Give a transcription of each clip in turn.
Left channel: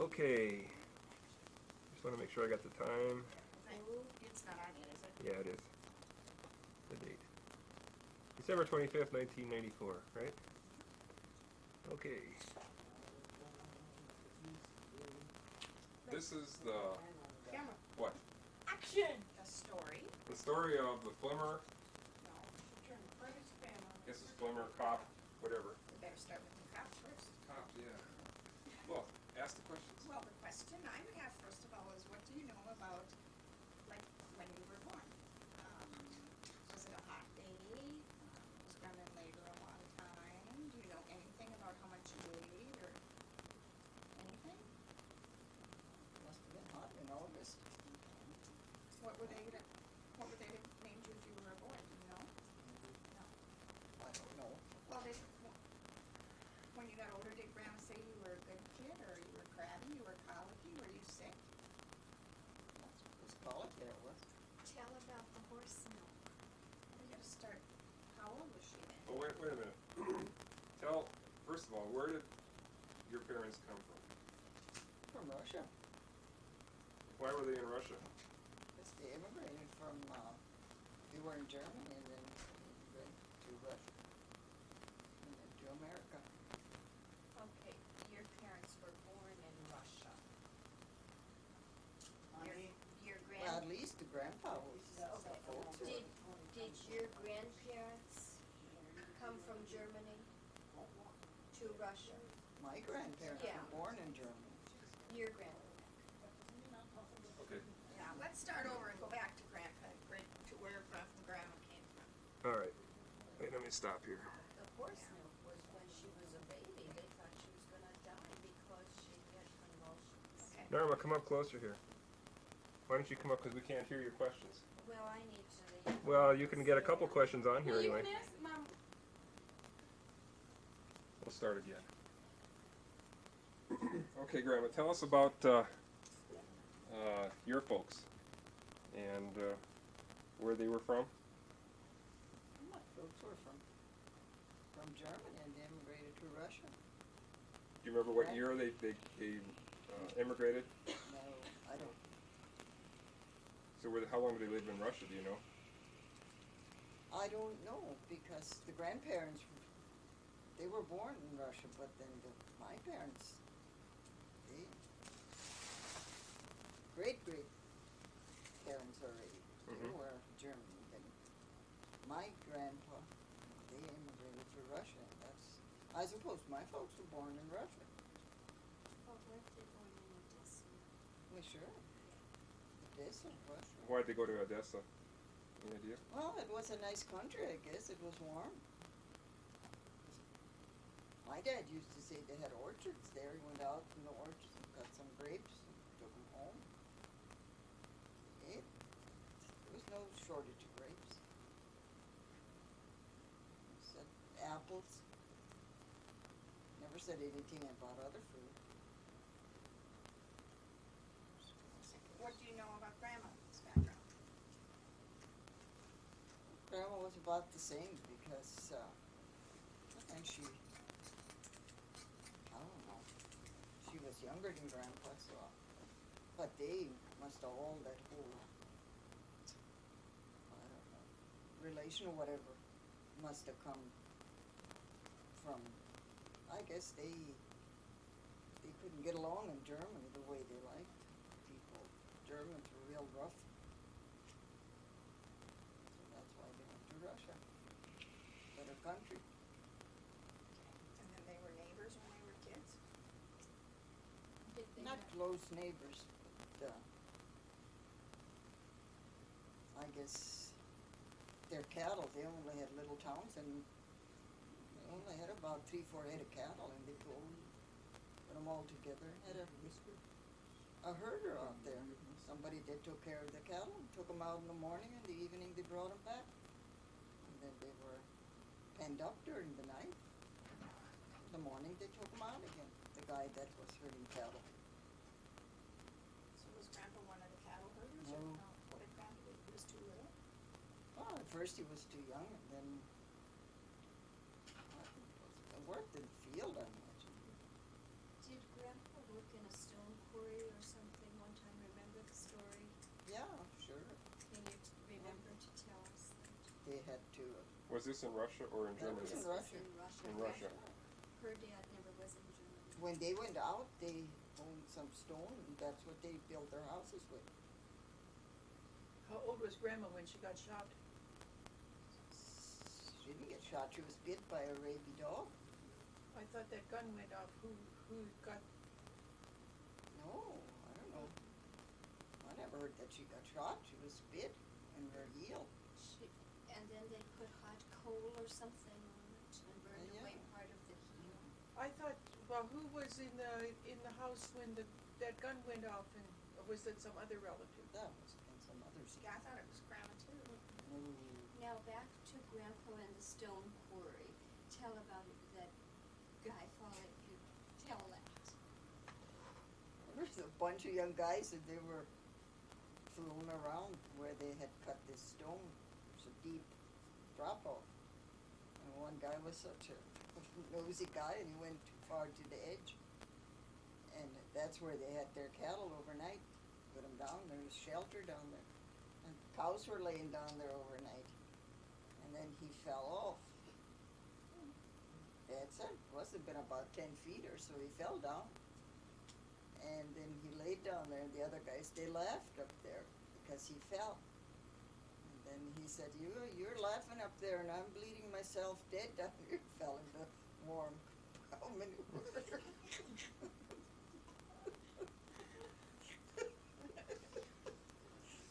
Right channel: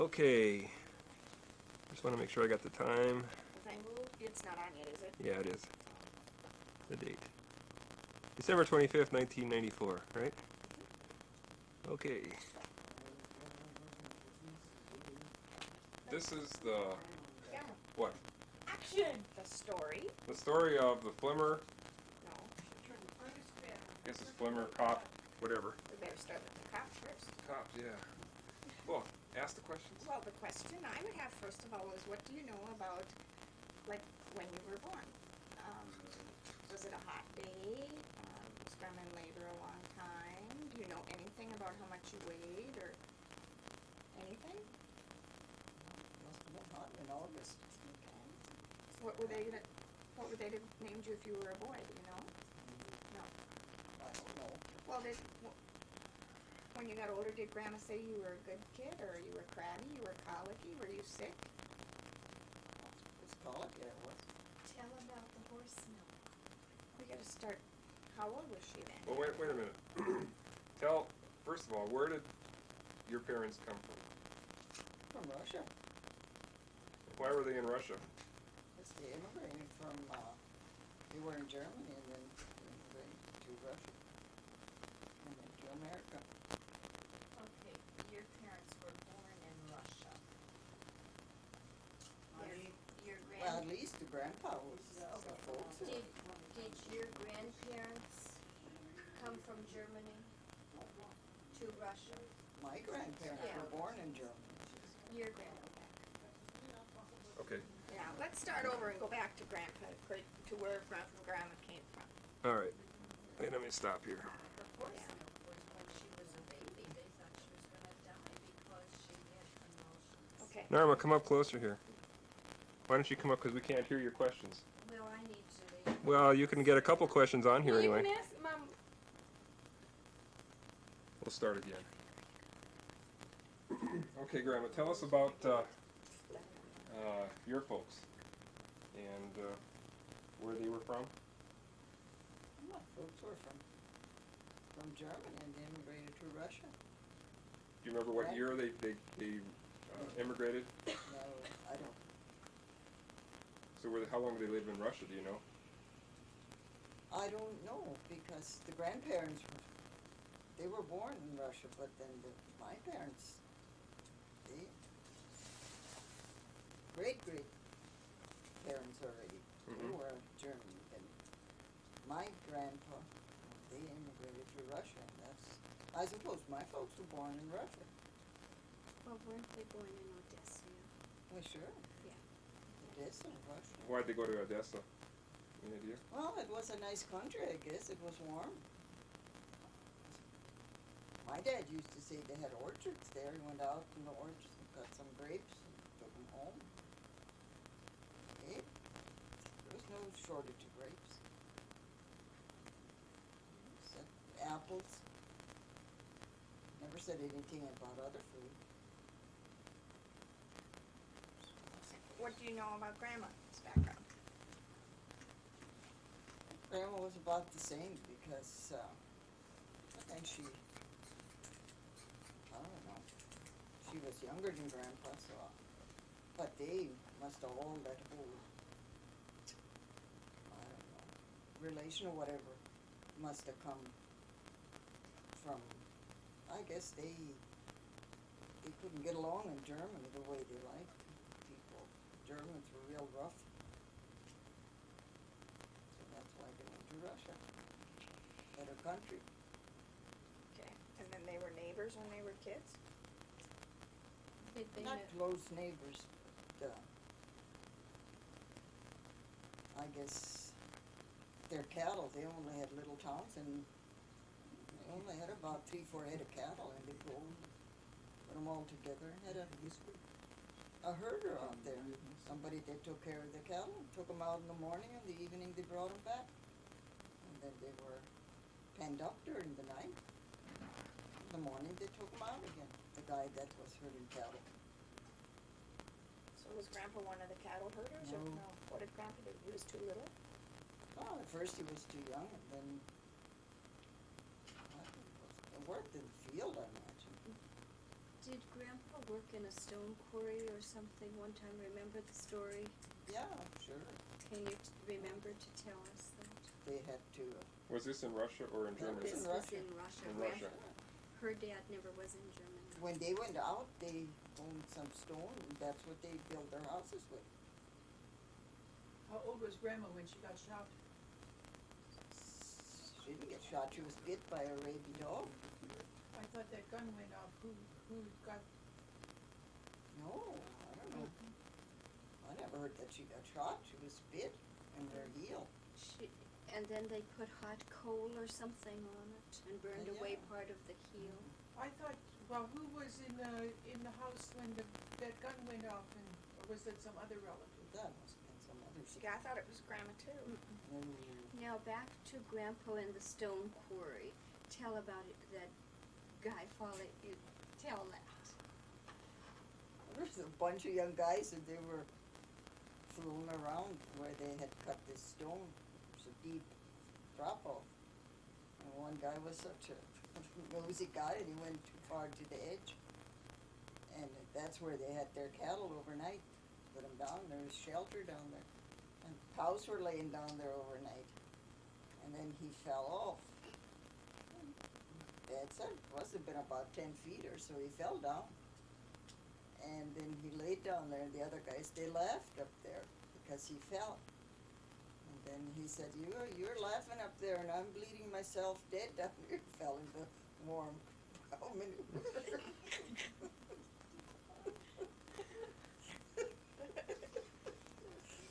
Okay. Just want to make sure I got the time. It's not on yet, is it? Yeah, it is. The date. December 25th, 1994, right? Okay. This is the... Camera. What? Action! The story. The story of the Flemmer, No. I guess it's Flemmer, Kapp, whatever. We better start with the Kapp first. Kapp, yeah. Well, ask the questions. Well, the question I would have first of all is, what do you know about, like, when you were born? Was it a hot day? Was Grandma in labor a long time? Do you know anything about how much you weighed or anything? Must have been hot in August. What would they have named you if you were a boy? Do you know? No. I don't know. Well, when you got older, did Grandma say you were a good kid, or you were crabby, you were colicky, were you sick? It's colic, yeah, it was. Tell about the horse milk. We gotta start, how old was she then? Well, wait a minute. Tell, first of all, where did your parents come from? From Russia. Why were they in Russia? Because they immigrated from, they were in Germany and then they immigrated to Russia. And then to America. Okay, your parents were born in Russia. Your Well, at least the grandpa was, the folks were. did your grandparents come from Germany to Russia? My grandparents Yeah. were born in Germany. Your grandparents. Okay. Now, let's start over and go back to Grandpa, to where Grandma came from. All right. Wait, let me stop here. The horse milk was when she was a baby. They thought she was going to die because she had convulsions. Okay. Norma, come up closer here. Why don't you come up, because we can't hear your questions. Well, I need to leave. Well, you can get a couple questions on here You anyway. can ask Mom. We'll start again. Okay, Grandma, tell us about your folks and where they were from. My folks were from Germany and they immigrated to Russia. Do you remember what year they immigrated? No, I don't. So how long did they live in Russia, do you know? I don't know, because the grandparents, they were born in Russia, but then my parents, they, great-great-parents already, they were German. Then my grandpa, they immigrated to Russia, and that's, I suppose my folks were born in Russia. Well, weren't they born in Odessa? Well, sure. Odessa, Russia. Why'd they go to Odessa? Any idea? Well, it was a nice country, I guess. It was warm. My dad used to say they had orchards there. He went out in the orchards and got some grapes and took them home. He ate them. There was no shortage of grapes. He said apples. Never said anything about other food. What do you know about Grandma's background? Grandma was about the same because, and she, I don't know, she was younger than Grandpa, so, but they must have all that whole, I don't know, relation or whatever must have come from, I guess they couldn't get along in Germany the way they liked people. Germans were real rough. So that's why they went to Russia. Better country. Okay. And then they were neighbors when they were kids? Did they Not have- close neighbors, but I guess their cattle, they only had little towns and they only had about 3-4 head of cattle, and they put them all together and had a herder out there. Somebody that took care of the cattle, took them out in the morning, and in the evening they brought them back. And then they were penned up during the night. In the morning they took them out again, the guy that was herding cattle. So was Grandpa one of the cattle herders? Or No. What did Grandpa do? He was too little? Well, at first he was too young, and then I think it worked in the field, I imagine. Did Grandpa work in a stone quarry or something one time? Remember the story? Yeah, sure. Can you remember to tell us that? They had to, Was this in Russia or in That Germany? was This in was Russia. in Russia. In Russia. Her dad never was in Germany. when they went out, they owned some stone, and that's what they built their houses with. How old was Grandma when she got shot? She didn't get shot, she was bit by a rabid dog. I thought that gun went off. Who got? No, I don't know. I never heard that she got shot, she was bit in her heel. And then they put hot coal or something on it and burned away Yeah. part of the heel. I thought. Well, who was in the house when that gun went off, and or was it some other relative? That must have been some other Yeah, I thought it was grandma too. No. Now back to Grandpa and the stone quarry. Tell about it, that guy falling. Tell that. There's a bunch of young guys and they were fooling around where they had cut this stone. There's a deep drop off. And one guy was such a nosy guy and he went too far to the edge. And that's where they had their cattle overnight. Put them down, there was shelter down there. And cows were laying down there overnight. And then he fell off. Dad said it must have been about 10 feet or so, he fell down. And then he laid down there, and the other guys, they laughed up there because he fell. And then he said, you're laughing up there, and I'm bleeding myself dead down here. Fell into warm cow manure.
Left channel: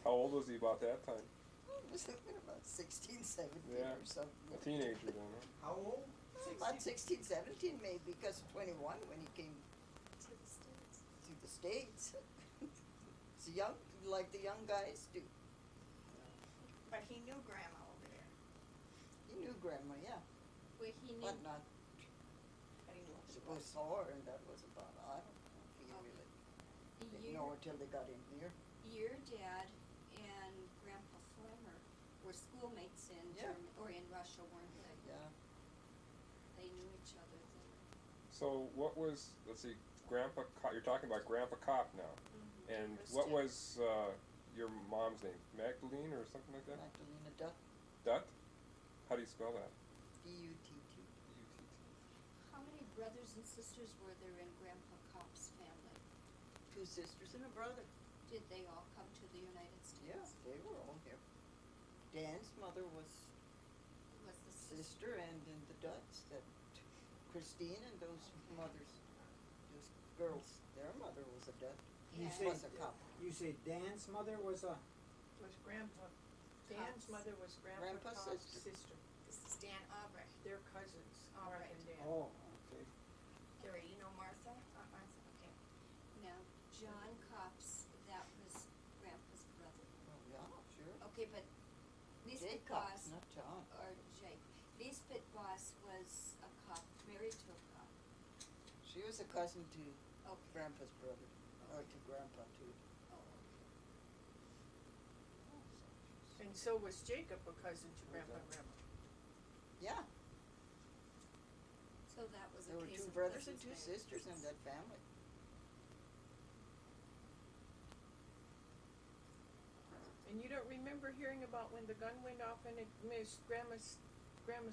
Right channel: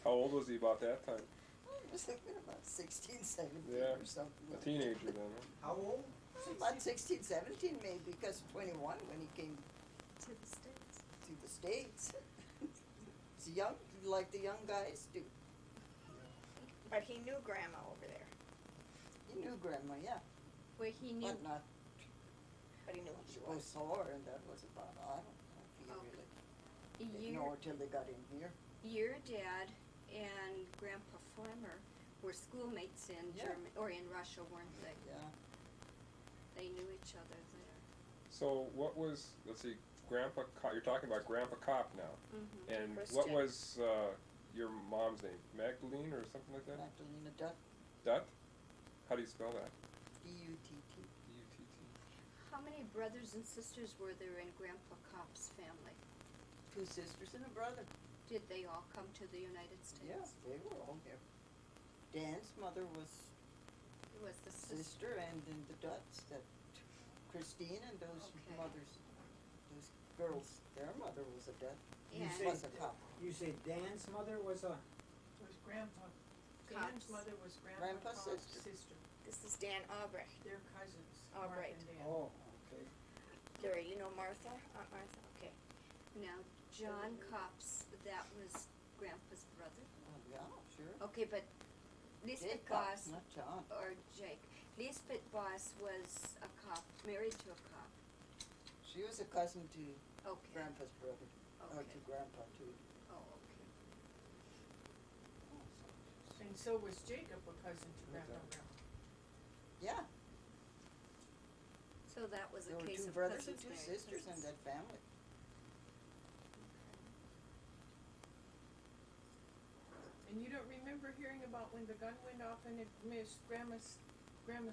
How old was he about that time? It must have been about 16, 17 Yeah, or something. a teenager then, huh? How old? About 16, 17 maybe, because 21 when he came To the States. to the States. He's young, like the young guys do. But he knew grandma over there. He knew Grandma, yeah, Where he knew. but not, But he knew who she she was. saw her, and that was about, I don't know if he really didn't know her till they got in here. Your dad and Grandpa Flemmer were schoolmates in Yeah. Germany, or in Russia, weren't they? Yeah, They knew each other there. So what was, let's see, Grandpa Kapp, you're talking about Grandpa Kapp now. Mm-hmm. And Christian. what was your mom's name? Magdalene or something like that? Magdalena Dutt, Dutt? How do you spell that? D-U-T-T. D-U-T-T. How many brothers and sisters were there in Grandpa Kapp's family? 2 sisters and a brother. Did they all come to the United States? Yeah, they were all here. Dan's mother was It was the sister. sister, and then the Dutts, that Christine and those Okay. mothers, those girls, their mother was a Dutt. You And- say, Was a Kapp. you say Dan's mother was a, Was Grandpa? Dan's Kapp's. mother was Grandpa Grandpa's Kapp's sister. This is Dan Albrecht. They're cousins. Oh, Martha right. and Dan. oh, okay. There, you know Martha? Martha, okay. Now, John Kapp's, that was Grandpa's brother. Oh, yeah, sure. Okay, but Lisbeth Jake Kapp, Boss, not John. or Jake, Lisbeth Boss was a Kapp, married to a Kapp. She was a cousin to Okay. Grandpa's brother, or Okay. to Grandpa too. Oh, okay. And so was Jacob a cousin to Grandpa and Okay. Grandma. Yeah, So that was a there were case 2 of brothers and cousins 2 married sisters in cousins. that family. And you don't remember hearing about when the gun went off and it missed Grandma's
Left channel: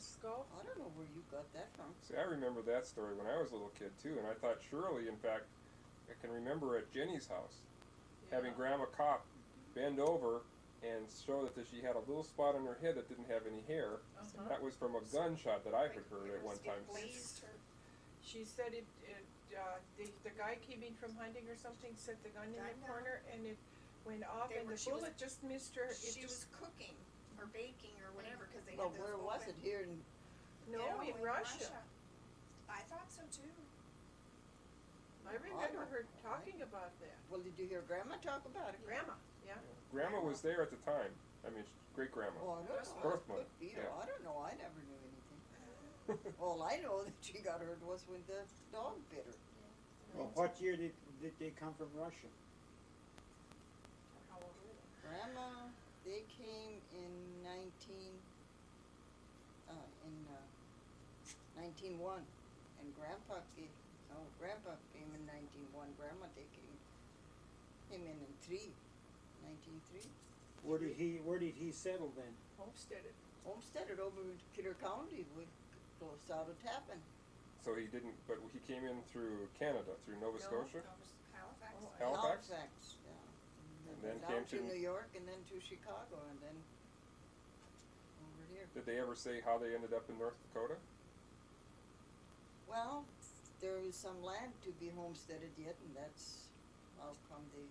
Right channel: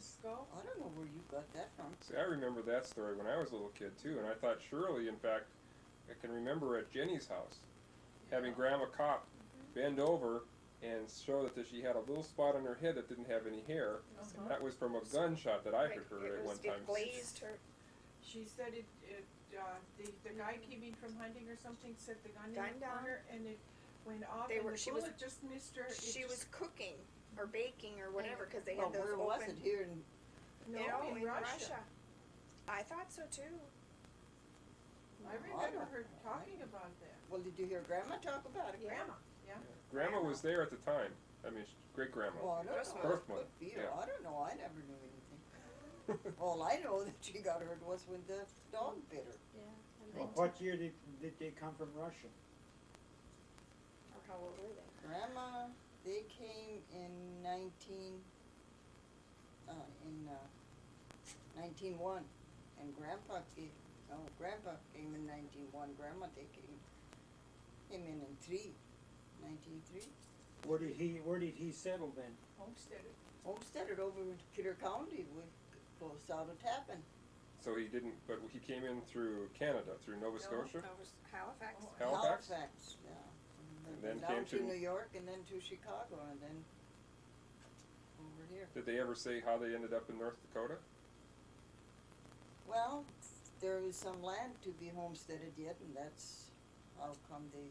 skull? I don't know where you got that from. See, I remember that story when I was a little kid too, and I thought surely, in fact, I can remember at Jenny's house, having Yeah. Grandma Kapp bend over and show that she had a little spot on her head that didn't have any hair. Uh-huh. That was from a gunshot that I had Right, heard it at was- one time. It blazed her. She said the guy came in from hunting or something, set the gun in the Gunned down. corner, and it went off, They and were- the she was- bullet just missed her. It She just, was cooking or baking or whatever, cause they Well, had those where open. was it? Here in, no, in Russia. I thought so too. I I remember don't her know. talking about that. well, did you hear Grandma talk about it? Grandma, yeah. Yeah. Grandma was there at the time. I mean, great grandma. Well, I don't Birth know. mother. It could be. Yeah. I don't know. I never knew anything. All I know that she got hurt was when the dog bit her. Yeah. and Well, then- what year did they come from Russia? Or how old were they? Grandma, they came in 1901, and Grandpa Oh, Grandpa came in 1901. Grandma they came in 1903. Where did he settle then? Homesteaded. Homesteaded over in Kidder County, close out of Tappan. So he didn't, but he came in through Canada, through Nova Scotia? That was Halifax. Oh, Halifax? Yeah. And then down came to to- New York and then to Chicago and then over here. Did they ever say how they ended up in North Dakota? Well, there is some land to be homesteaded yet, and that's how come they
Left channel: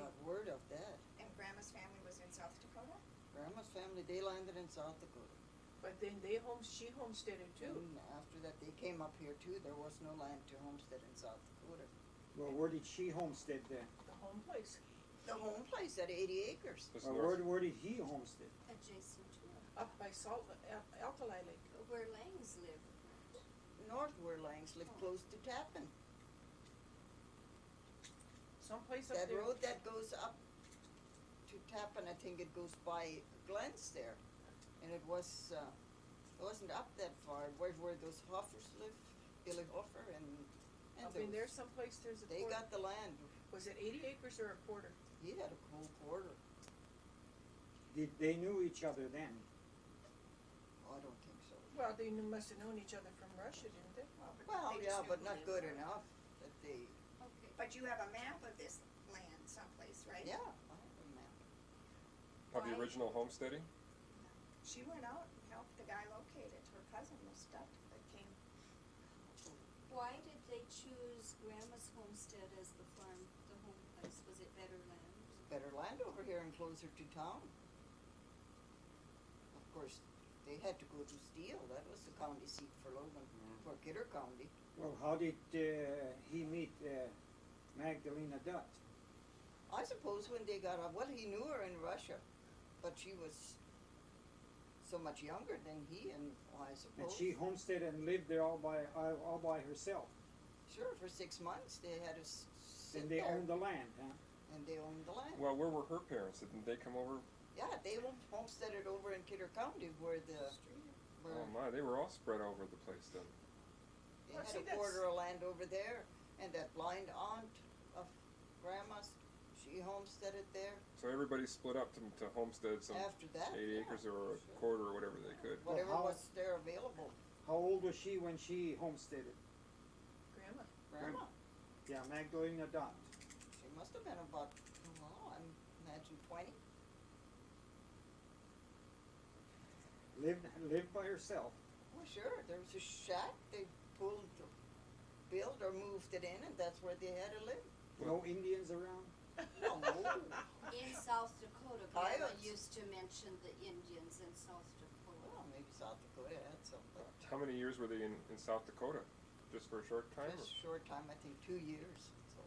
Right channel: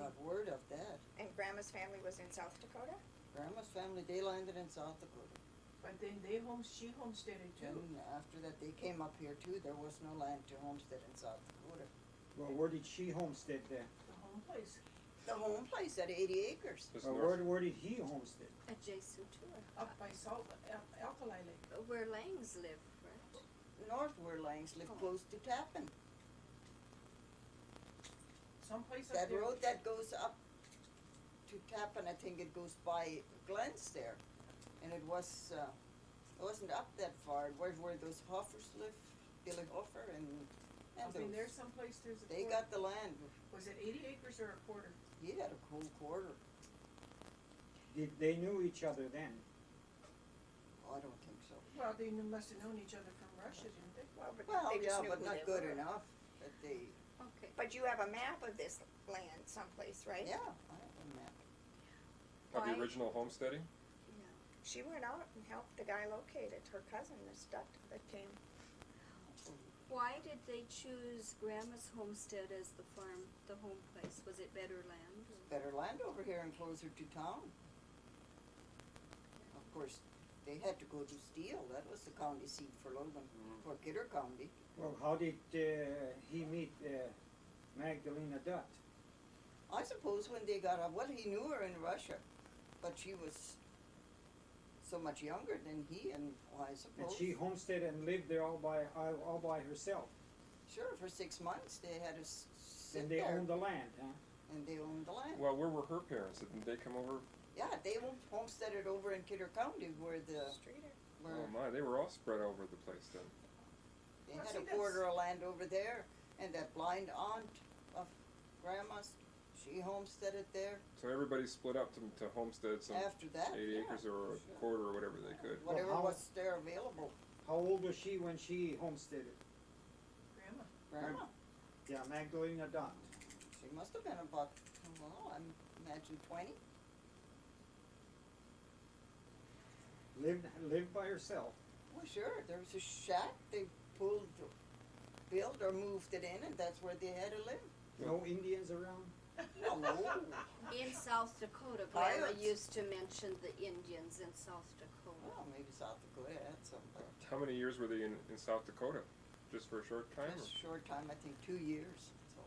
got word of that. And Grandma's family was in South Dakota? Grandma's family, they landed in South Dakota. But then she homesteaded too. And after that, they came up here too. There was no land to homestead in South Dakota. Well, where did she homestead then? The home place. The home place at 80 acres. This Well, north, where did he homestead? Adjacent to it, Up by Alkali Lake. where Langs live, right? North where Langs live, close to Tappan. Someplace up That there. road that goes up to Tappan, I think it goes by Glenn's there. And it wasn't up that far, where those Hoffers live, Billy Hoffer and Up in there those. someplace there's a They quarter. got the land. Was it 80 acres or a quarter? He had a whole quarter. Did they knew each other then? Oh, I don't think so. Well, they must have known each other from Russia, didn't they? Well, but Well, they just yeah, knew but who not they good were. enough that they, Okay. But you have a map of this land someplace, right? yeah, I have a map. of the Why- original homesteading? She went out and helped the guy locate it, her cousin, this duck that came. Why did they choose Grandma's homestead as the farm, the home place? Was it better land? Better land over here and closer to town. Of course, they had to go to Steele, that was the county seat for Logan, for Kidder County. Well, how did he meet Magdalena Dutt? I suppose when they got up, well, he knew her in Russia, but she was so much younger than he, and I And suppose. she homesteaded and lived there all by herself. Sure, for 6 months they had to sit And they there, owned the land, huh? and they owned the land. Well, where were her parents? Didn't they come over? Yeah, they homesteaded over in Kidder County where Oh my, they were all spread over the place then. they Well, had see, a that's- quarter of land over there, and that blind aunt of Grandma's, she homesteaded there. So everybody split up to homestead some After that, 80 yeah, acres or a sure. quarter or whatever they could. Whatever how- was there available. How old was she when she homesteaded? Grandma. Grandma, Yeah, Magdalena Dutt. she must have been about, well, I imagine 20. Lived by herself. Well, sure, there was a shack they built or moved it in, and that's where they had to live. No Indians around. Well, no, In South Dakota, Grandma Coyotes. used to mention the Indians in South Dakota. well, maybe South Dakota had some, but How many years were they in South Dakota? Just for a short time? just a short time, I think 2 years, so.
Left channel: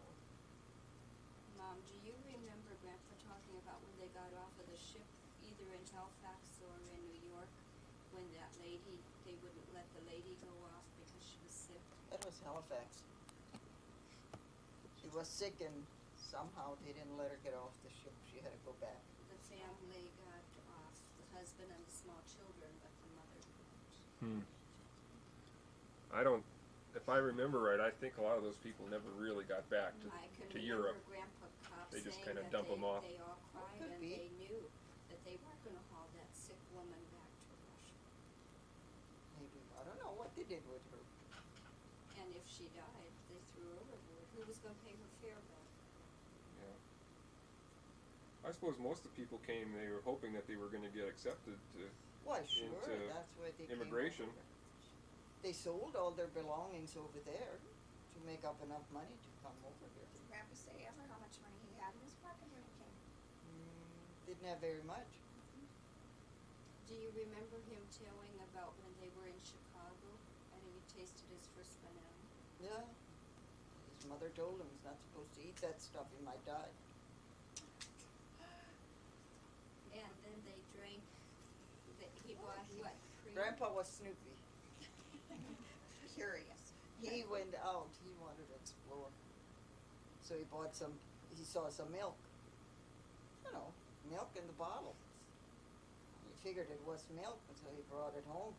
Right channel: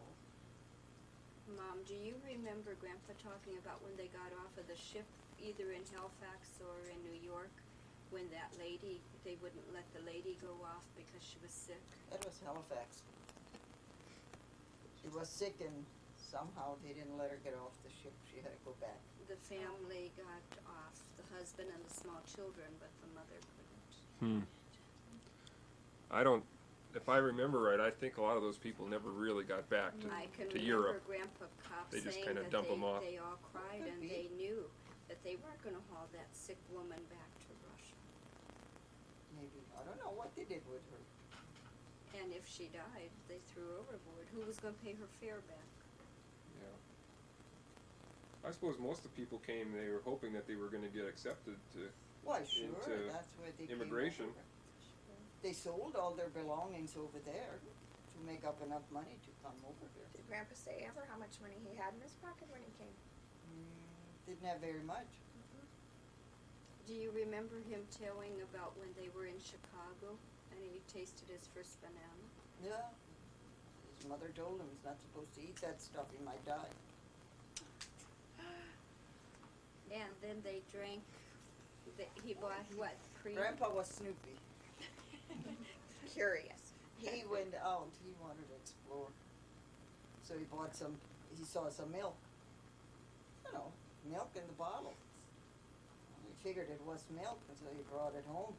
Mom, do you remember Grandpa talking about when they got off of the ship, either in Halifax or in New York, when that lady, they wouldn't let the lady go off because she was sick? That was Halifax. She was sick and somehow they didn't let her get off the ship. She had to go back. The family got off, the husband and the small children, but the mother couldn't. I don't, if I remember right, I think a lot of those people never really got back I can to remember Europe. Grandpa Kapp They just saying kinda that dump 'em off. they all cried Could and be. they knew that they weren't gonna haul that sick woman back to Russia. Maybe, I don't know what they did with her. And if she died, they threw her overboard. Who was gonna pay her fare back? Yeah. I suppose most of the people came, they were hoping that they were gonna get accepted to, Why, sure, Into that's where they immigration. came over. They sold all their belongings over there to make up enough money to come over here. Did Grandpa say ever how much money he had in his pocket when he came? Didn't have very much. Do you remember him telling about when they were in Chicago and he tasted his first banana? Yeah. His mother told him he's not supposed to eat that stuff, he might die. And then they drank, he bought what, cream? Grandpa was Snoopy. Curious. He went out, he wanted to explore. So he bought he saw some milk. You know, milk in the bottle. He figured it was milk, and so he brought it home.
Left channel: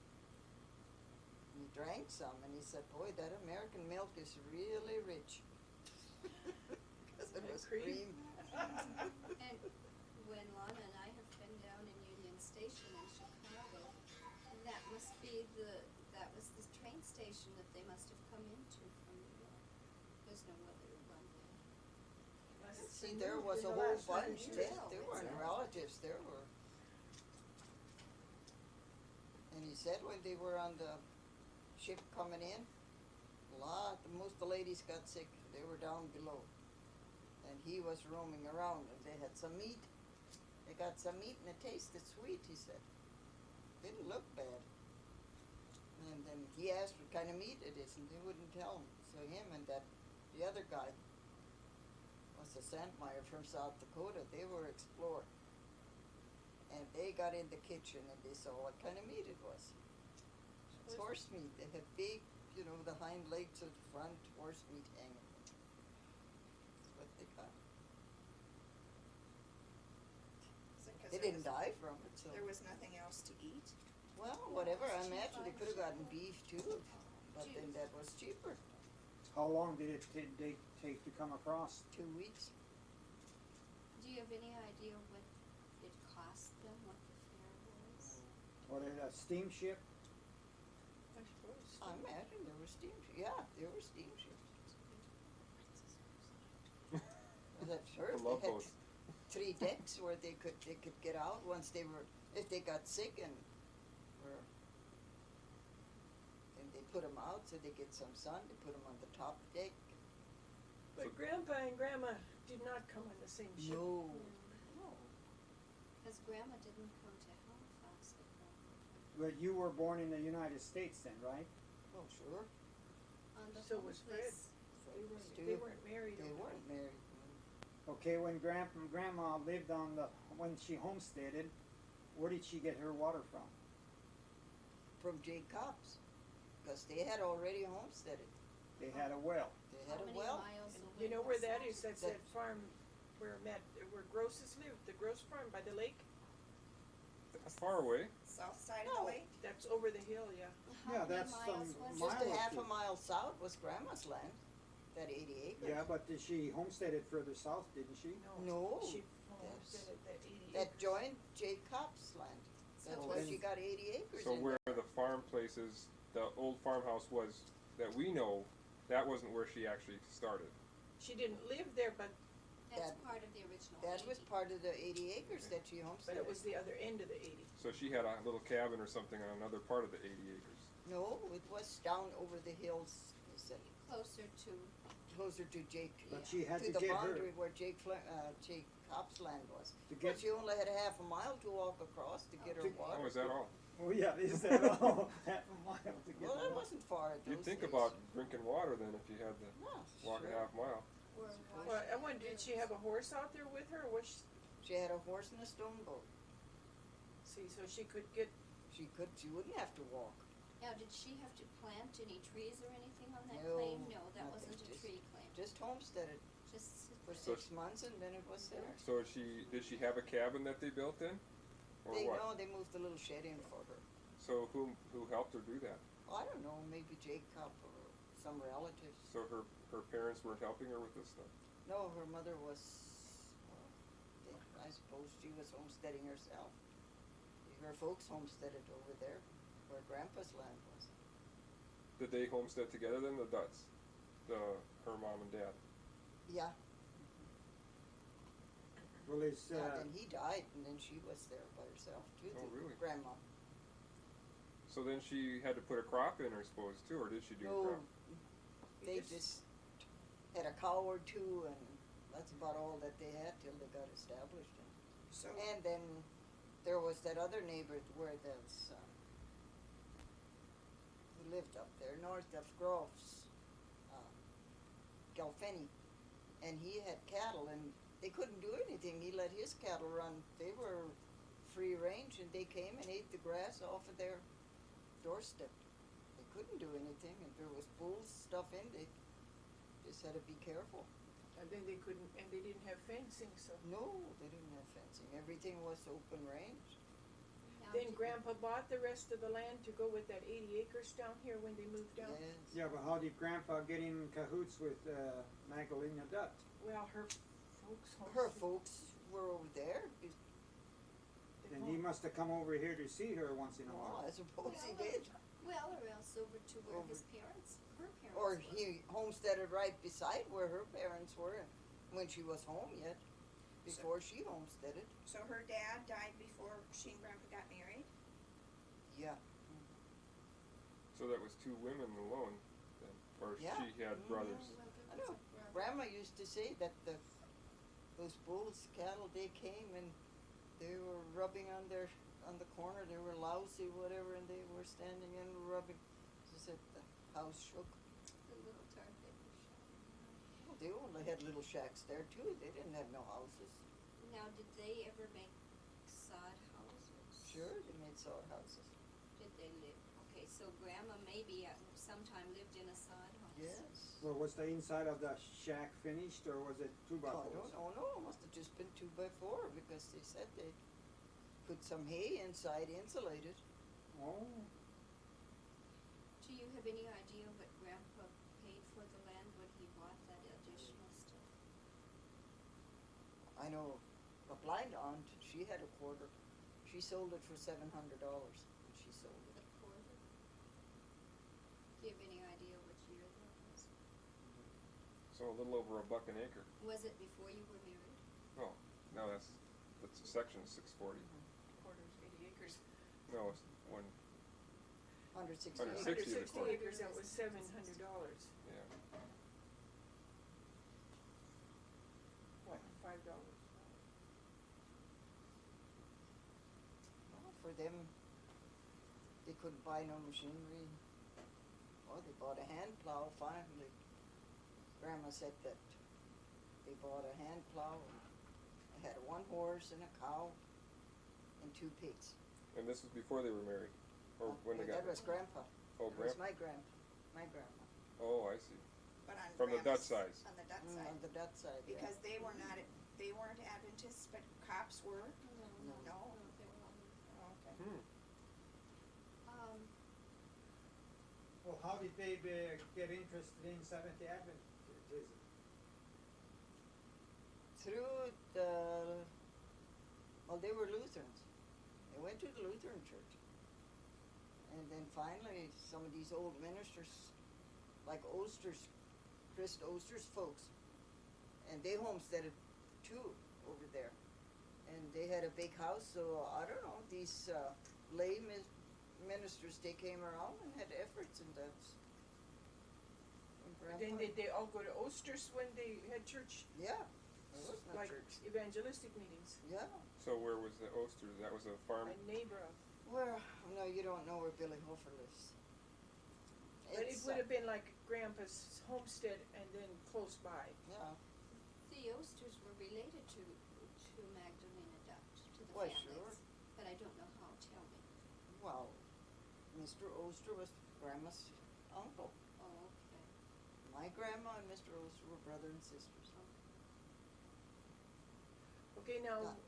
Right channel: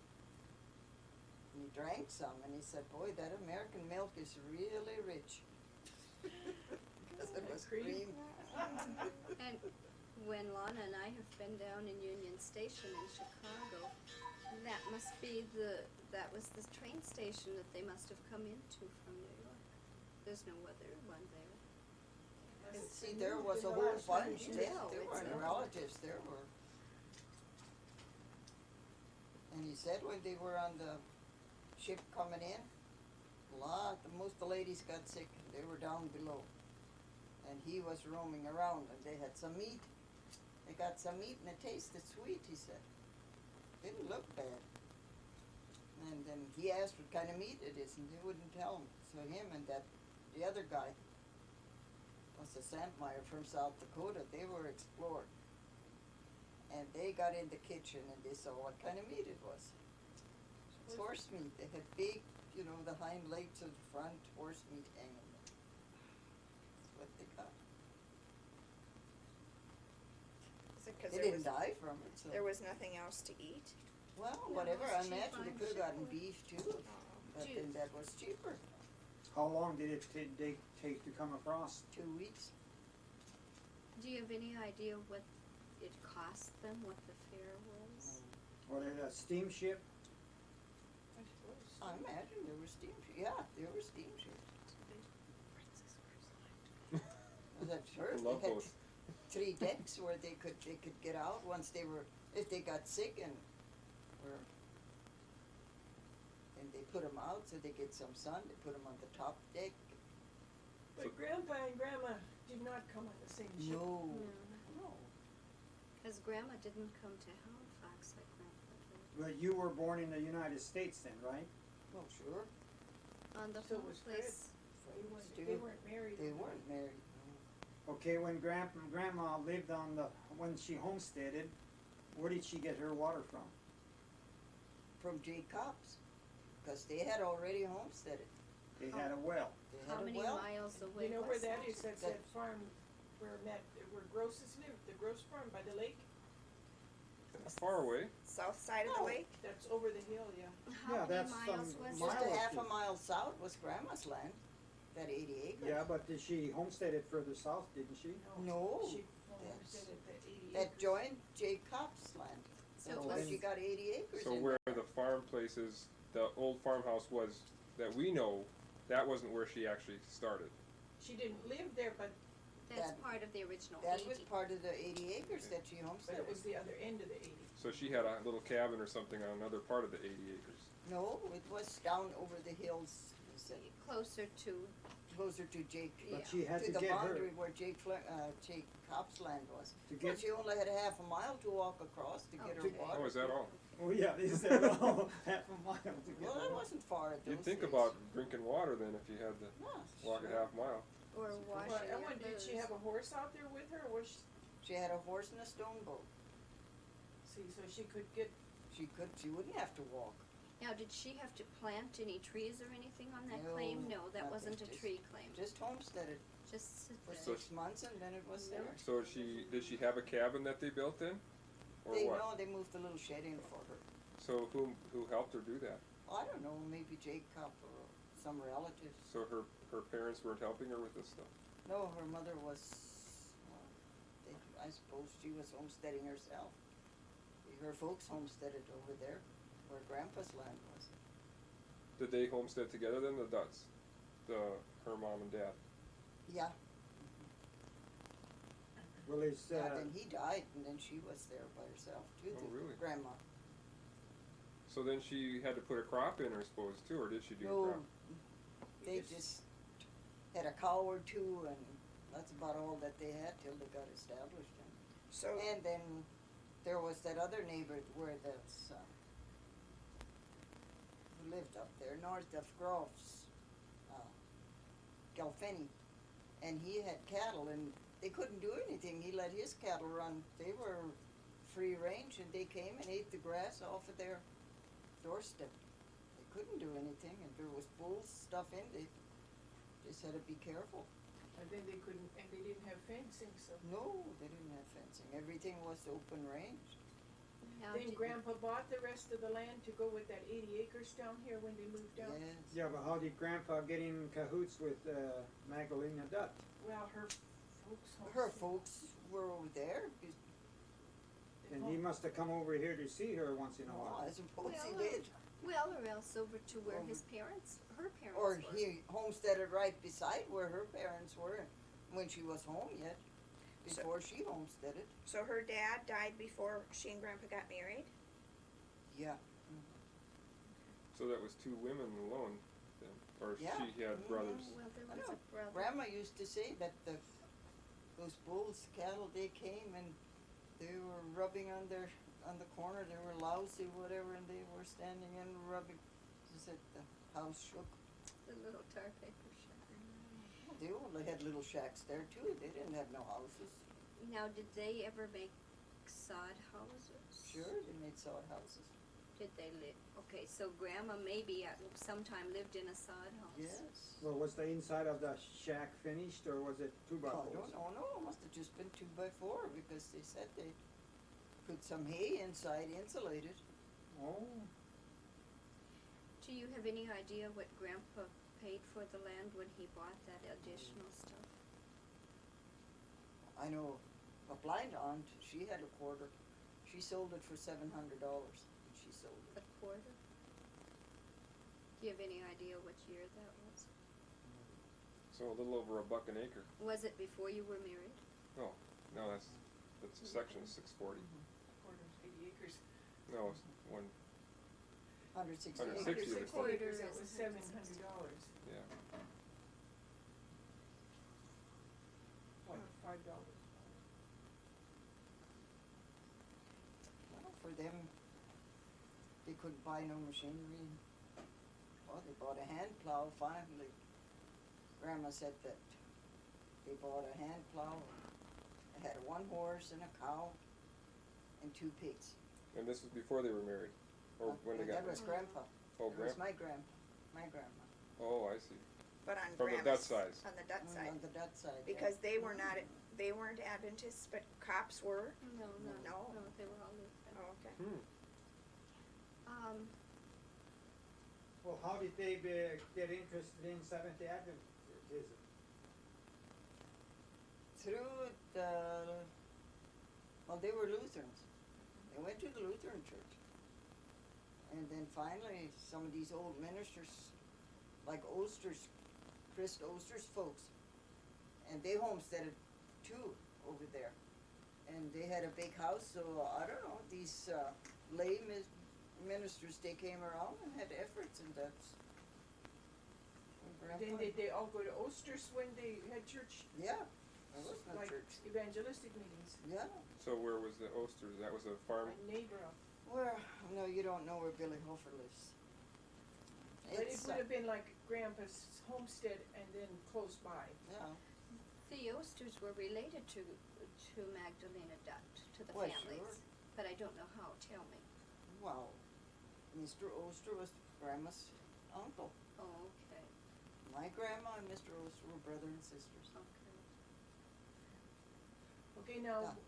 And he drank some, and he said, boy, that American milk is really rich. Because it was cream. And when Lana and I have been down in Union Station in Chicago, that must be that was the train station that they must have come into from New York. There's no other one there. See, there was a whole bunch, there weren't relatives, there were. And he said when they were on the ship coming in, most of the ladies got sick, they were down below. And he was roaming around, and they had some meat. They got some meat, and it tasted sweet, he said. Didn't look bad. And then he asked what kind of meat it is, and they wouldn't tell him. So him and the other guy, was a Sandmeyer from South Dakota, they were exploring. And they got in the kitchen, and they saw what kind of meat it was. It's horse meat. They had big, the hind legs of the front, horse meat hanging there. That's what they got. Is it 'cause They didn't die from it, so. there was nothing else to eat? Well, No, whatever, it's I cheap imagine they on could have gotten chicken. beef too, but then that was cheaper, How long did it take to come across? 2 weeks. Do you have any idea what it cost them, what the fare was? Was it a steamship? I suppose. I imagine there were steamships, there were steamships. That's I sure, love they had those. 3 decks where they could get out once if they got sick and they put them out so they get some sun, they put them on the top deck. But Grandpa and Grandma did not come on the same ship. No, No, no. because Grandma didn't come to Halifax like Grandpa did. But you were born in the United States then, right? Well, sure, On the So home was Fred. place. They weren't married. they over weren't married, no. Okay, when Grandma lived when she homesteaded, where did she get her water from? From J. Kapp's, because they had already homesteaded. They had a well. They How had a many well. miles And away you know where was that is? That's That- that farm where Grosses lived, the Gross farm by the lake. That far away. South side of No. the lake? That's over the hill, yeah. How Yeah, many that's miles some was Just mile a or half a two. mile south was Grandma's land, that 80 acres. Yeah, but did she homesteaded further south, didn't she? No, She that's- homesteaded that 80 that acres. joined J. Kapp's land. That's So why then- she got 80 acres So in where there. the farm places, the old farmhouse was that we know, that wasn't where she actually started. She didn't live there, but That's That- part of the original That was 80. part of the 80 acres that she it homesteaded. was the other end of the 80. So she had a little cabin or something on another part of the 80 acres. No, it was down over the hills, they said, Closer to, closer to Jake, But she had to to the get boundary her where Jake Kapp's land was. to But get. she only had a half a mile to walk across to get her to- water. Oh, is that all? Oh yeah, is that all? Half a mile to get Well, the that water. wasn't far at those You'd think days. about drinking water then if you had to No, walk sure. a half mile. or washing Well, I your wonder, did she clothes. have a horse out there with her, or was She had a horse and a stone boat. so she could get, She wouldn't have to walk. Now, did she have to plant any trees or anything on that No, claim? No, that nothing, wasn't a just- tree claim. Just homesteaded Just sit for there. 6 months and then it was there. So did she have a cabin that they built in? Or what? No, they moved a little shed in for her. So who helped her do that? I don't know, maybe Jake Kapp or some relatives. So her parents weren't helping her with this stuff? No, her mother was, well, I suppose she was homesteading herself. Her folks homesteaded over there, where Grandpa's land was. Did they homestead together then, the Dutts? Her mom and dad? Yeah, Well, it's and he died, and then she was there by herself too, Oh, the really? grandma. So then she had to put a crop in, I suppose, too, or did she do a No, crop? they just had a cow or two, and that's about all that they had till they got established. So, And then there was that other neighbor where there's, who lived up there, north of Groves, Galfeni, and he had cattle, and they couldn't do anything. He let his cattle run. They were free range, and they came and ate the grass off of their doorstep. They couldn't do anything, and there was bulls stuff in. They just had to be careful. and then they couldn't, and they didn't have fencing, so. No, they didn't have fencing. Everything was open range. Now, Then did- Grandpa bought the rest of the land to go with that 80 acres down here when they moved out. Yes. Yeah, but how did Grandpa get in cahoots with Magdalena Dutt? Well, her folks. Her homestead- folks were over there, they And home- he must have come over here to see her once in a oh, while. I suppose he Well, did. Well, or else over to where Over- his parents, her parents Or were. he homesteaded right beside where her parents were when she was home yet, before she homesteaded. So her dad died before she and Grandpa got married? Yeah. So that was two women alone then, or Yeah. she had Mhm. brothers. Well, there I was know. a brother. Grandma used to say that those bulls, cattle, they came and they were rubbing on the corner, they were lousy, whatever, and they were standing and rubbing. She said the house shook. The little tar paper shack. They only had little shacks there too, they didn't have no houses. Now, did they ever make sod houses? Sure, they made sod houses. Did they live? Okay, so Grandma maybe at sometime lived in a sod house. Yes. Well, was the inside of the shack finished or was it two by Oh, I fours? don't know, no, it must have just been 2x4 because they said they put some hay inside, insulated. Oh, Do you have any idea what Grandpa paid for the land when he bought that additional stuff? I know a blind aunt, she had a quarter. She sold it for $700 when she sold A it. quarter? Do you have any idea which year that was? So a little over $1 an acre. Was it before you were married? No, that's a section of 640. Quarters, 80 acres. No, it's one. 160 160 acres. of the quarter. acres, that was $700. Yeah. What, $5? Well, for them, they couldn't buy no machinery. Well, they bought a hand plow finally. Grandma said that they bought a hand plow. It had one horse and a cow and 2 pigs. And this was before they were married, or when they got That was married. Grandpa. Oh, That was grandpa. my grandma. Oh, I see. But on From the Dutch Grandma's- side. On the Dutch side. On the Dutch side, yeah. Because they were not, they weren't Adventists, but Kopps were. No, No. No. they were all Lutheran. Oh, okay. well, how did they get interested in Seventh-day Adventism? Through well, they were Lutherans. They went to the Lutheran church. And then finally, some of these old ministers, like Oster's, Chris Oster's folks, and they homesteaded too over there. And they had a big house, so I don't know, these lay ministers, they came around and had efforts, and that's when Then Grandpa, did they all go to Oster's when they had church, yeah, there was no like church, evangelistic meetings? yeah. So where was the Osters? That was a farm. A neighbor of, Well, no, you don't know where Billy Hofer lives. but it It's, would have been like Grandpa's homestead and then close by. yeah, The Osters were related to Magdalena Dutt, to the Why, families. sure. But I don't know how, tell me. well, Mr. Oster was Grandma's uncle. Oh, okay, My grandma and Mr. Oster were brother and sisters. okay. Okay, now, Done.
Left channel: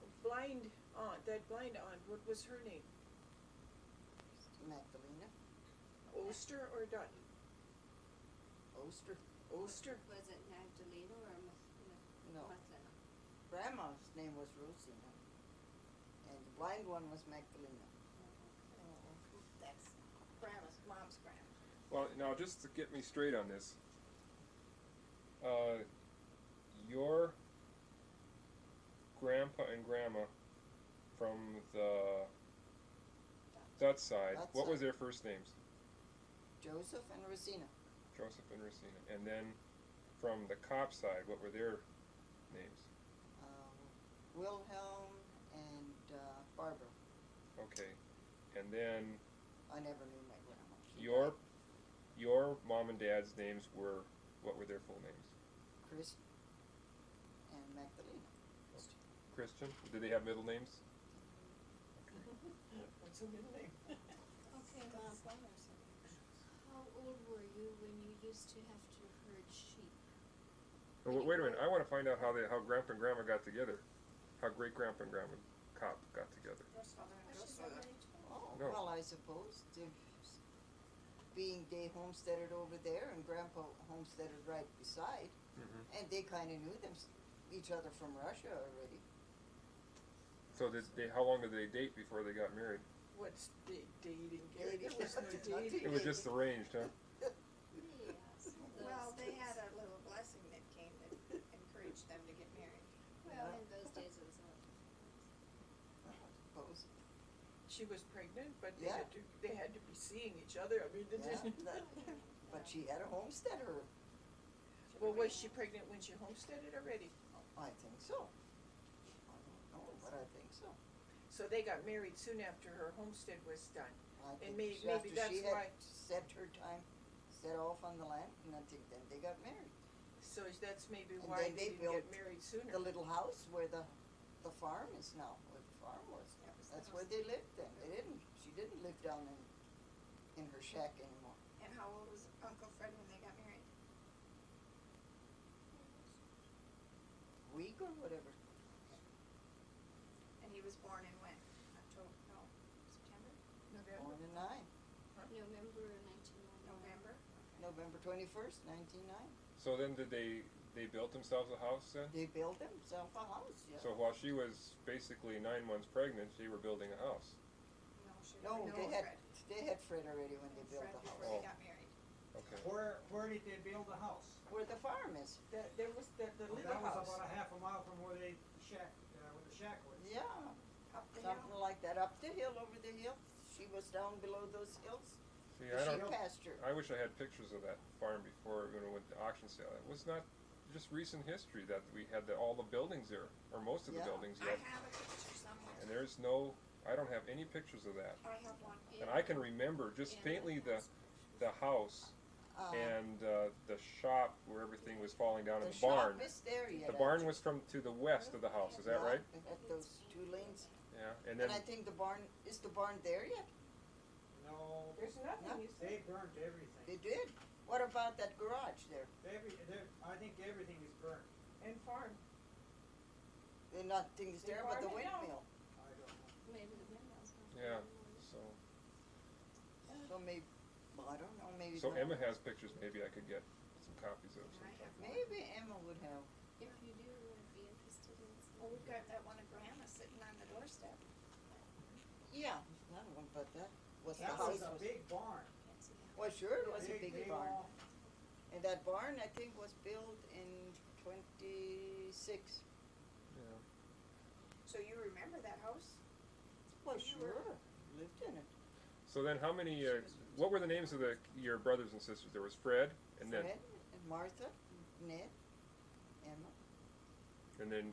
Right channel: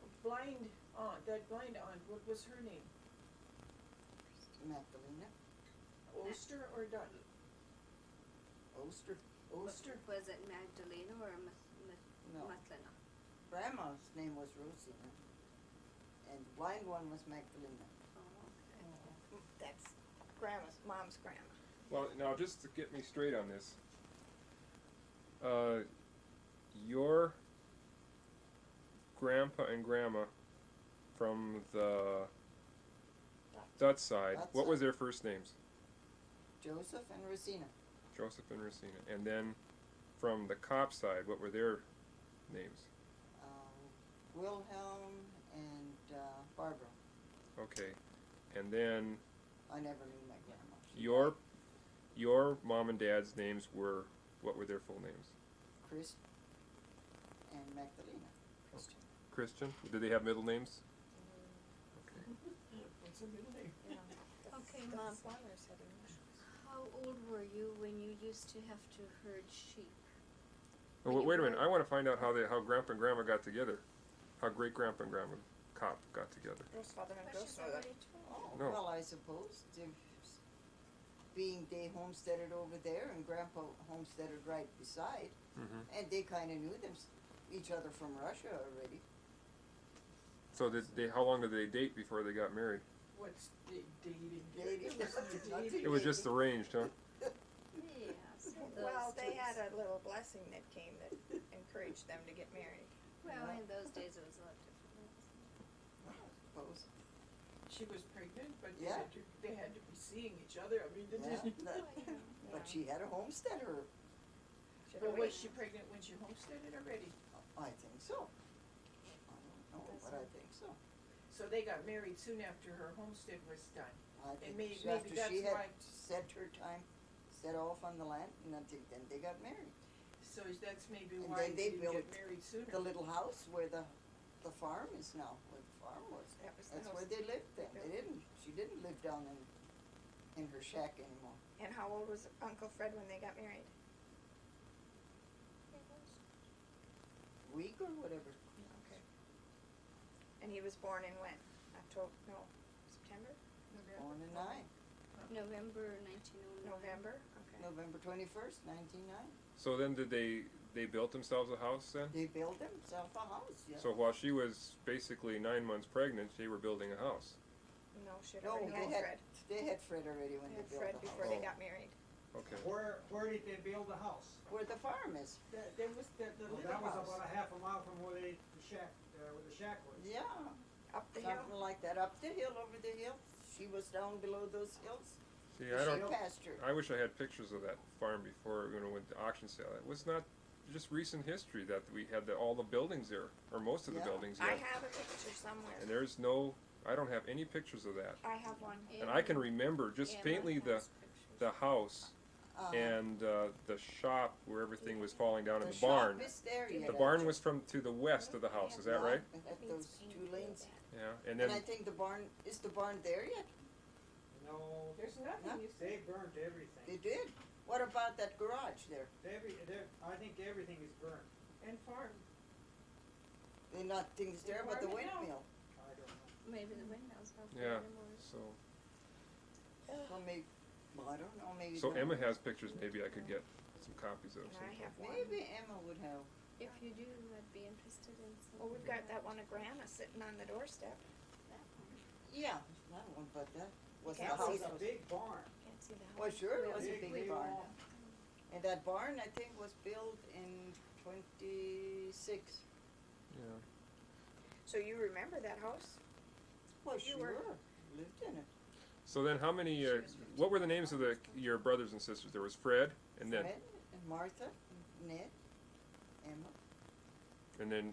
that blind aunt, what was her name? Magdalena Oster or Dutt? Oster. Oster? Was it Magdalena or No, Matlina? Grandma's name was Rosina, and the blind one was Magdalena. Oh, okay. That's mom's grandma. Well, now just to get me straight on this, your grandpa and grandma from the Dutch side, Dutch what was side. their first names? Joseph and Rosina. Joseph and Rosina. And then from the Kapp side, what were their names? Wilhelm and Barbara. Okay. And then I never knew my grandma. She your mom and dad's names were, what were their full names? died. Chris and Magdalena. Christian? Did they have middle names? Okay. What's her middle name? Okay, Mom, how old were you when you used to have to herd sheep? Oh, wait a minute. I want to find out how Grandpa and Grandma got together. How great Grandpa and Grandma Kapp got together? Grossfather and But she's grossmother. already 12. Oh, No. well, I suppose, being they homesteaded over there and Grandpa homesteaded right beside, Mm-hmm. and they kinda knew each other from Russia already. So how long did they date before they got married? What's dating? Dating. There was no dating. It was just arranged, huh? Yeah, so Well, those they days. had a little blessing that came that encouraged them to get married. Well, in those days it was a lot different. I suppose. She was pregnant, but Yeah. they had to be seeing each other. I mean, they Yeah, didn't. but she had a homesteader. Well, was she pregnant when she homesteaded already? I think so. I don't know, but I think so. So they got married soon after her homestead was done. I think maybe after that's she had why- set her time, set off on the land, and I think then they got married. So that's maybe And why then they they didn't get built married sooner. The little house where the farm is now, where the farm was. That was the That's house. where they lived then. She didn't live down in her shack anymore. And how old was Uncle Fred when they got married? Week or whatever. Okay. And he was born in when? September? Born in 9, November 1909. November? Okay. November 21st, 1909. So then did they built themselves a house then? They built themselves a house, yeah. So while she was basically 9 months pregnant, they were building a house. No, she No, already they knows had, Fred. they had Fred already when They they had built Fred the before house. they Oh. got married. Okay. Where did they build the house? Where the farm is. There was the Well, little that was house. about a half a mile from where the shack was. Yeah, Up the something hill. like that, up the hill, over the hill. She was down below those hills. See, The I don't. sheep pasture. I wish I had pictures of that farm before with the auction sale. It was not just recent history that we had all the buildings there, or most of the Yeah. buildings I yet. have a picture somewhere. And I don't have any pictures of that. I have one. And I can remember just Emma faintly has the pictures. house Uh, and the shop where everything was falling down in the the barn. shop is there yet. The barn was to the west of the house, is that right? At those 2 lanes. Yeah, and And I then, think is the barn there yet? No, There's nothing, No. you they see. burnt everything. They did. What about that garage there? I think everything is burnt. And farm. They're not things there, but the farm it out. windmill. I don't know. Maybe the windmills have Yeah. anymore. so, So maybe, well, I don't know, maybe. so the- Emma has pictures, maybe I could get some copies of And I some. have one. Maybe Emma would have. If you do, I'd be interested in seeing. Well, we've got that one of Grandma sitting on the doorstep. That one. Yeah, that one, but that was the That house. was a big barn. Can't see the house. Well, sure, it was a Big, big barn. long. And that barn, I think, was built in 26. Yeah. So you remember that house? Well, You were- sure, lived in it. So then how many, what were the names of your brothers and sisters? There was Fred, and then, Fred and Martha, and Ned, Emma.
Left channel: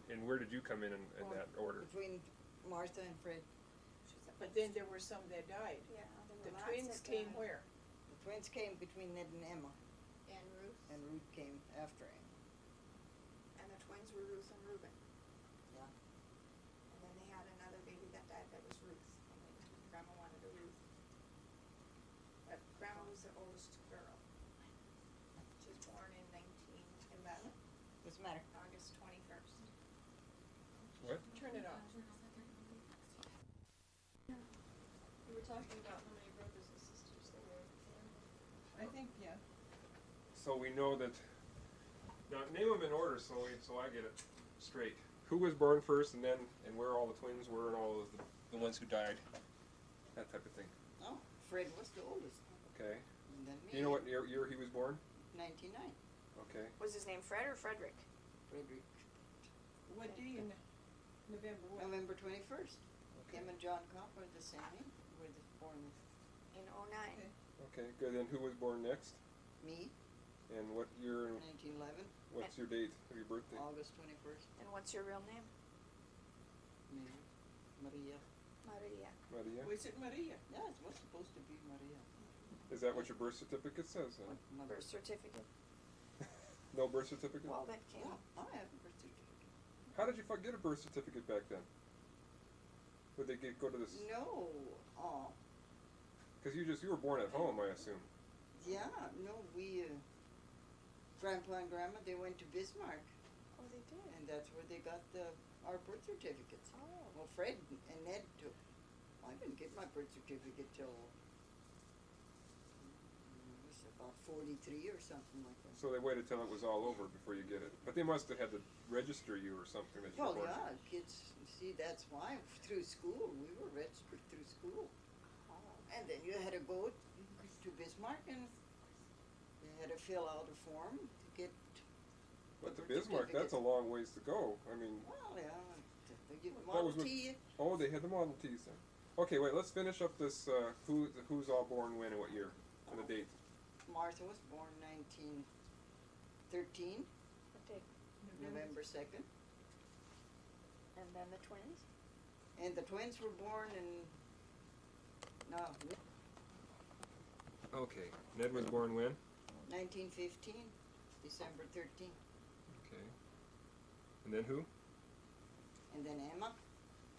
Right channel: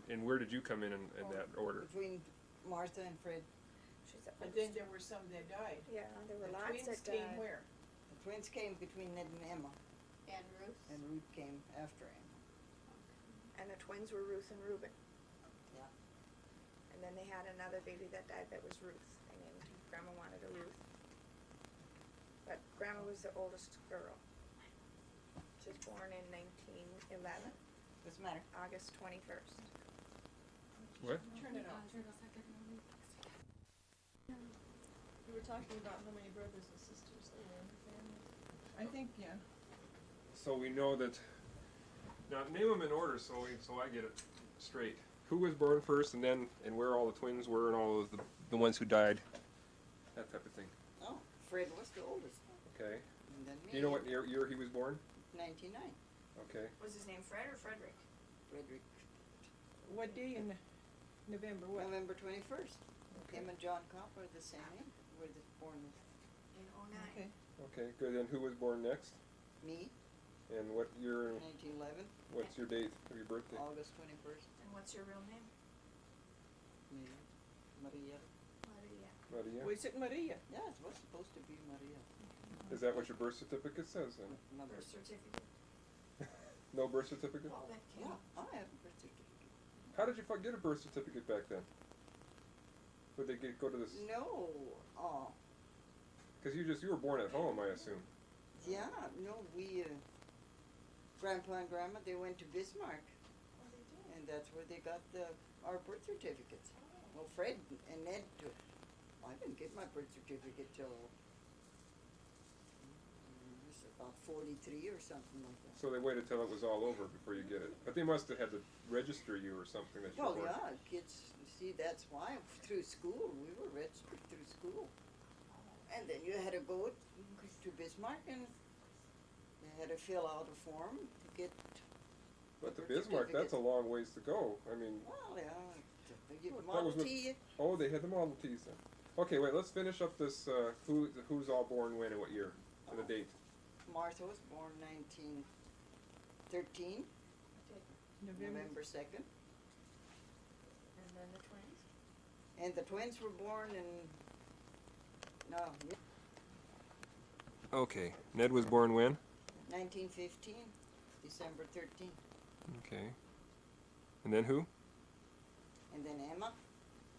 and where did you come in that order? Between Martha and Fred, She's up. But then there were some that died. Yeah, there were The lots twins that came died. where? the twins came between Ned and Emma, And Ruth. and Ruth came after Emma. And the twins were Ruth and Reuben. Yeah. And then they had another baby that died that was Ruth, and then Grandma wanted a Ruth. But Grandma was the oldest girl. She was born in 1911, What's the matter? August 21st. What? Turn it off. We were talking about how many brothers and sisters there were in the family. I think, yeah. So we know that, now name them in order so I get it straight. Who was born first and where all the twins were and all of the ones who died, that type of thing. Oh, Fred was the oldest, Okay. and then me. Do you know what year he was born? 99. Okay. Was his name Fred or Frederick? Frederick, What day in November, what? November 21st. Okay. Him and John Kapp are the same name. Were born In 09. Okay. Okay, good. And who was born next? me, And what year, 1911, what's your date of your birthday? August 21st. And what's your real name? Me, Maria. Maria. Maria? Was it Maria? Yeah, it was supposed to be Maria. Is that what your birth certificate says then? My Birth certificate. No birth certificate? Well, that came. Yeah, I have a birth certificate. How did you get a birth certificate back then? Would they go to this? No, Because you were born at home, I assume. yeah, no, we, Grandpa and Grandma, they went to Bismarck, Oh, they did. and that's where they got the our birth certificates. Oh. Well, Fred and Ned took, I didn't get my birth certificate till, it was about 43 or something like that. So they waited till it was all over before you get it. But they must have had to register you or something that you Well, were born. yeah, kids, you see, that's why through school, we were registered through school. And then you had to go to Bismarck and you had to fill out a form to get. But to birth Bismarck, that's a certificate. long ways to go. I mean, Well, yeah, you That Model was with- T, oh, they had the Model Ts then. Okay, wait, let's finish up this, who's all born when and what year, and the date. Martha was born 1913, Okay. November 2nd. And then the twins? And the twins were born in, no, Okay, Ned was born when? 1915, December 13th. Okay. And then who? And then Emma,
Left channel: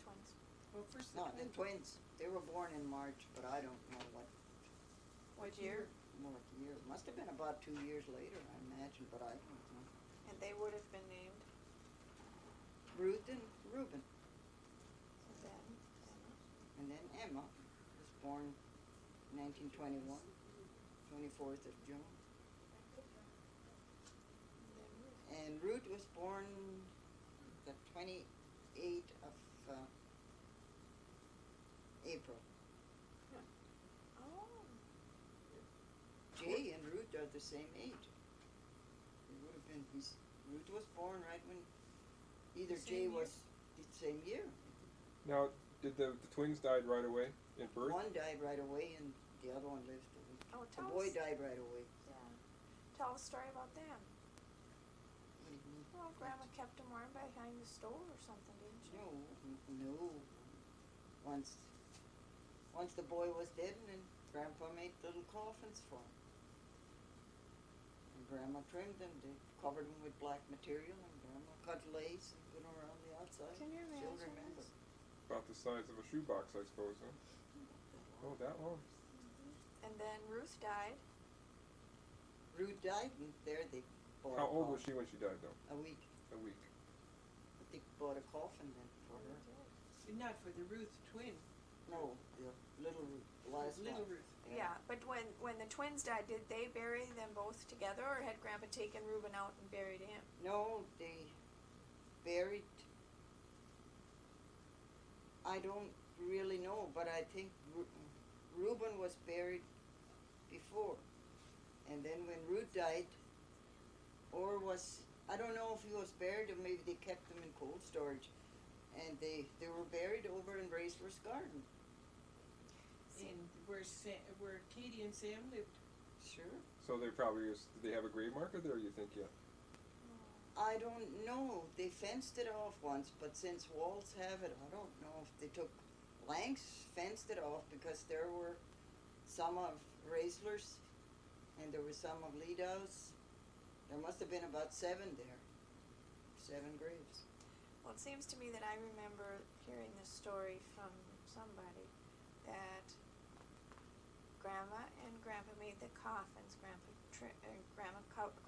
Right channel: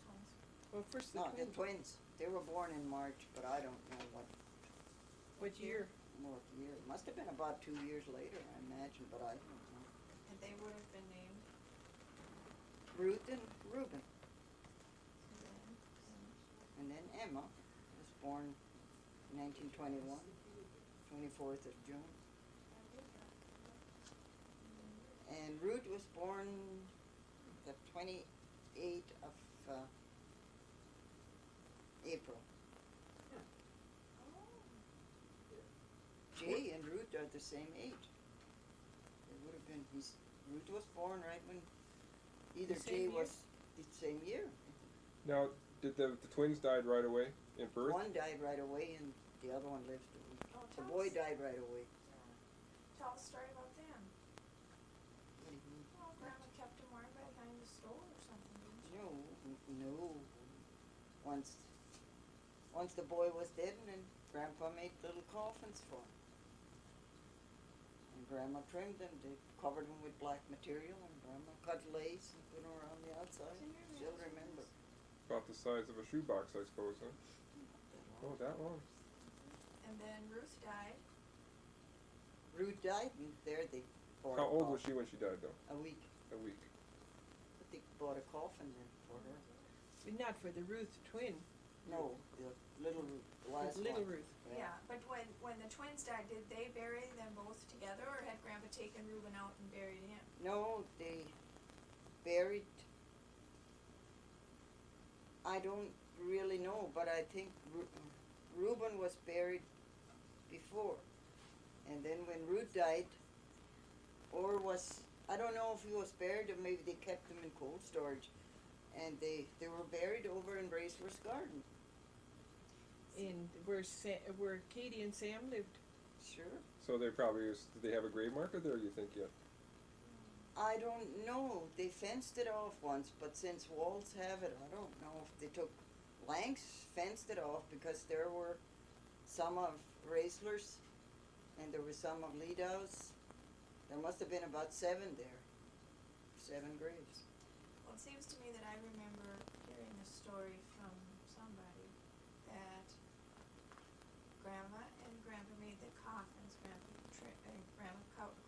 Twins. Well, first the no, the twins. twins, they were born in March, but I don't know what What year? year. It must have been about 2 years later, I imagine, but I don't know. And they would have been named, Ruth and Reuben. and then, And then Emma was born 1921, 24th of June. And Ruth was born the 28th of April. oh, Jay and Ruth are the same age. They would have been, Ruth was born right when either The Jay same year? was the same year. Now, did the twins died right away in birth? One died right away and the other one lived a week. oh, The tell boy us, died right away. tell a story about them. What do you mean? Well, Grandma kept them warm behind the stove or something, didn't she? No. Once the boy was dead, and then Grandpa made little coffins for him. And Grandma trimmed them. They covered them with black material, and Grandma cut lace and put them around the outside. Can you Still imagine remember. About the size of a shoebox, I suppose, huh? Oh, that long. And then Ruth died. Ruth died, and there they bought How a old was she coffin. when she died, though? A week. A week. But they bought a coffin then for her. But not for the Ruth twin, No, the little Ruth, the last little one. Ruth. Yeah, but when the twins died, did they bury them both together, or had Grandpa taken Reuben out and buried him? No, they buried. I don't really know, but I think Reuben was buried before. And then when Ruth died, or I don't know if he was buried or maybe they kept him in cold storage. And they were buried over in Raceler's garden. And where Katie and Sam lived. Sure. So they probably, did they have a grave marker there, you think, yet? I don't know. They fenced it off once, but since walls have it, I don't know if they took. Lanks fenced it off because there were some of Raisler's and there were some of Lidow's. There must have been about 7 there. 7 graves. Well, it seems to me that I remember hearing the story from somebody that Grandma and Grandpa made the coffins.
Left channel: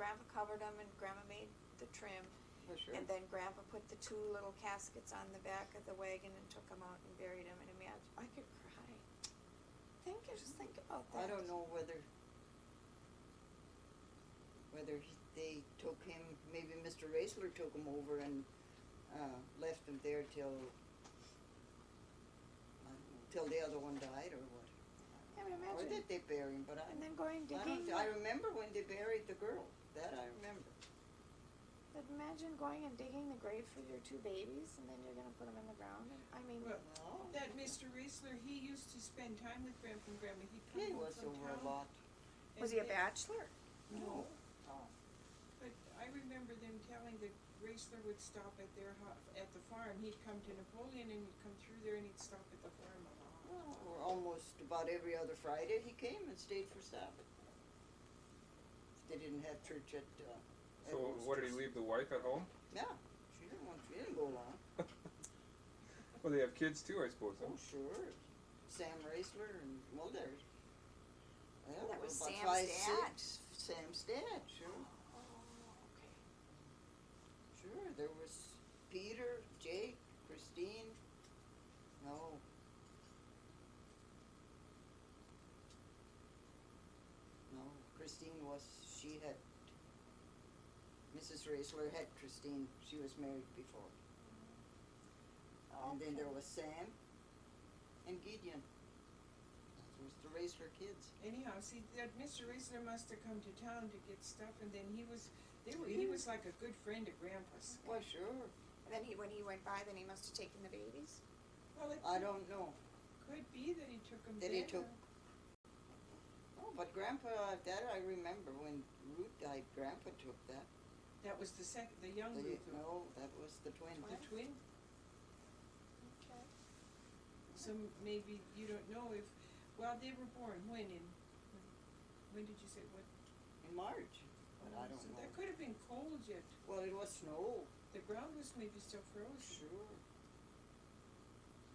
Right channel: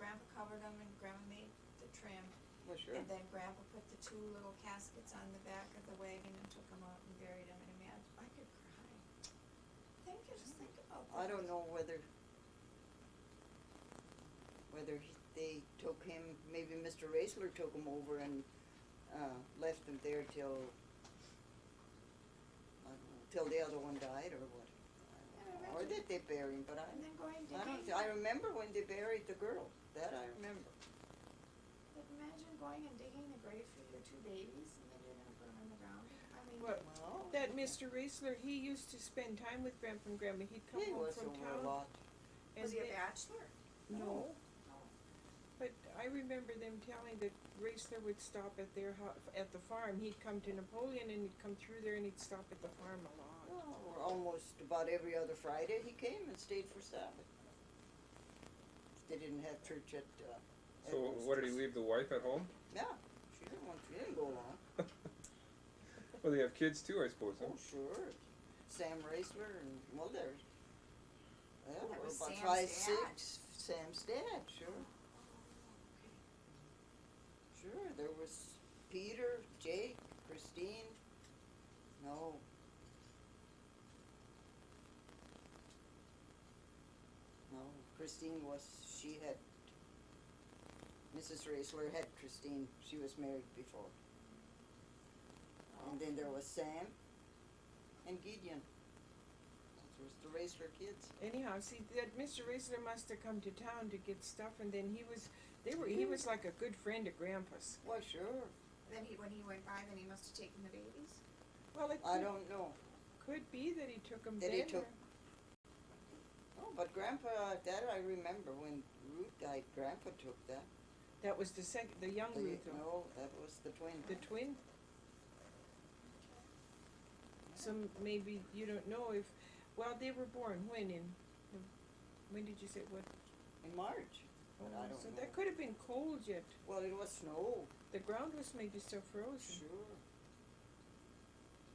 Grandpa covered them, and Grandma made the trim. Well, sure. And then Grandpa put the 2 little caskets on the back of the wagon and took them out and buried them. And imagine, I could cry. Just think about that. I don't know whether they took him. Maybe Mr. Raisler took him over and left him there till the other one died, or what? I mean, Or imagine. did they bury him? But And then going I don't. digging. I remember when they buried the girl. That I remember. But imagine going and digging the grave for your 2 babies, and then you're gonna put them in the ground. I mean, Well, Well, that Mr. Raisler, he used to spend time with Grandpa and Grandma. He'd come he home was from over town. a lot. was he a bachelor? No. Oh. But I remember them telling that Raisler would stop at their at the farm. He'd come to Napoleon and he'd come through there and he'd stop at the farm a lot. Well, almost about every other Friday he came and stayed for Sabbath. They didn't have church at. So what, did he leave the wife at home? Yeah, she didn't go long. Well, they have kids too, I suppose, huh? Oh, sure. Sam Raisler and well, there's. Yeah, That there were was about Sam's 5, dad. 6. Sam's dad, sure. Oh, okay. Sure, there was Peter, Jake, Christine, no. No, Christine was, she had, Mrs. Raisler had Christine, she was married before. And then there was Sam and Gideon. That was the Raisler kids. Anyhow, see, that Mr. Raisler must have come to town to get stuff, and then he was like a good friend of Grandpa's. Why, sure. And then when he went by, then he must have taken the babies? Well, it I don't know. could be that he took them That then. he took- Oh, but Grandpa, that I remember when Ruth died, Grandpa took that. That was the young Ruth, No, that was the twin. the twin. Okay. So maybe you don't know if, well, they were born when when did you say what? In March, but I don't So know. that could have been cold yet. Well, it was snow, The ground was maybe still frozen. sure.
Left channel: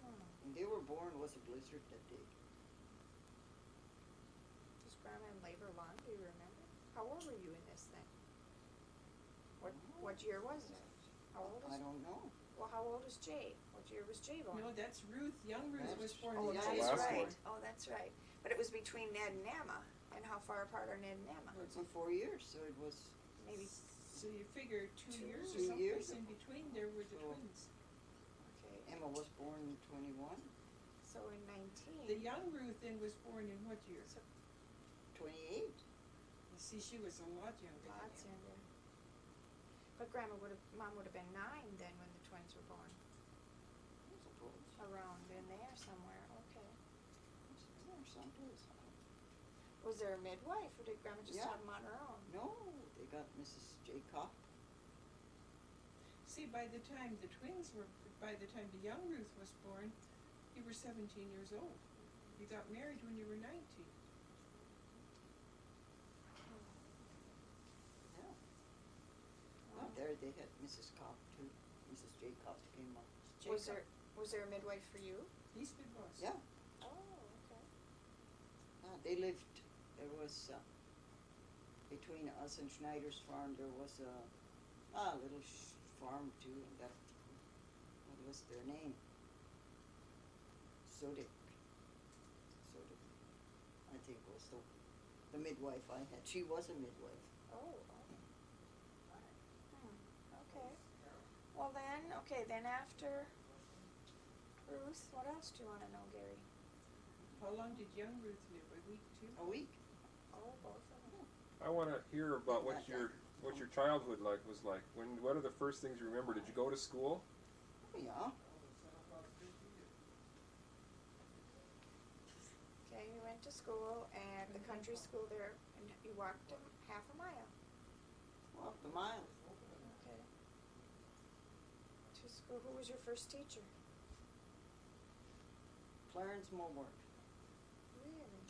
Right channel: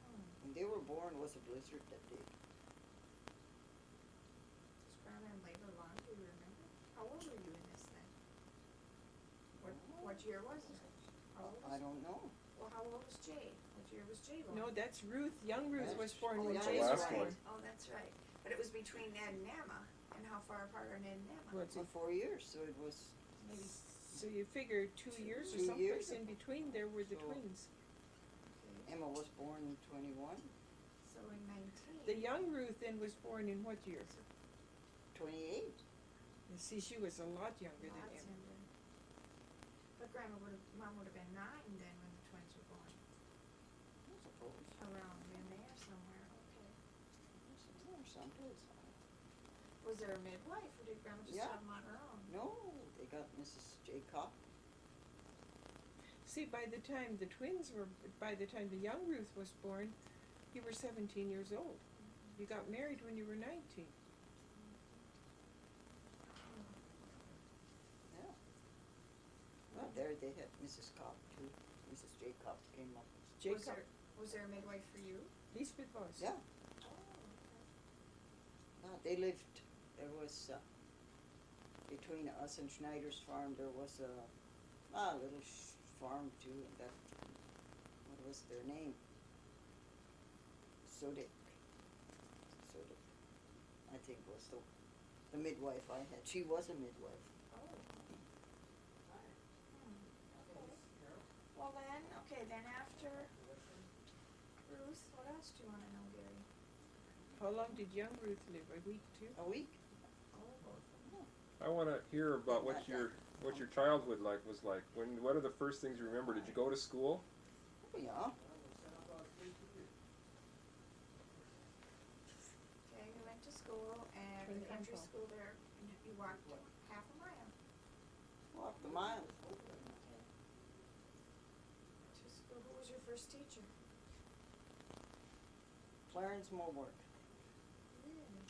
Hmm. When they were born was a blizzard that day. Was Grandma in labor long, do you remember? How old were you in this then? What year was it? How old I was, don't know. well, how old was Jay? What year was Jay born? No, that's Ruth. Young Ruth That's- was born Oh, in yeah, that the is last right. one. Oh, that's right. But it was between Ned and Emma, and how far apart are Ned and Emma? What's For it? 4 years, so it was, Maybe, So you figure 2 years or 2 something years in ago. between there were the So- twins. okay, Emma was born in 21, so in 19. The young Ruth then was born in what year? 28. You see, she was a lot younger than Lots him. younger. But Mom would have been 9 then when the twins were born. I suppose. Around in there somewhere, okay. Or someplace. Was there a midwife, or did Grandma just Yeah. have them on her own? No, they got Mrs. J. Kapp. See, by the time the young Ruth was born, you were 17 years old. You got married when you were 19. Yeah. Well, there they had Mrs. Kapp too. Mrs. J. Kapp came up. Jacob, Was there a midwife for you? he's been boss. Yeah. Oh, okay. They lived, there was, between us and Schneider's farm, there was a little farm too, and that, what was their name? Sodik, I think was the midwife I had. She was a midwife. Oh, okay. Okay. Well then after Ruth, what else do you wanna know, Gary? How long did young Ruth live? A week too? A week. Oh, both of them. I want to hear about what your childhood was like. What are the first things you remember? Did you go to school? Oh, yeah. Okay, we went to school at the country school there, and you walked half a mile. Walked a mile. Okay. To school, who was your first teacher? Clarence Mulwork. Really?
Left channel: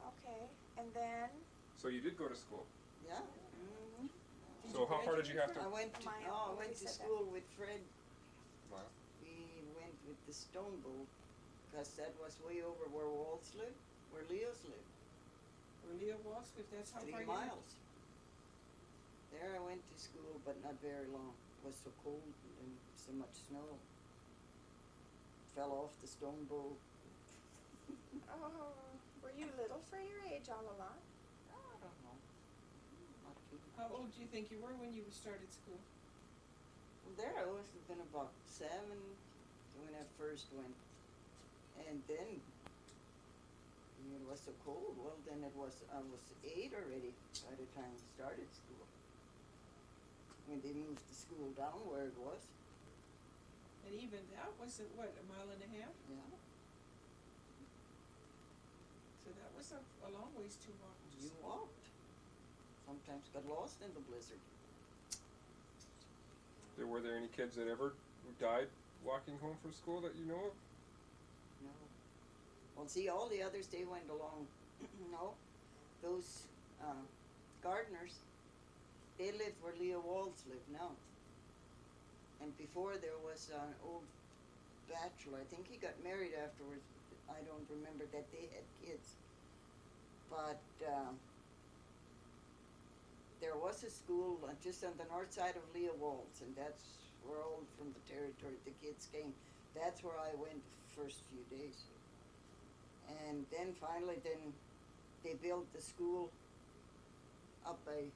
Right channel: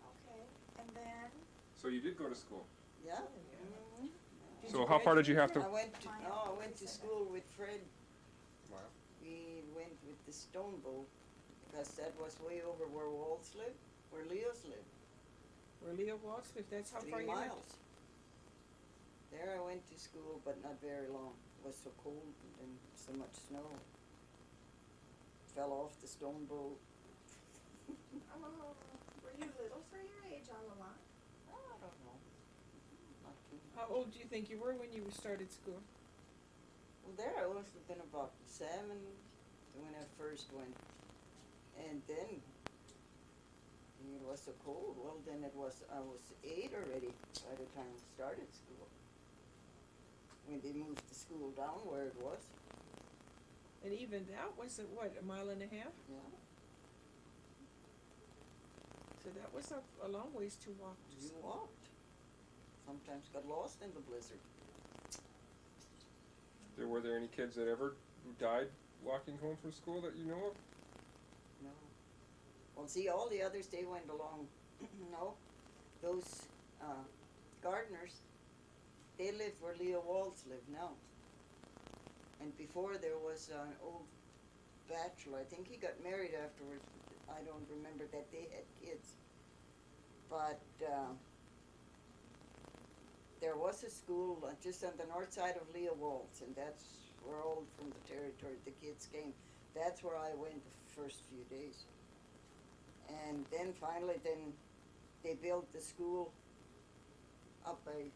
Okay, and then, So you did go to school. Yeah. Mm-hmm. Did So you how far did you have I to? went to, Mile, I what went we to said that. school with Fred. Wow. We went with the stone boat, because that was way over where Waltz lived, where Leo's lived, Where Leo was, if that's how 3 far you went. miles. There I went to school, but not very long. It was so cold and so much snow. Fell off the stone boat. oh, were you little for your age all along? I don't know. Not too much. How old do you think you were when you started school? Well, there I must have been about 7 when I first went. And then it was so cold. Well, then I was 8 already by the time I started school. When they moved the school down where it was. And even that wasn't, what, a mile and a half? Yeah. So that was a long ways to walk to You school. walked. Sometimes got lost in the blizzard. Were there any kids that ever died walking home from school that you know of? No. Well, see, all the others, they went along. No. Those gardeners, they lived where Leo Waltz lived now. And before there was an old bachelor. I think he got married afterwards. But I don't remember that they had kids. But there was a school just on the north side of Leo Waltz, and that's were all from the territory, the kids came. That's where I went the first few days. And then finally, then they built the school up by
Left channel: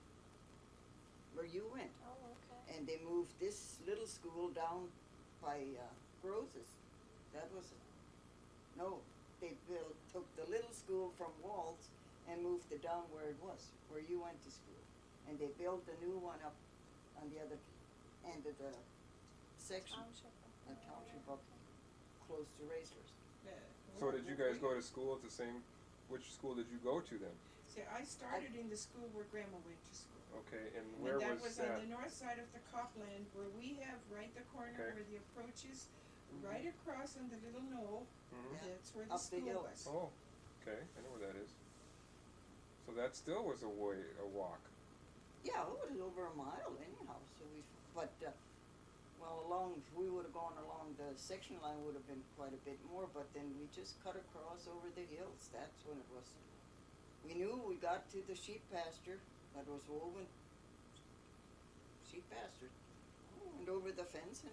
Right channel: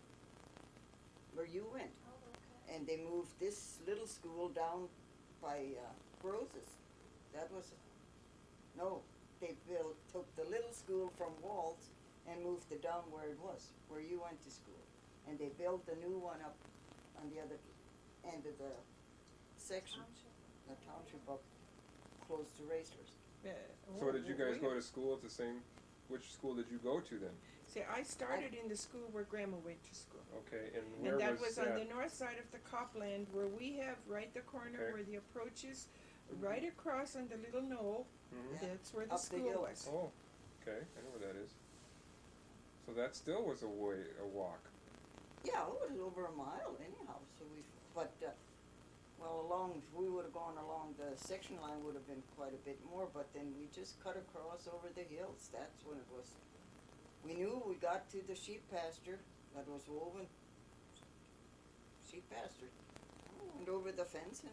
where you went. Oh, okay. And they moved this little school down by Grose's. That was, no, they took the little school from Walls and moved it down where it was, where you went to school. And they built a new one up on the other end of the section, the township up close to Racers. So did you guys go to school at the same, which school did you go to then? See, I started in the school where Grandma went to school. Okay, and where And that was was on that? the north side of the Copland where we have right the corner Okay. where the approach is, right across on the little knoll, Mhm. Yeah. that's where the Up the school hill. was. Oh, okay, I know where that is. So that still was a walk. Yeah, it was over a mile anyhow, so but, if we would've gone along the section line would have been quite a bit more, but then we just cut across over the hills, that's when it was. We knew we got to the sheep pasture that was woven, sheep pasture. Went over the fence and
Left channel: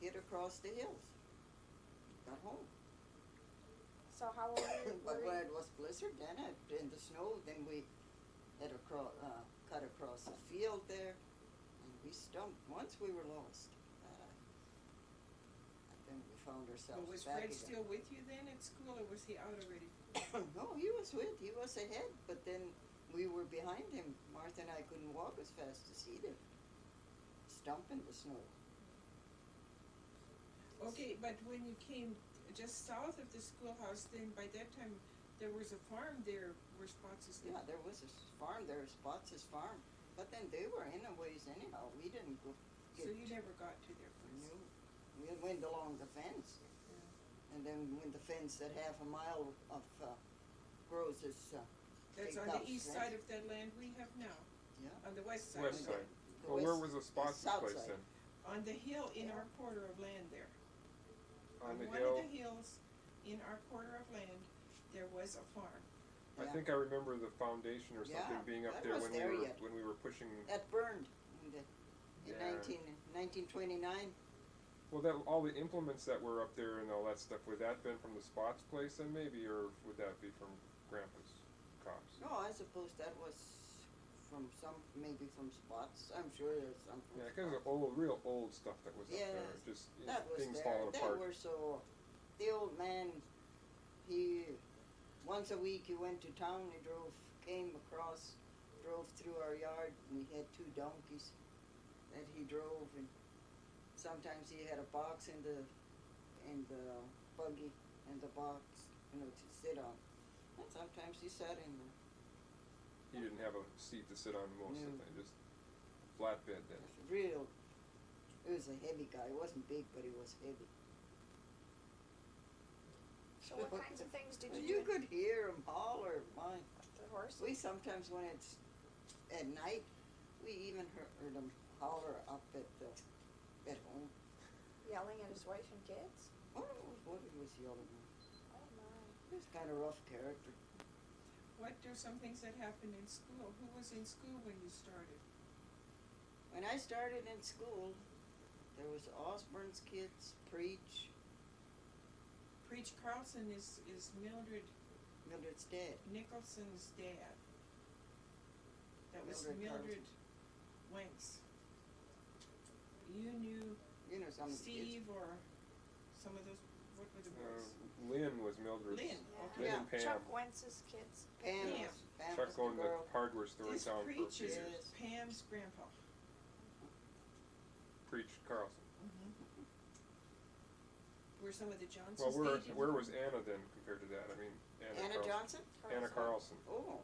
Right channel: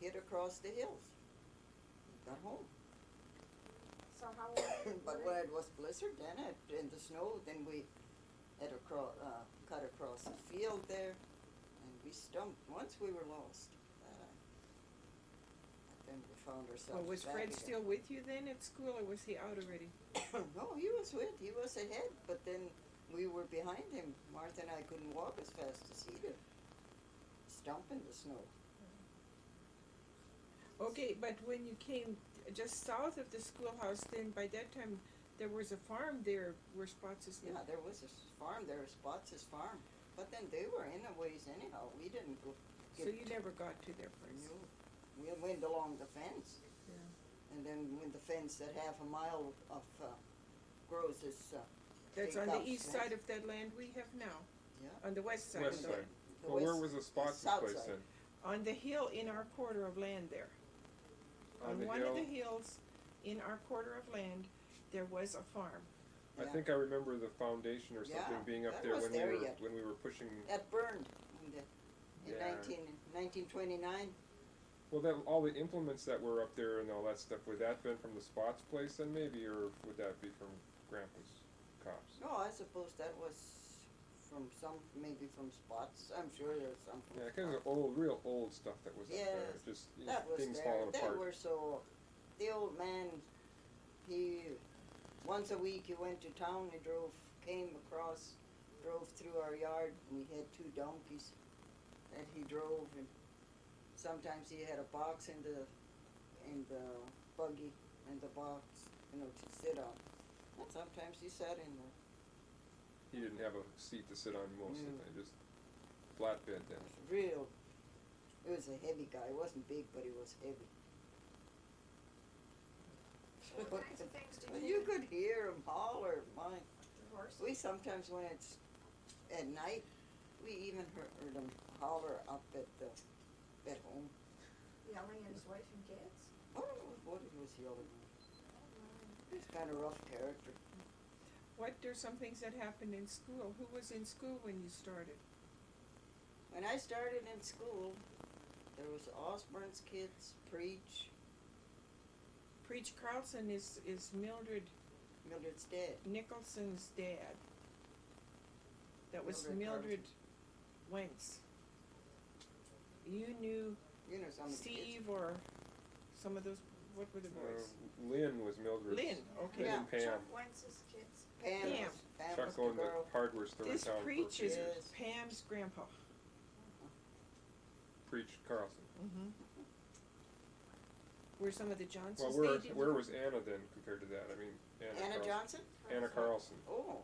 hit across the hills. Got home. So how old But were when you? it was blizzard, then in the snow, then we had cut across the field there, and we stumped. Once we were lost, but then we found ourselves Was back Fred again. still with you then at school or was he out already? No, he was ahead, but then we were behind him. Martha and I couldn't walk as fast as he did. Stump in the snow. Okay, but when you came just south of the schoolhouse, then by that time there was a farm there where Spots' Yeah, there was a farm there, Spots' farm. But then they were in a ways anyhow. We didn't go So you never got to their place. No, we went along the fence. Yeah. And then when the fence at half a mile of grows is That's Big on the Kapp's east fence. side of that land we have now, Yeah. on the west side. West of side. it. the Well, where west- was the Spots' south place side. then? On the hill in our quarter of land there. On the one hill? of the hills in our quarter of land, there was a farm. I Yeah. think I remember the foundation or something Yeah, being up that there was when there we were yet. when we were pushing. That burned in Yeah. 1929. Well, that all the implements that were up there and all that stuff, would that been from the Spots place then maybe, or would that be from Grandpa's cops? No, I suppose that was maybe from Spots. I'm sure there's some from Yeah, Spots. because of old, real old stuff that was up there. Yes, Just That was things there. falling They apart. were so. The old man, once a week he went to town. He drove through our yard, and he had 2 donkeys that he drove, and sometimes he had a box in the buggy and the box, to sit on. And sometimes he sat in there. He didn't have a seat to sit on most of the No. time, just flatbed then. It was a heavy guy. He wasn't big, but he was heavy. So what kinds of things did Well, you you do? could hear him holler, my. The horse? We sometimes, when it's at night, we even heard him holler up at home. Yelling at his wife and kids? What he was yelling at. Oh my. He was kind of rough character. What are some things that happened in school? Who was in school when you started? When I started in school, there was Osborne's kids, Preach, Preach Carlson is Mildred's dad. Nicholson's dad. That was Mildred Mildred Wentz. You knew You know some of the kids. Steve or some of those, what were the boys? Lynn was Mildred's. Lynn, okay. Lynn and Pam. Chuck Wentz's kids? Pam Pam. Pam Chuck was the owned the girl. hardware store in This town for a Preach few is years. Yes. Pam's grandpa. Preach Carlson. Mm-hmm. Were some of the Johnsons? Well, they did- where was Anna then compared to that? I mean, Anna Carlson. Johnson? Anna Carlson. Oh,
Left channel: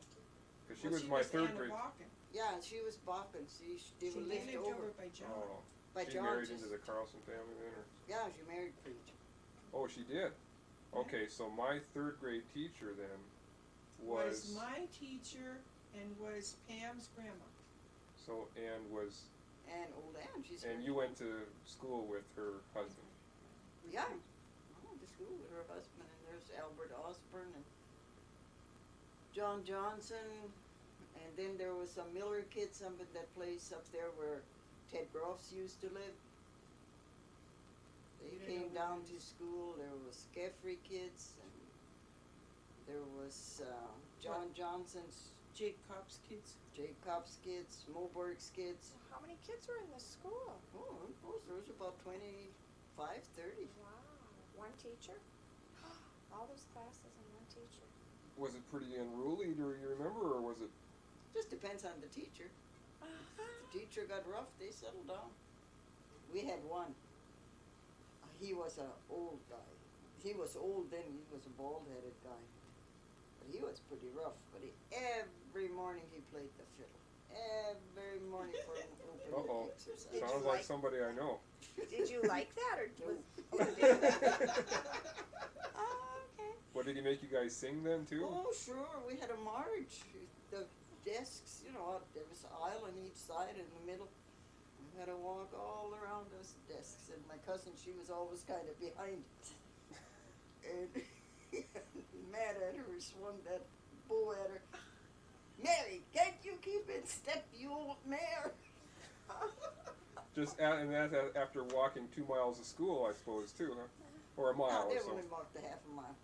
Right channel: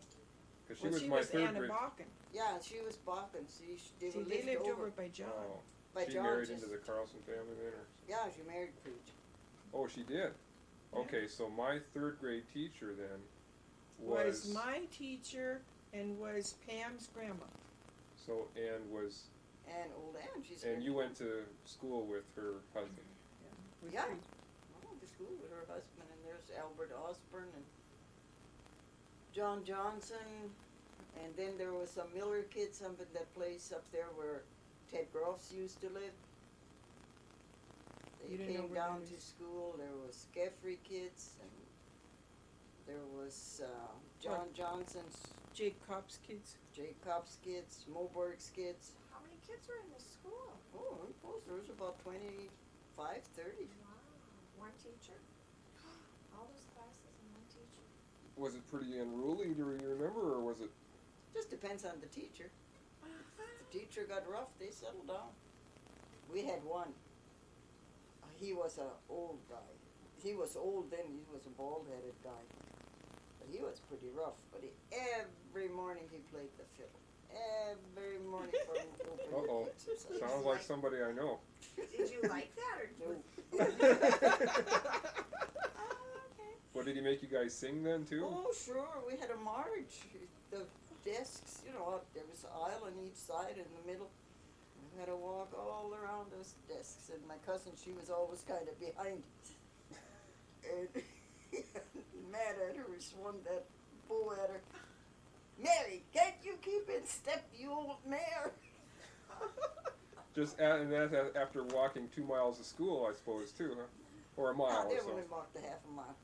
Because she Well, was my third Anna grade. Balkan. yeah, she was Balkan. They See, were they lived lived over over by John. Oh, by she John. married just- into the Carlson family then, or? Yeah, she married Preach. Oh, she did. Okay, so my third grade teacher then Was my teacher and was Pam's grandma. And old Ann, she's and here. you went to school with her husband. Yeah. I went to school with her husband, and there's Albert Osborne and John Johnson, and then there was some Miller kids up in that place up there where Ted Groffs used to live. They You didn't know came where down it to is. school, there was Geffrey kids, and there was, John Johnson's, Jake Kopp's kids. Jacob's kids, Moberg's kids. So how many kids were in the school? Oh, I suppose there was about 25, 30. Wow. One teacher? All those classes and one teacher. Was it pretty unruly, do you remember, or was it? Just depends on the teacher. If the teacher got rough, they settled down. We had one. He was an old guy. He was old then, he was a bald-headed guy. But he was pretty rough. But every morning he played the fiddle. Every morning for an open Uh-oh. exercise. Sounds like somebody I know. Did you like that or? No. Oh, okay. What, did he make you guys sing then too? Oh, sure, we had a march. The desks, you know, there was an aisle on each side in the middle. We had to walk all around those desks, and my cousin, she was always kind of behind. And mad at her, swung that bow at her. Mary, can't you keep in step, you old mare? And that after walking 2 miles to school, I suppose, too, huh? Or a mile Oh, they or so. only walked a half a mile.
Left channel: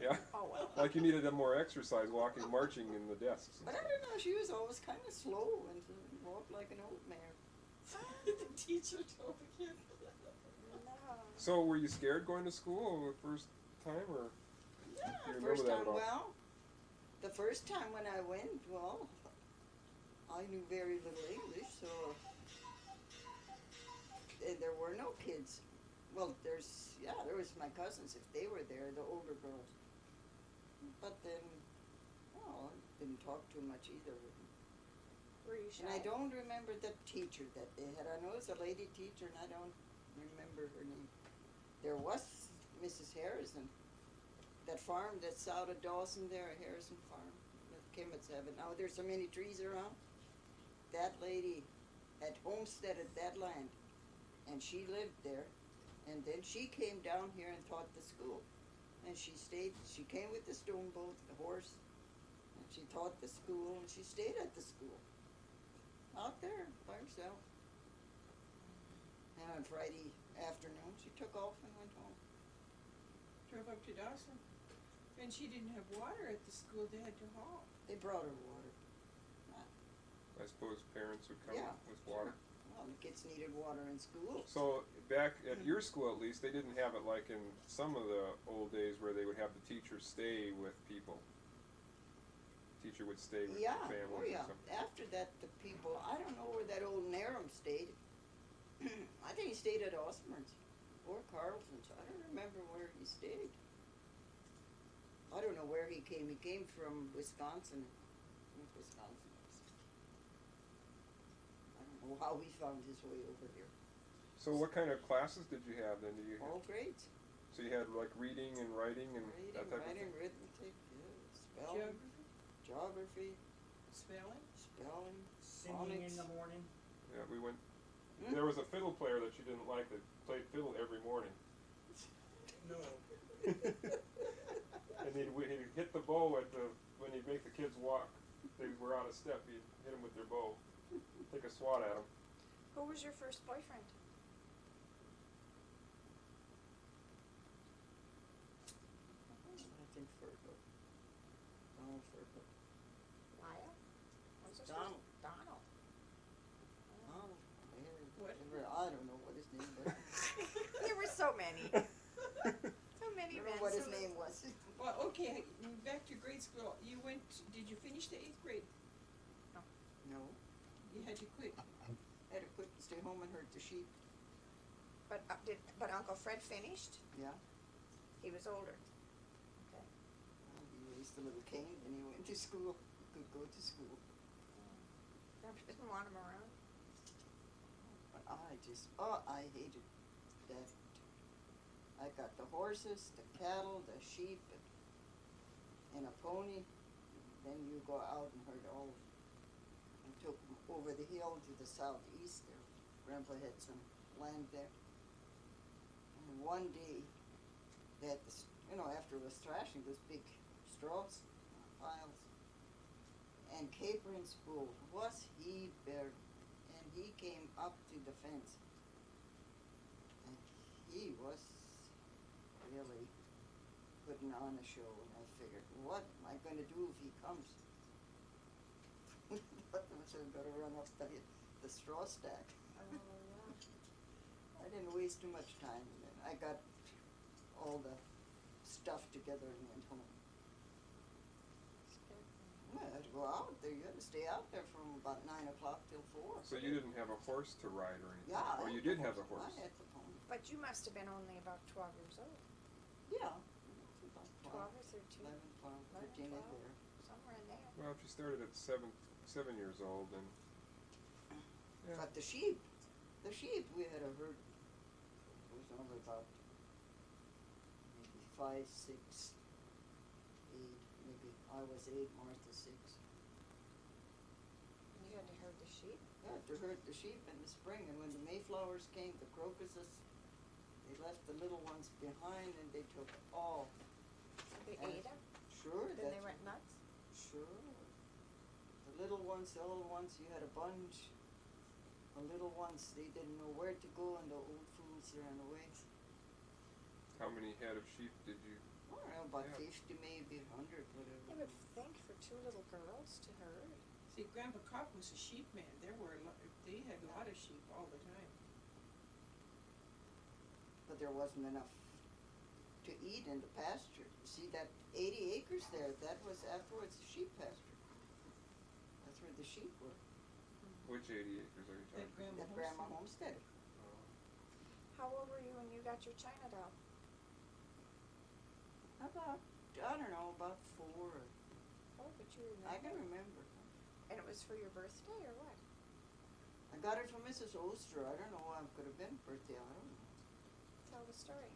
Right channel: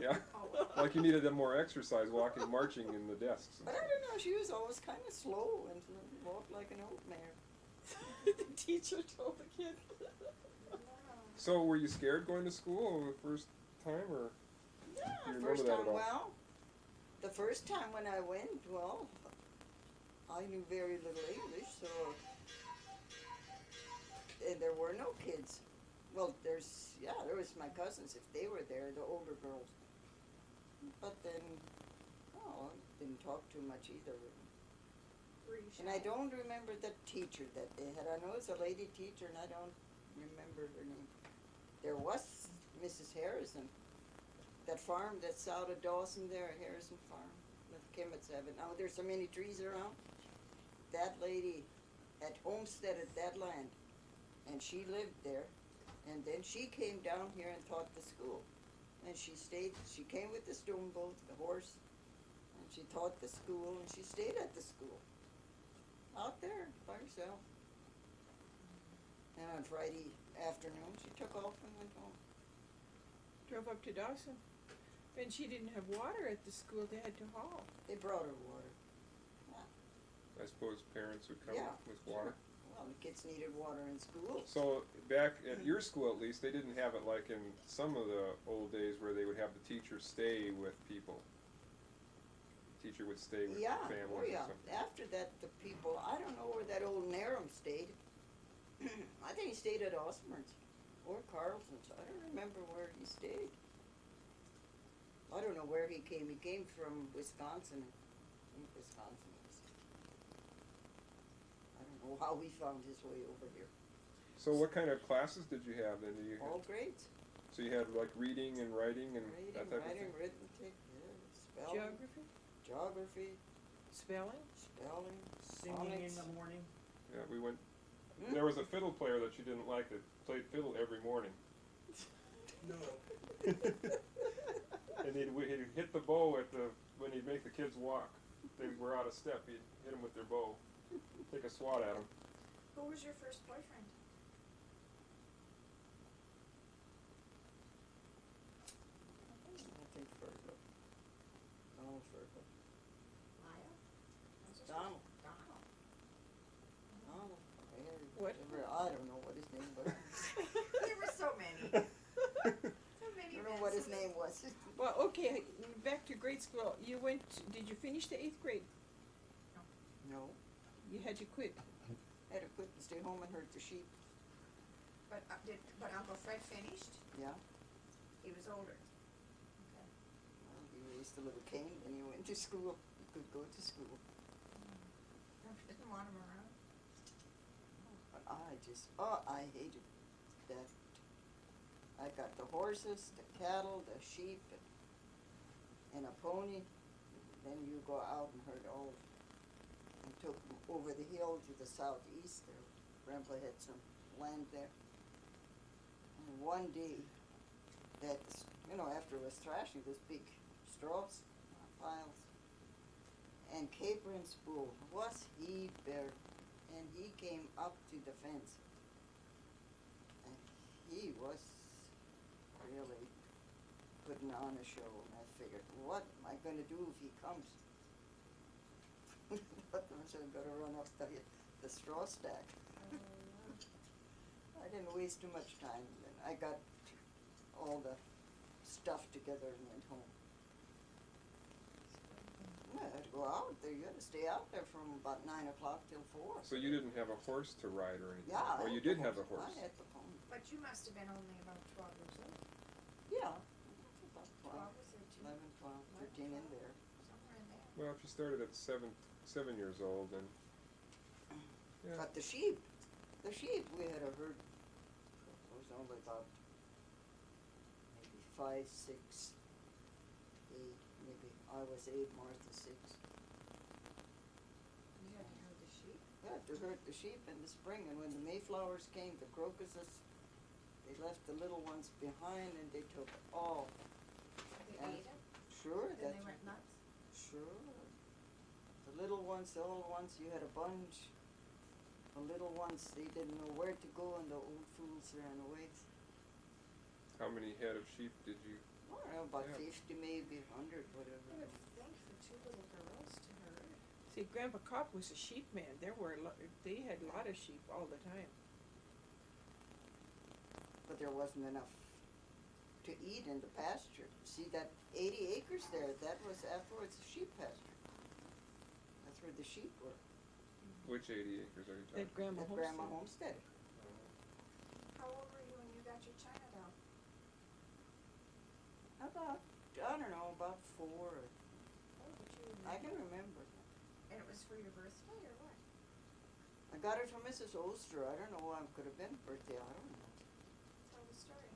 Yeah. Oh, well. Like you needed more exercise walking, marching in the desks. and But I stuff. don't know, she was always kind of slow and walked like an old mare. The teacher told the kid. No. So were you scared going to school the first time, or Yeah, do you remember first that time, at all? well, the first time when I went, well, I knew very little English, so, and there were no kids. Well, there was my cousins, if they were there, the older girls. But then, well, I didn't talk too much either with them. Were you shy? And I don't remember the teacher that they had. I know it's a lady teacher, and I don't remember her name. There was Mrs. Harrison. That farm that's out of Dawson there, Harrison Farm, that Kimmett's have it. Now there's so many trees around. That lady had homesteaded that land, and she lived there. And then she came down here and taught the school. And she came with the stone boat, the horse, and she taught the school, and she stayed at the school. Out there by herself. And on Friday afternoon, she took off and went home. Drove up to Dawson. And she didn't have water at the school, they had to haul. They brought her water. I suppose parents would come Yeah, with water. Well, the kids needed water in school. So back at your school, at least, they didn't have it like in some of the old days where they would have the teacher stay with people. The teacher would stay with Yeah, families oh or yeah. something. After that, the people, I don't know where that old Narum stayed. I think he stayed at Osborne's or Carlson's. I don't remember where he stayed. I don't know where he came. He came from Wisconsin. I think Wisconsin was. I don't know how he found his way over here. So what kind of classes did you have then? All grades. So you had like reading and writing and Reading, that type writing, of thing? arithmetic, spelling, Geography, geography, spelling. spelling, Singing in phonics. the morning. Yeah, we went. Hmm? There was a fiddle player that she didn't like that played fiddle every morning. No. And he'd hit the bow when he'd make the kids walk. They were out of step. He'd hit them with their bow, take a swat at them. Who was your first boyfriend? I think Fergal. Donald Fergal. Lyle? Donald. Donald. Donald. Harry. What? I don't know what his name was. There were so many. So I many don't men. know what his so- name was. Well, okay, back to grade school. Did you finish the 8th grade? No. You had to quit. Had to quit and stay home and herd the sheep. But Uncle Fred finished? Yeah. He was older. Well, he raised a little cane and he went to school. He could go to school. Didn't want him around. But I hated that. I got the horses, the cattle, the sheep, and a pony. Then you go out and herd all. I took them over the hill to the southeast there. Grandpa had some land there. And one day, that after it was thrashing, those big straws piles. And Capron's bull, was he bare? And he came up to the fence. And he he was really putting on a show, and I figured, what am I gonna do if he comes? Thought I was gonna run up the straw stack. Oh, yeah. I didn't waste too much time, and then I got all the stuff together and went home. Well, I had to go out there, you had to stay out there from about 9 o'clock till 4. So you didn't have a horse to ride or anything? Yeah. I Or you had did the have a horse? I had the pony. But you must have been only about 12 years old, Yeah, it's about 12 12, or 13, 11, 12, 13 in there. somewhere in there. Well, if you started at 7 years old, then, yeah. But the sheep, we had a herd, it was only about maybe 5, 6, 8, maybe. I was 8, Martha 6. You had to herd the sheep? Yeah, to herd the sheep in the spring, and when the Mayflowers came, the crocuses, they left the little ones behind and they took all. They And ate them? Sure, Then that's they went nuts? Sure. The little ones, the old ones, you had a bunch. The little ones, they didn't know where to go, and the old fools ran away. How many head of sheep did you? I don't know, about Yeah. 50, maybe 100, whatever. I would think for 2 little girls to herd. See, Grandpa Kapp was a sheep man. There were they had a lot of sheep all the time. But there wasn't enough to eat in the pasture. You see that 80 acres there, that was afterwards a sheep pasture. That's where the sheep were, Which 80 acres are you talking? That Grandma that Grandma homestead. homesteaded. How old were you when you got your China doll? About, I don't know, about 4. Oh, but you remember? I can remember. And it was for your birthday or what? I got it from Mrs. Oster. I don't know, it could have been birthday, I don't know. Tell the story.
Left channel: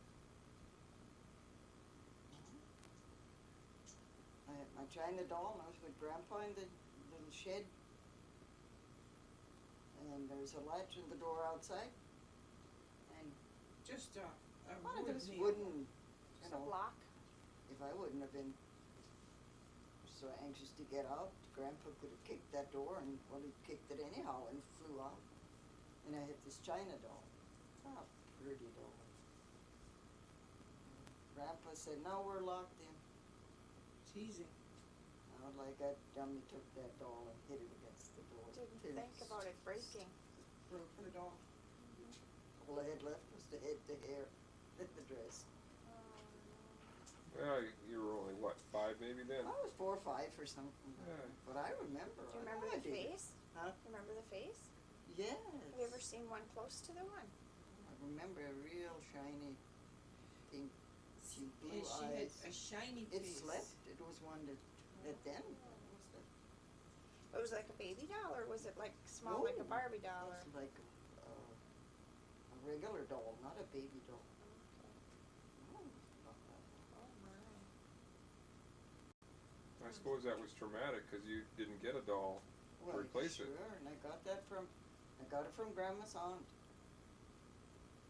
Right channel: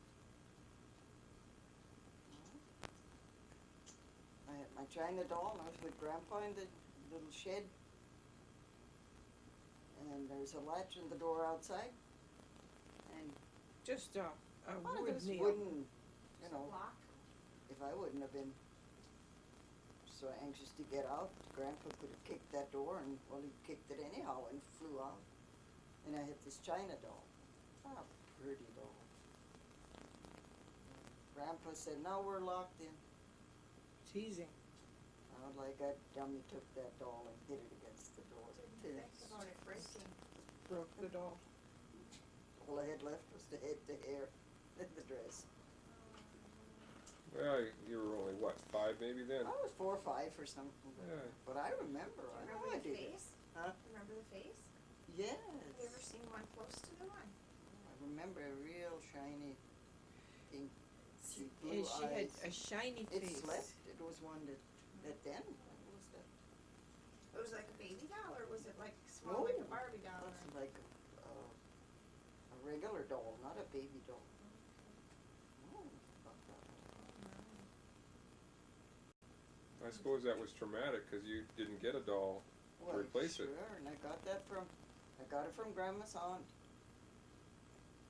I had my China doll, and I was with Grandpa in the little shed. And there's a latch in the door outside. And Just a one of wood those nail. wooden, you It's a know, block. if I wouldn't have been so anxious to get out, Grandpa could have kicked that door, and, well, he kicked it anyhow and flew out. And I had this China doll. Ah, pretty doll. And Grandpa said, now we're locked in. Teasing. Now, like that dummy took that doll and hit it against the door. Didn't think about it breaking. Broke the doll. All I had left was the head, the hair, and the dress. Well, you were only, what, 5 maybe then? I was 4 or 5 or something, Yeah. but I remember. Do you I know remember I the did it. face? Huh? Remember the face? Yes. Have you ever seen one close to the one? I remember a real shiny, pink, see, blue And she had eyes. a shiny It face. slept. It was one that then, what was that? It was like a baby doll, or was it like small, like a No, Barbie It doll? was Or? like a regular doll, not a baby doll. No, it was about that old. Oh my. I suppose that was traumatic because you didn't get a doll. Well, replace sure, it. and I got it from Grandma's aunt.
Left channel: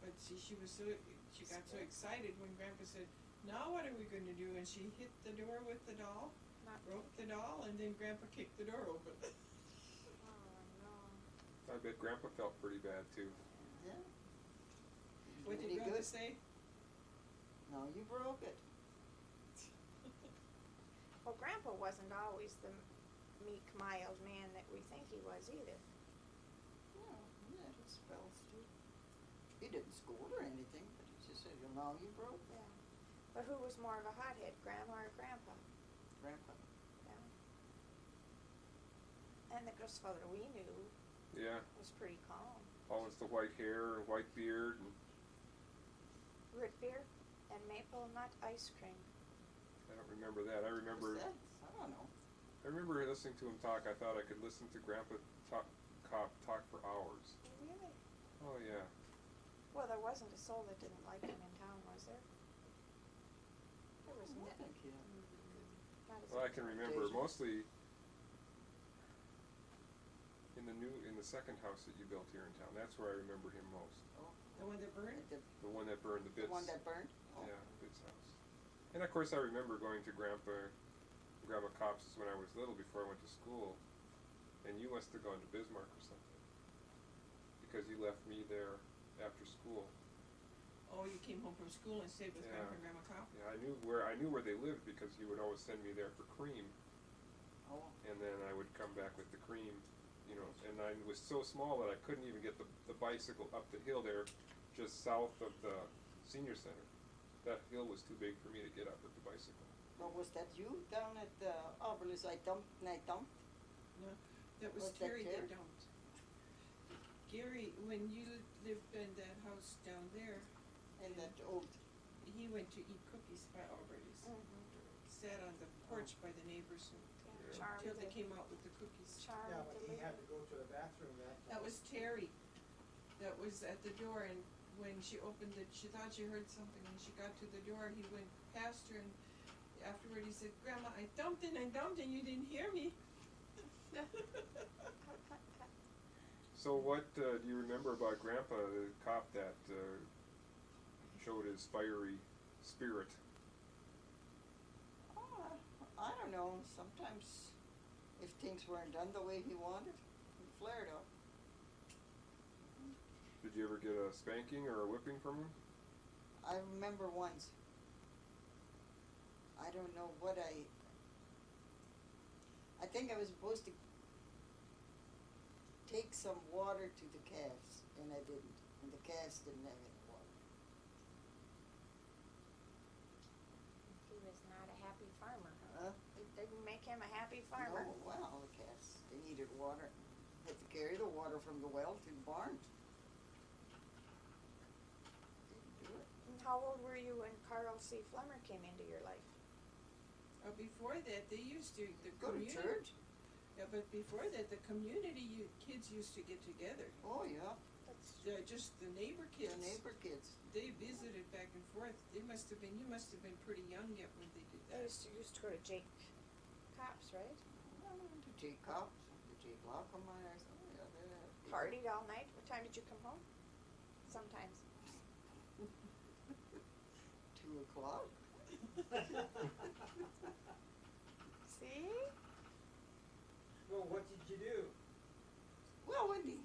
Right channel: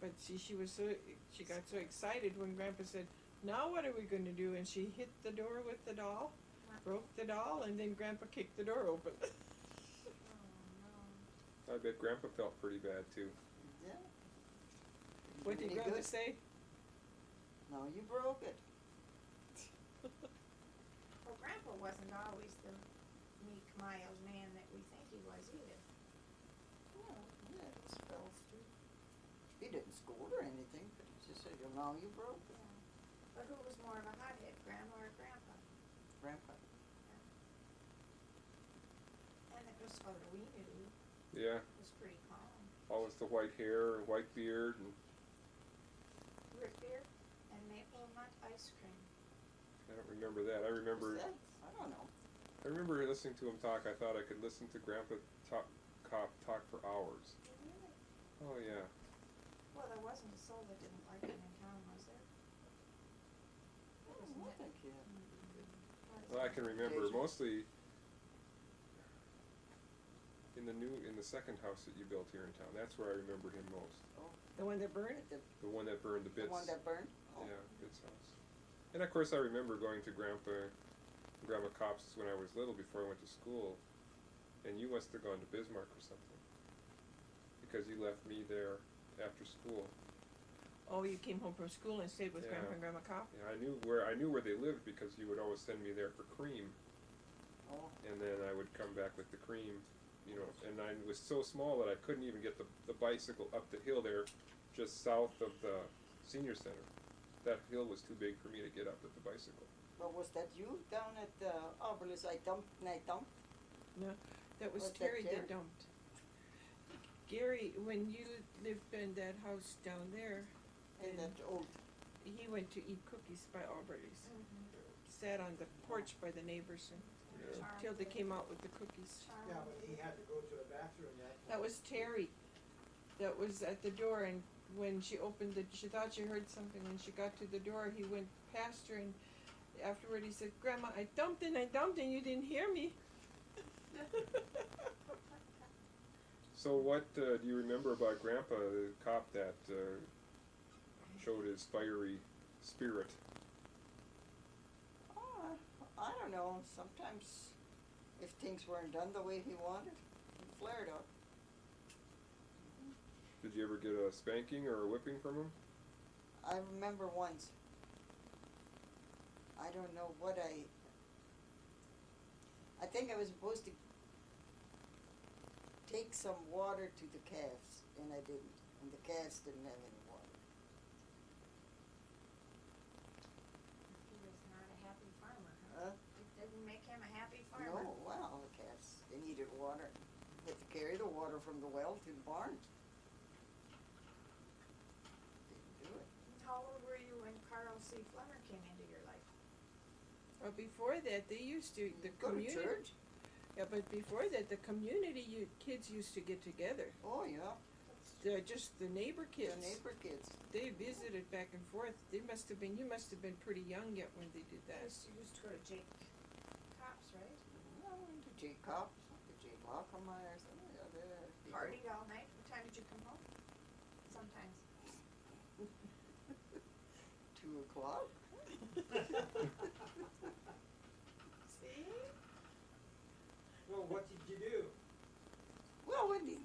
But see, she got so excited when Grandpa said, now what are we gonna do? And she hit the door with the doll, Not- broke the doll, and then Grandpa kicked the door open. Oh no. I bet Grandpa felt pretty bad too. Yeah. What did Any Grandpa good? say? No, you broke it. Well, Grandpa wasn't always the meek, mild man that we think he was either. Well, yeah, it was spells too. He didn't scold or anything, but he just said, well, now you broke it. Yeah. But who was more of a hothead, Grandma or Grandpa? Grandpa. And the grandfather we knew Yeah, was pretty calm. always the white hair, white beard, and Root beer and maple nut ice cream. I don't remember that. I remember What's that? I don't know. listening to him talk. I thought I could listen to Grandpa Kapp talk for hours. Really? Oh yeah. Well, there wasn't a soul that didn't like him in town, was there? There was I not. think, yeah. Not as Well, I many. can remember Jason. mostly in the second house that you built here in town. That's where I remember him most. Oh, The one that burned? like The one that burned the the bits. one that burned? Oh. Yeah, Bit's house. And of course, I remember going to Grandma Kopp's when I was little before I went to school, and you must have gone to Bismarck or something, because you left me there after school. Oh, you came home from school and stayed with Yeah. Grandpa and Grandma Kapp? Yeah, I knew where they lived because you would always send me there for cream, Oh, and then I would come back with the cream, you know. And I was so small that I couldn't even get the bicycle up the hill there, just south of the senior center. That hill was too big for me to get up with the bicycle. but was that you down at the Oberlus I dumped? That was Was that Terry that Terry? dumped. Gary, when you lived in that house down there, And that old, he went to eat cookies by Albert's. Sat on the porch by the neighbors Yeah. Charmed until they it. came out with the cookies. Charmed Yeah, but he it. had to go to the bathroom That was Terry. That was at the door, and when she opened it, she thought she heard something. When she got to the door, he went past her, and afterward he said, "Grandma, I dumped and you didn't hear me." So what do you remember about Grandpa, the cop that showed his fiery spirit? oh, I don't know, sometimes if things weren't done the way he wanted, he flared up. Did you ever get a spanking or a whipping from him? I remember once, I don't know what I think I was supposed to take some water to the calves, and I didn't, and the calves didn't have any water. He was not a happy farmer, huh? Huh? It didn't make him a happy farmer. No, well, the calves, they needed water, had to carry the water from the well to the barn. Didn't do it. And how old were you when Carl C. Flemmer came into your life? Well, before that, they used to, the Go to community. church? Yeah, but before that, the community kids used to get together. Oh, yeah, Just the neighbor kids. the neighbor kids. They visited back and forth. You must have been pretty young yet when they did I that. used to go to Jake Kapp's, right? I went to Jay Kapp, to Jay Lockermeyer's, oh, yeah, there. Partied all night. What time did you come home? Sometimes. 2:00. See? Well, what did you do? Well, when the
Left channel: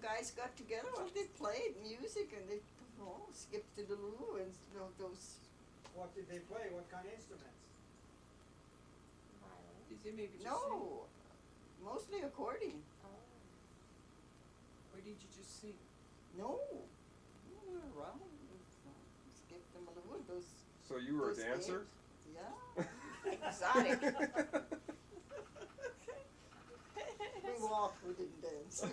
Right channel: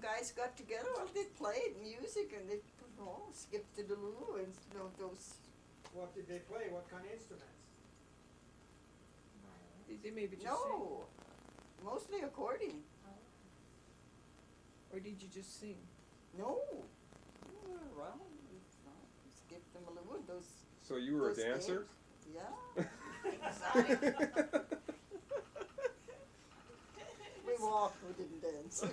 guys got together, well, they played music and they, skipped the loo and, those, What did they play? What kind of instruments? They maybe just no, mostly accordion. sing, or did you just sing? No, we were around, skipped the loo and those, So you were a those dancer? games. Yeah, Exotic. we walked, we didn't dance. Did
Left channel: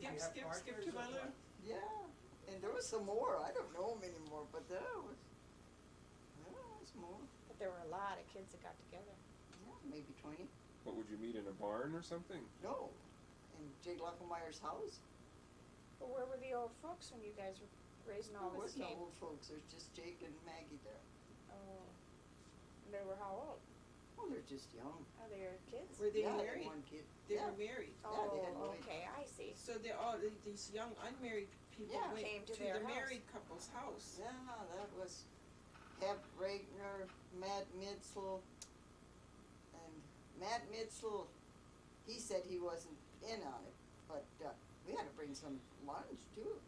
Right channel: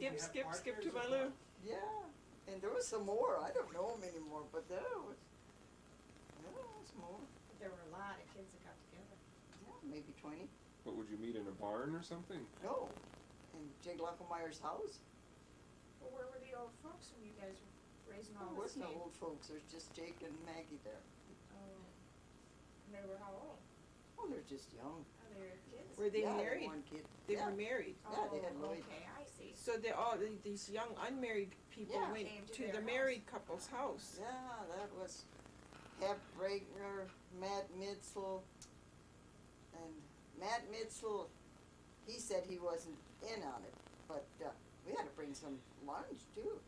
you have Skip partners to or my what? loo. Yeah, and there was some more, I don't know them anymore, but there was more, But there were a lot of kids that got together. yeah, maybe 20. What, would you meet in a barn or something? No, in Jay Lockermeyer's house. But where were the old folks when you guys were raising all There was this no cane? old folks, there's just Jake and Maggie there. Oh. And they were how old? Oh, they're just young. Oh, they were kids? Were they Yeah, they had married? one kid. They Yeah. were married. Yeah, they had Oh, Lloyd. okay, I see. So they all these young unmarried people Yeah. went Came to to their the house. married couple's house. Yeah, that was Kapp Regner, Matt Mitzel, and Matt Mitzel, he said he wasn't in on it, but we had to bring some lunch too.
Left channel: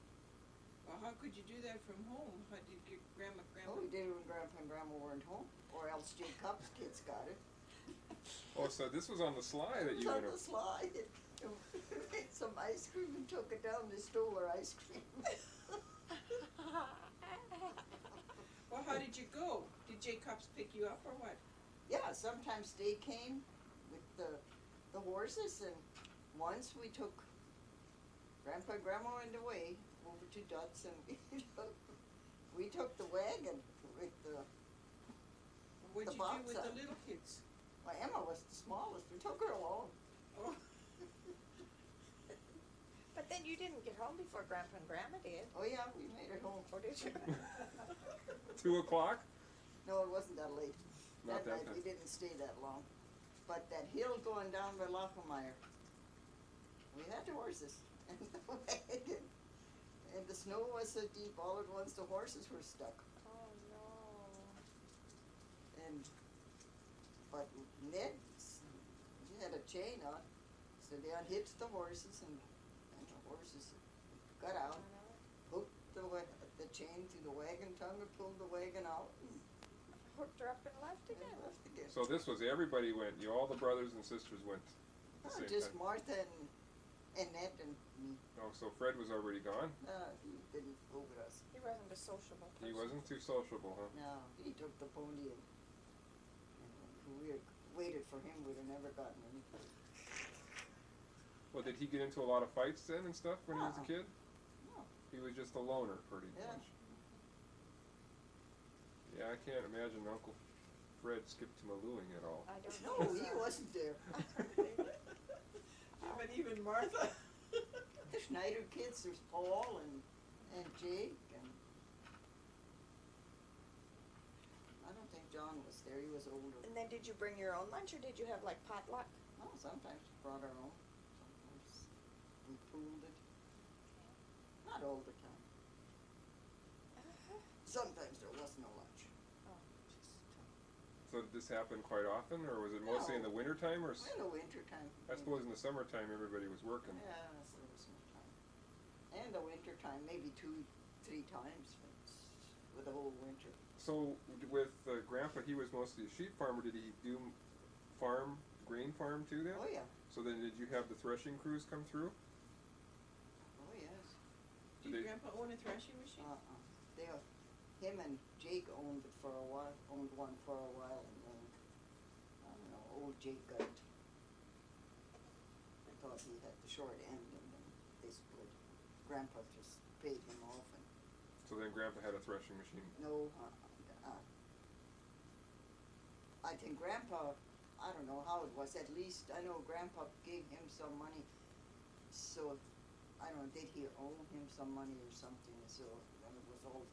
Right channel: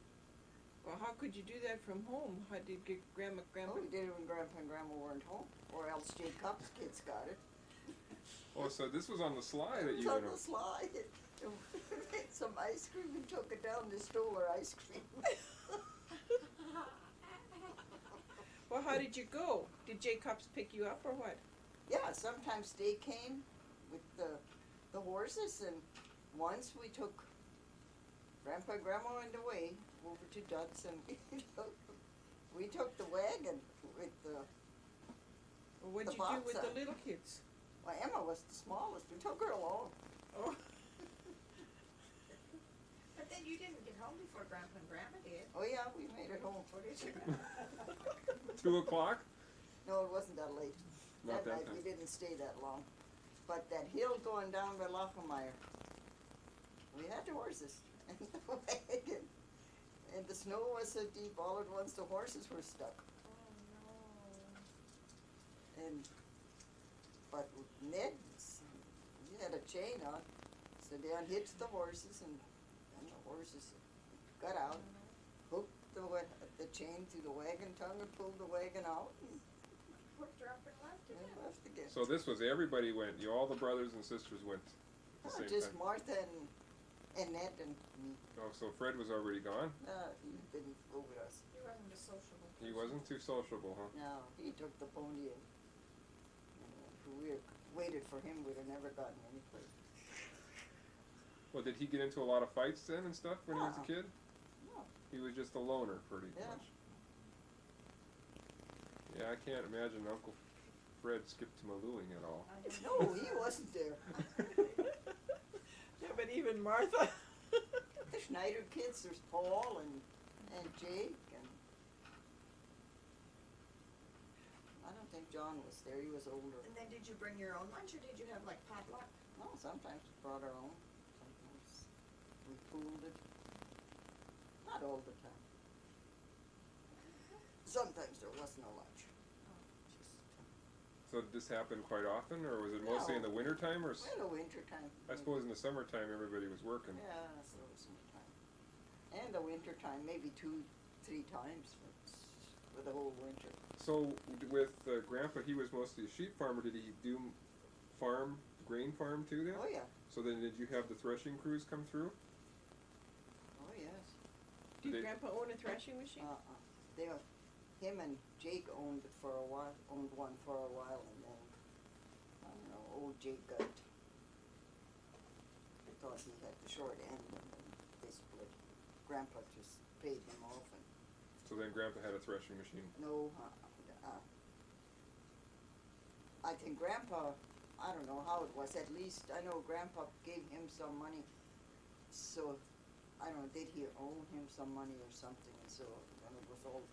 Well, how could you do that from home? How did you get grandma? Oh, we did it when Grandpa and Grandma weren't home, or else Jay Kapp's kids got it. Oh, so this was on the sly that It was you on went the slide. We made some ice cream and took it down, they stole our ice cream. Well, how did you go? Did Jacobs pick you up or what? Yeah, sometimes they came with the horses, and once we took Grandpa and Grandma in the way over to Dutz, and we took the wagon with the, Or what'd The you do box with on. the little kids? well, Emma was the smallest, we took her along. Oh, But then you didn't get home before Grandpa and Grandma did. Oh yeah, we made it home. Or did you? 2 o'clock? No, it wasn't that late. Not that night, time. we didn't stay that long. But that hill going down by Lockermeyer, we had the horses and the wagon. And the snow was so deep, all at once the horses were stuck. Oh, no. And, but Ned, he had a chain on, so they unhitched the horses and the horses got out, hooked the chain to the wagon tongue and pulled the wagon out and Hooked her up and left again. left again. So this was everybody went. You all the brothers and sisters went at the same Just time. Martha and Ned and me. Oh, so Fred was already gone. He didn't go with us. He wasn't a sociable person. He wasn't too sociable, huh? No, he took the pony and if we had waited for him, we'd have never gotten any place. Well, did he get into a lot of fights then and stuff when he was a No. kid? No. He was just a loner, pretty Yeah. much. Yeah, I can't imagine Uncle Fred skipped to Malooing at all. I don't No, know. he wasn't there. Yeah, but even Martha. The Schneider kids, there's Paul and Jake and I don't think John was there, he was older. And then did you bring your own lunch or did you have like potluck? No, sometimes we brought our own, sometimes we pooled it. Not all the time. Sometimes there was no lunch. So did this happen quite often, or was it mostly in the No. winter time, or? In the winter time. I suppose in the summertime everybody was working. Yeah, so it was no time. And the winter time, maybe 2-3 times for the whole winter. So with Grandpa, he was mostly a sheep farmer. Did he do grain farm too then? Oh, yeah. So then did you have the threshing crews come through? Oh, yes. Did They- Grandpa own a threshing machine? They were, him and Jake owned it for a while, owned one for a while, and then, I don't know, old Jake got, I thought he had the short end, and then they split. Grandpa just paid him off, and So then Grandpa had a threshing machine. no, I think Grandpa, I don't know how it was, at least I know Grandpa gave him some money, so, I don't know, did he owe him some money or something, so when it was all,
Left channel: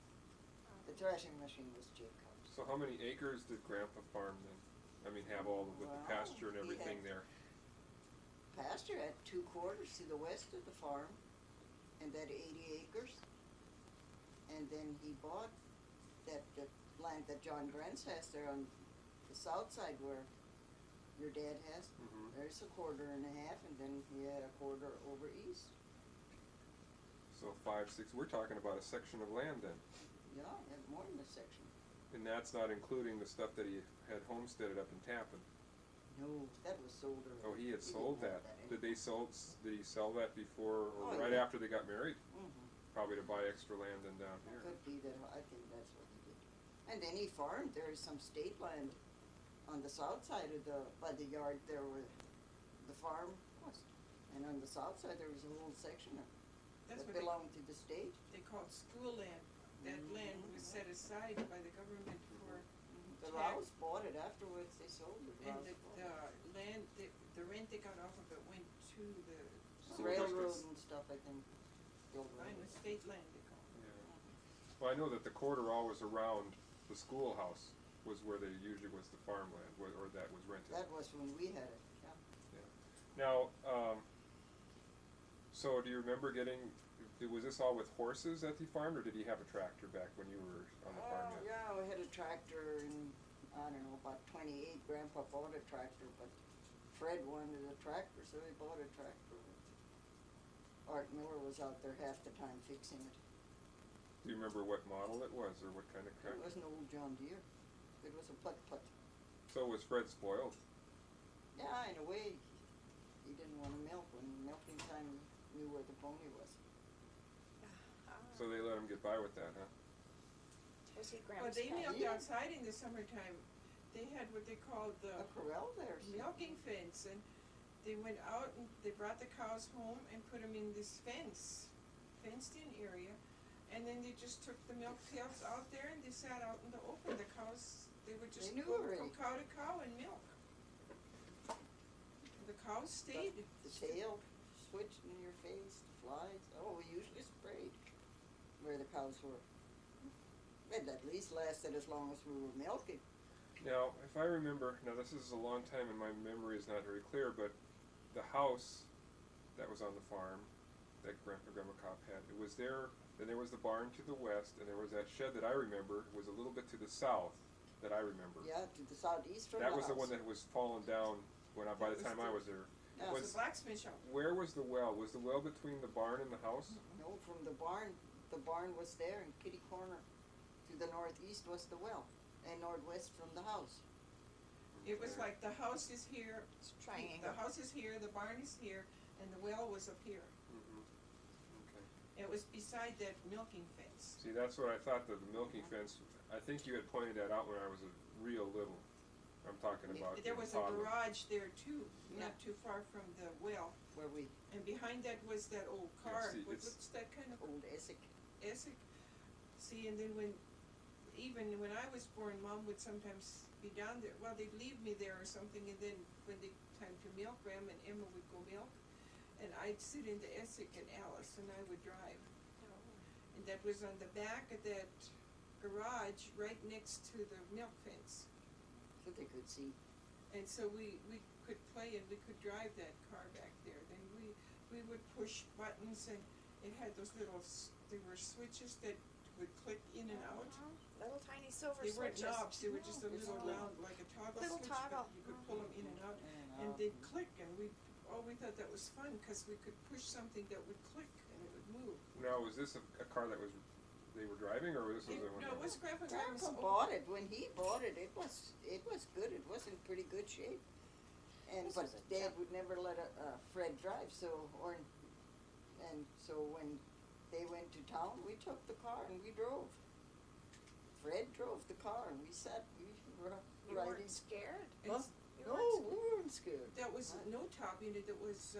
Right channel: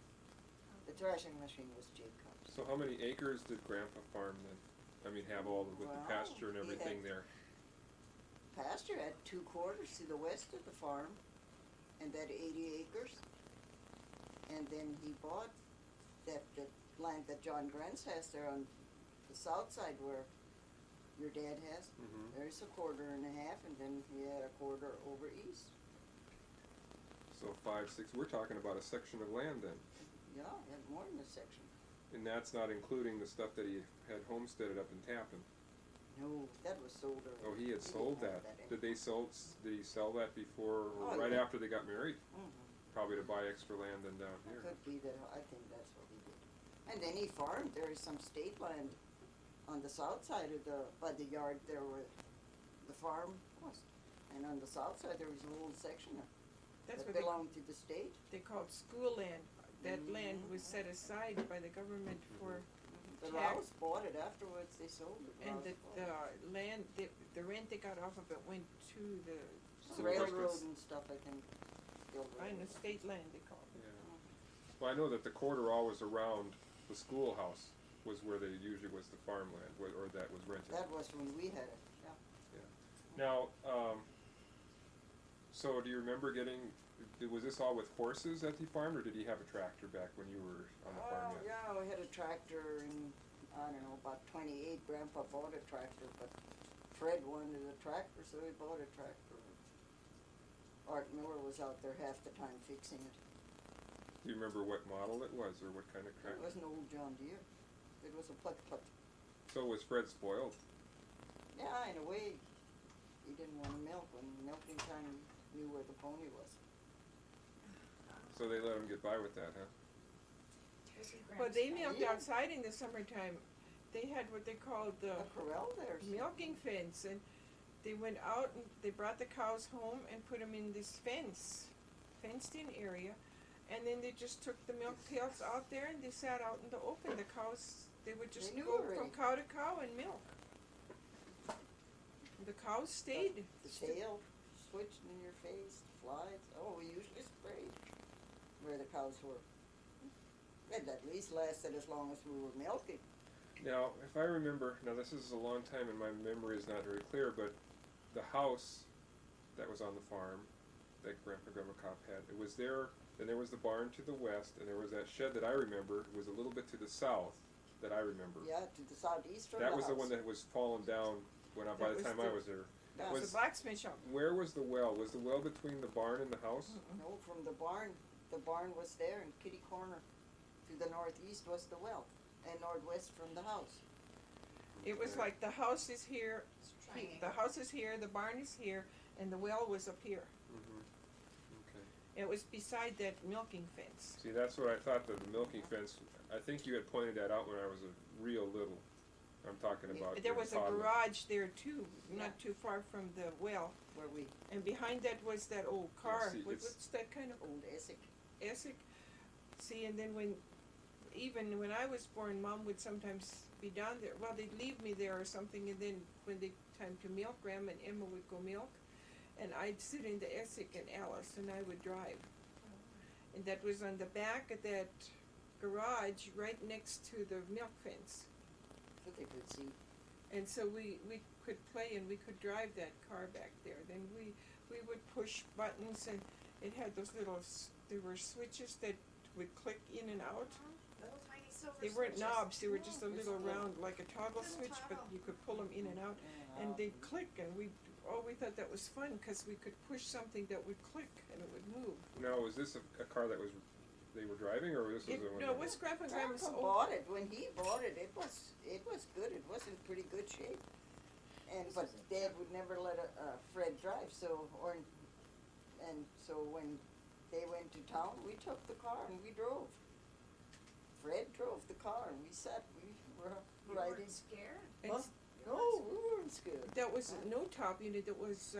the threshing machine was Jacob's. So how many acres did Grandpa farm then? I mean, have all with the Well, pasture and he everything had- there. Pasture had 2/4 to the west of the farm, and that 80 acres. And then he bought that land that John Grants has there on the south side where your dad has. Mm-hmm. There's a 1/4.5, and then he had a 1/4 over east. So 5, 6. We're talking about a section of land then, Yeah, he had more than a section. and that's not including the stuff that he had homesteaded up in Tappan. No, that was sold already. Oh, he had didn't sold have that. anymore. Did he sell that before or Oh, right yeah. after they got married? Mhm. Probably to buy extra land than down here. Could be that, I think that's what he did. And then he farmed, there is some state land on the south side of by the yard there where the farm was. And on the south side, there was a whole section That's that what belonged to the state. they called school land. That land was set aside by the government for, The Check. Rouse bought it afterwards, they sold it. and Rouse the bought it. land, the rent they got off of it went to the School Railroad districts. and stuff, I think. The old Fine, the railroad. state land they call it. Yeah. Well, I know that the quarter always around the schoolhouse was where they usually was the farmland, or that was rented. That was when we had it, yeah. Now, so do you remember was this all with horses that he farmed, or did he have a tractor back when you were on the farm yet? Yeah, we had a tractor and, I don't know, about 28, Grandpa bought a tractor, but Fred wanted a tractor, so he bought a tractor. Art Miller was out there half the time fixing it. Do you remember what model it was, or what kind of It tractor? was an old John Deere. It was a putt-putt. So was Fred spoiled? Yeah, in a way, he didn't want to milk. When milking time, he knew where the pony was. So they let him get by with that, huh? Was he But they Gramps' milked Yeah. outside in the summertime. They had what they called the A corral there. so- milking fence, and they went out and they brought the cows home and put them in this fenced-in area, and then they just took the milk pails out there and they sat out in the open. The cows, they would just They knew go already. from cow to cow and milk. The cows stayed. The tail switched in your face, the flies. Oh, we usually sprayed where the cows were. It at least lasted as long as we were milking. Now, if I remember, now this is a long time and my memory is not very clear, but the house that was on the farm that Grandma Kapp had, it was there, then there was the barn to the west, and there was that shed that I remember was a little bit to the south that I remember. Yeah, to the southeast from That the was the house. one that was fallen down by That the was time I was there. Yeah. It was Was- a blacksmith shop. Where was the well? Was the well between the barn and the house? No, from the barn, the barn was there, and kitty corner to the northeast was the well, and northwest from the house. It was Okay. like the house is here, It's a triangle. the house is here, the barn is here, and the well was up here. Mhm. Okay. It was beside that milking fence. See, that's what I thought, the milking fence, I think you had pointed that out when I was a real little. I'm talking about There your was a toddler. garage there too, Yeah. not too far from the well, Where we, and behind that was that old car. see, it's- What's that kind of old Essex, Essex? See, and then even when I was born, Mom would sometimes be down there. Well, they'd leave me there or something, and then when they time to milk, Grandma and Emma would go milk, and I'd sit in the Essex and Alice, and I would drive. And that was on the back of that garage, right next to the milk fence. so they could see. And so we could play and we could drive that car back there. Then we would push buttons, and it had those there were switches that would click in and out. Little tiny silver They switches. weren't knobs, they were just a No, little just little- round, like a toggle Little switch, but toggle. you could pull them in and out. And they'd click, and we thought that was fun, cause we could push something that would click and it would move. Now, was this a car that they were driving, or this was a one? No, it was Grandpa and Grandma's Grandpa old. bought it, when he bought it, it was good, it was in pretty good shape. And, but Dad would never let Fred drive, so when they went to town, we took the car and we drove. Fred drove the car and we were You riding. weren't scared? And Huh? s- No, we weren't scared. That was no top unit, it was,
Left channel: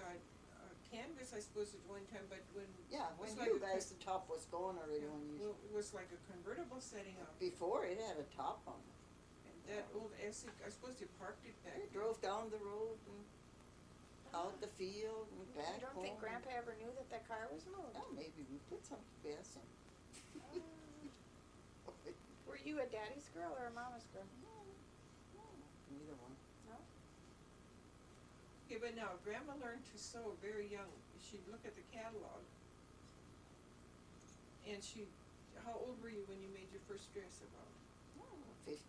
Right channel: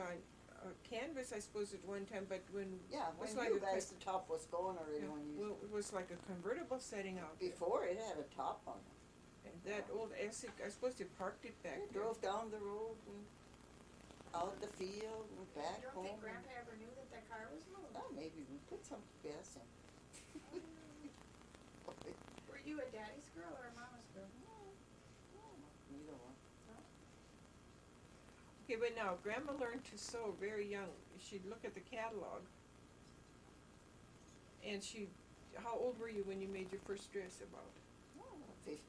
canvas, I suppose, at one time, but Yeah, it was when like you a guys, the top was gone already yeah, when you, well, it was like a convertible setting out there. before it had a top on it. And that old Essex, I suppose they parked it back We there. drove down the road and out the field and back You don't home. think Grandpa ever knew that that car was moved? Oh, maybe we put some gas in. Were you a daddy's girl or a mama's girl? Neither one. Okay, but now, Grandma learned to sew very young. She'd look at the catalog. And how old were you when you made your first dress about? 15.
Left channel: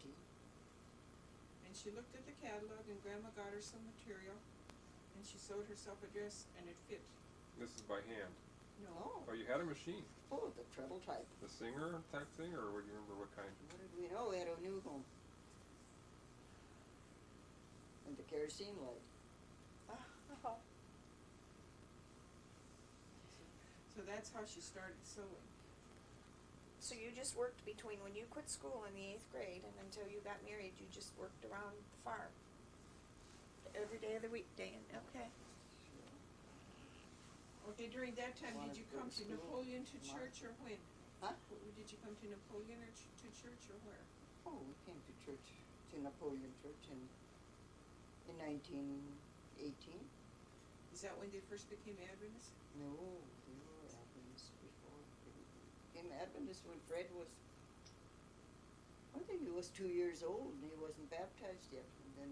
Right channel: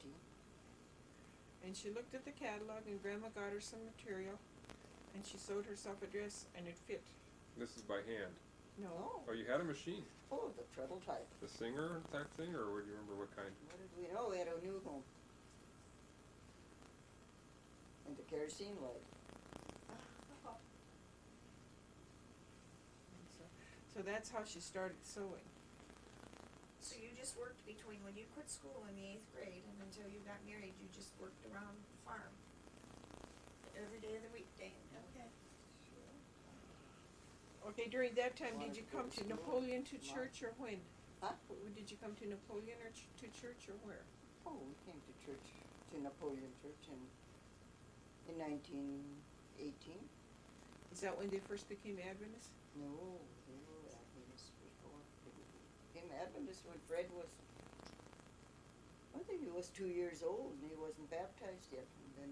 And she looked at the catalog and Grandma got her some material and she sewed herself a dress and it fit. This is by hand. No. Oh, you had a machine, Oh, the treble type. the Singer type thing, or would you remember what kind? What did we know? We had a new home. And the kerosene light. So that's how she started sewing. So you just worked between when you quit school in the 8th grade and until you got married, you just worked around the farm? Every day of the weekday, and okay. Okay, during that time, Wanted did you to go come to to school. Napoleon to Mom. church or when? Huh? Did you come to Napoleon or to church or where? Oh, we came to church, to Napoleon Church in 1918. Is that when they first became Adventists? No, they were Adventists before. They became Adventists when Fred was, I think he was 2 years old and he wasn't baptized yet. And then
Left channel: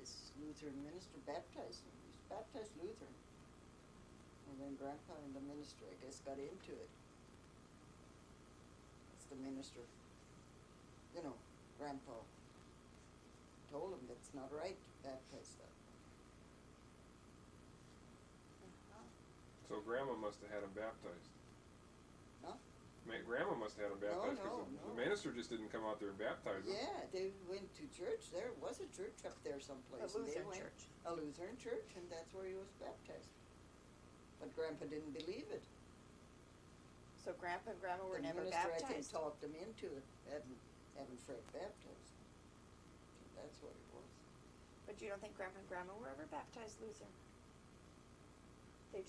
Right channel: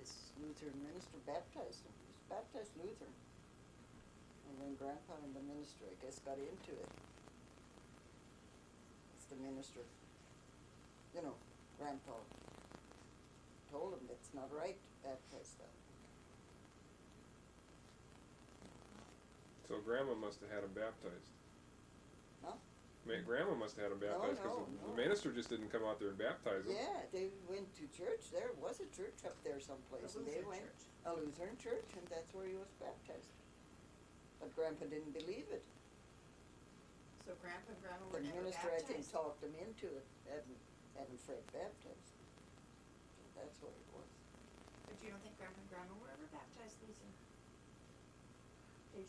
this Lutheran minister baptized him. He was baptized Lutheran. And then Grandpa and the minister, I guess, got into it. That's the minister. You know, Grandpa told him that's not right to baptize that. So Grandma must have had him baptized. Huh? Grandma must have had him baptized, because the no. minister just didn't come out there and baptize him. Yeah, they went to church. There was a church up there A someplace, and they Lutheran went church. a Lutheran church, and that's where he was baptized. But Grandpa didn't believe it. So Grandpa and Grandma The were never minister, I think, baptized? talked him into it, having Fred baptized. So that's what it was. But you don't think Grandpa and Grandma were ever baptized Lutheran? They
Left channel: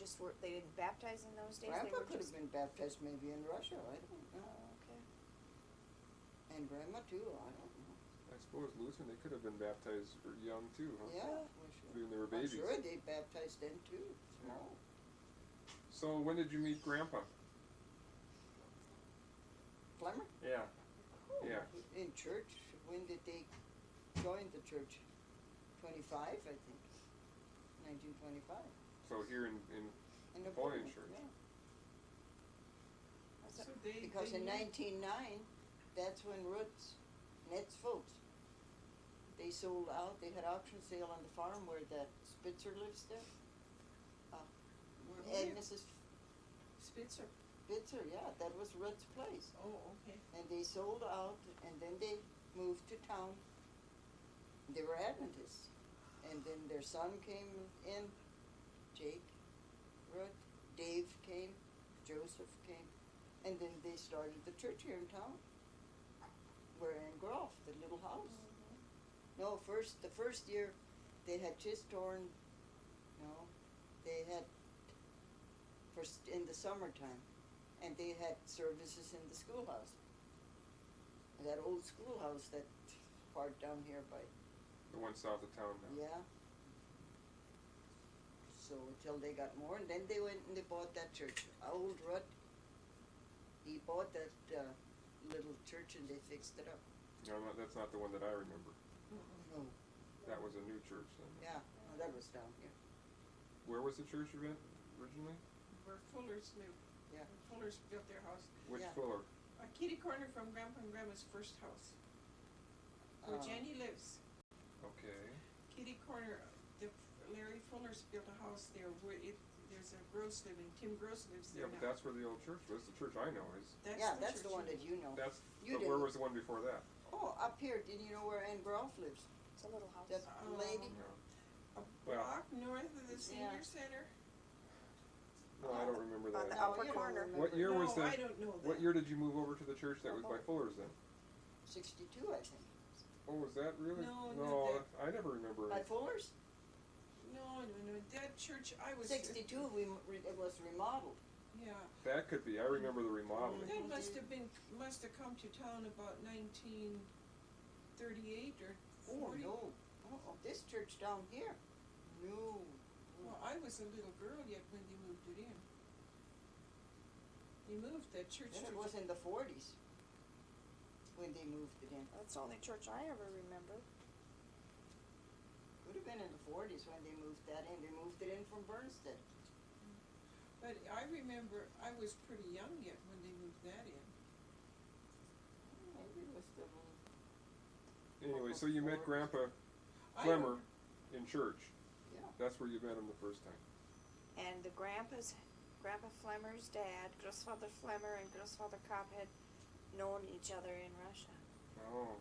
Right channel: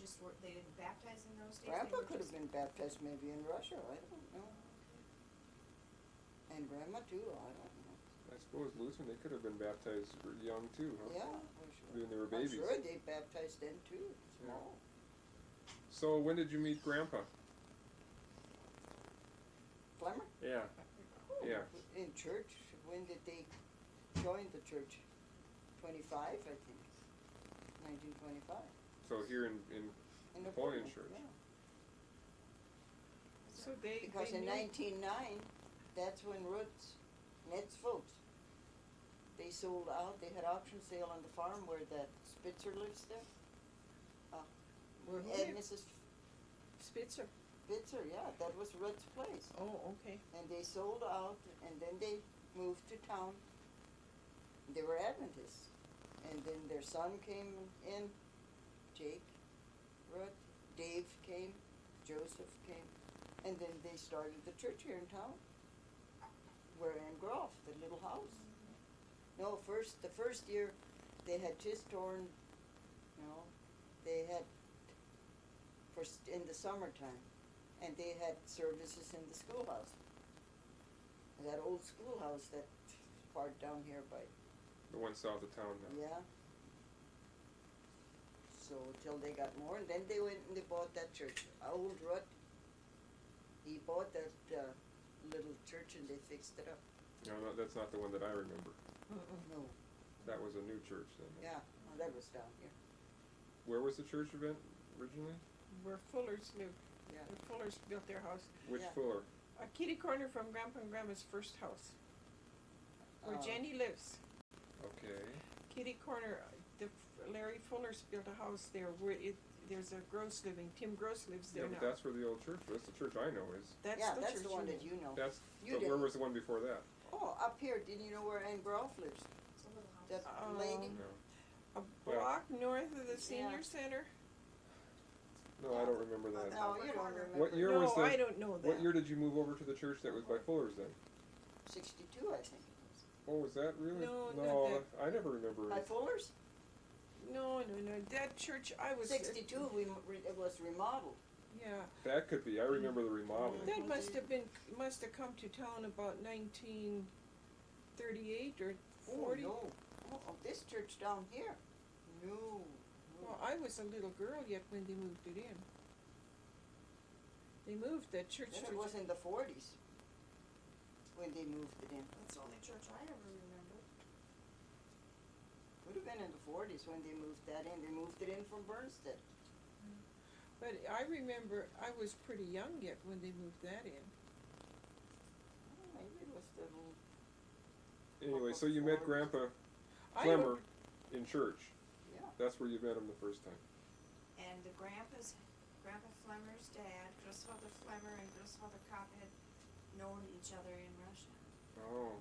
didn't baptize in those days? They Grandpa were could have just- been baptized maybe in Russia. I don't know. Oh, okay. And Grandma too. I don't know. I suppose Lutheran, they could have been baptized young too, huh? Yeah, we should. When they were I'm babies. sure they baptized then too. Small. So when did you meet Grandpa? Flemmer? Yeah. Yeah. In church. When did they join the church? 25, I think. 1925. So here in In Napoleon Church. Yeah. So they Because they in knew- 1909, that's when Ned's folks, they sold out. They had auction sale on the farm where that Spitzer lives there. Well, who And lived? Mrs. Spitzer. Bitzer, yeah, that was Rudd's place. Oh, okay. And they sold out, and then they moved to town. They were Adventists. And then their son came in, Jake Rudd, Dave came, Joseph came, and then they started the church here in town. Where in Groff, the little house. No, the first year, they had just torn, they had, in the summertime, and they had services in the schoolhouse. That old schoolhouse, that part down here by, The one south of town now. yeah. So till they got more, and then they went and they bought that church. Old Rudd, he bought that little church and they fixed it up. No, that's not the one that I remember. No, That was a new church then. yeah, no, that was down here. Where was the church event originally? Where Fullers lived. Yeah. The Fullers built their house. Which Yeah. Fuller? A kitty corner from Grandpa and Grandma's first house. Where Jenny lives. Okay. Kitty corner, Larry Fuller's built a house there where there's a Gross living, Tim Gross lives Yeah, there but now. that's where the old church was. The church I know is. Yeah, that's the church one you that you know. That's. You But where didn't. was the one before that? Oh, up here, didn't you know where Ann Groff lives? It's a little house. That lady? No. A Well- block north of the senior Yeah. center. No, I don't remember On that. the No, upper you don't corner. remember. What year No, was the? I don't know that. What year did you move over to the church that was by Fuller's then? 62, I think it was. Oh, was that really? No, No, not I never remember By it. Fuller's? No, that church I was. 62, it was remodeled. Yeah, That could be. I remember the remodeling. that must have come to town about 1938 or Oh, 40. no. Oh, this church down here? No. Well, I was a little girl yet when they moved it in. They moved that church Then to it was in the 40s when they moved it in. That's the only church I ever remember. Could have been in the 40s when they moved that in. They moved it in from Bernstead. But I remember I was pretty young yet when they moved that in. Oh, maybe it was the. Anyway, so you met Grandpa I Flemmer don't- in church. Yeah. That's where you met him the first time. And Grandpa Flemmer's dad, Grossfather Flemmer and Grossfather Kapp had known each other in Russia. Oh,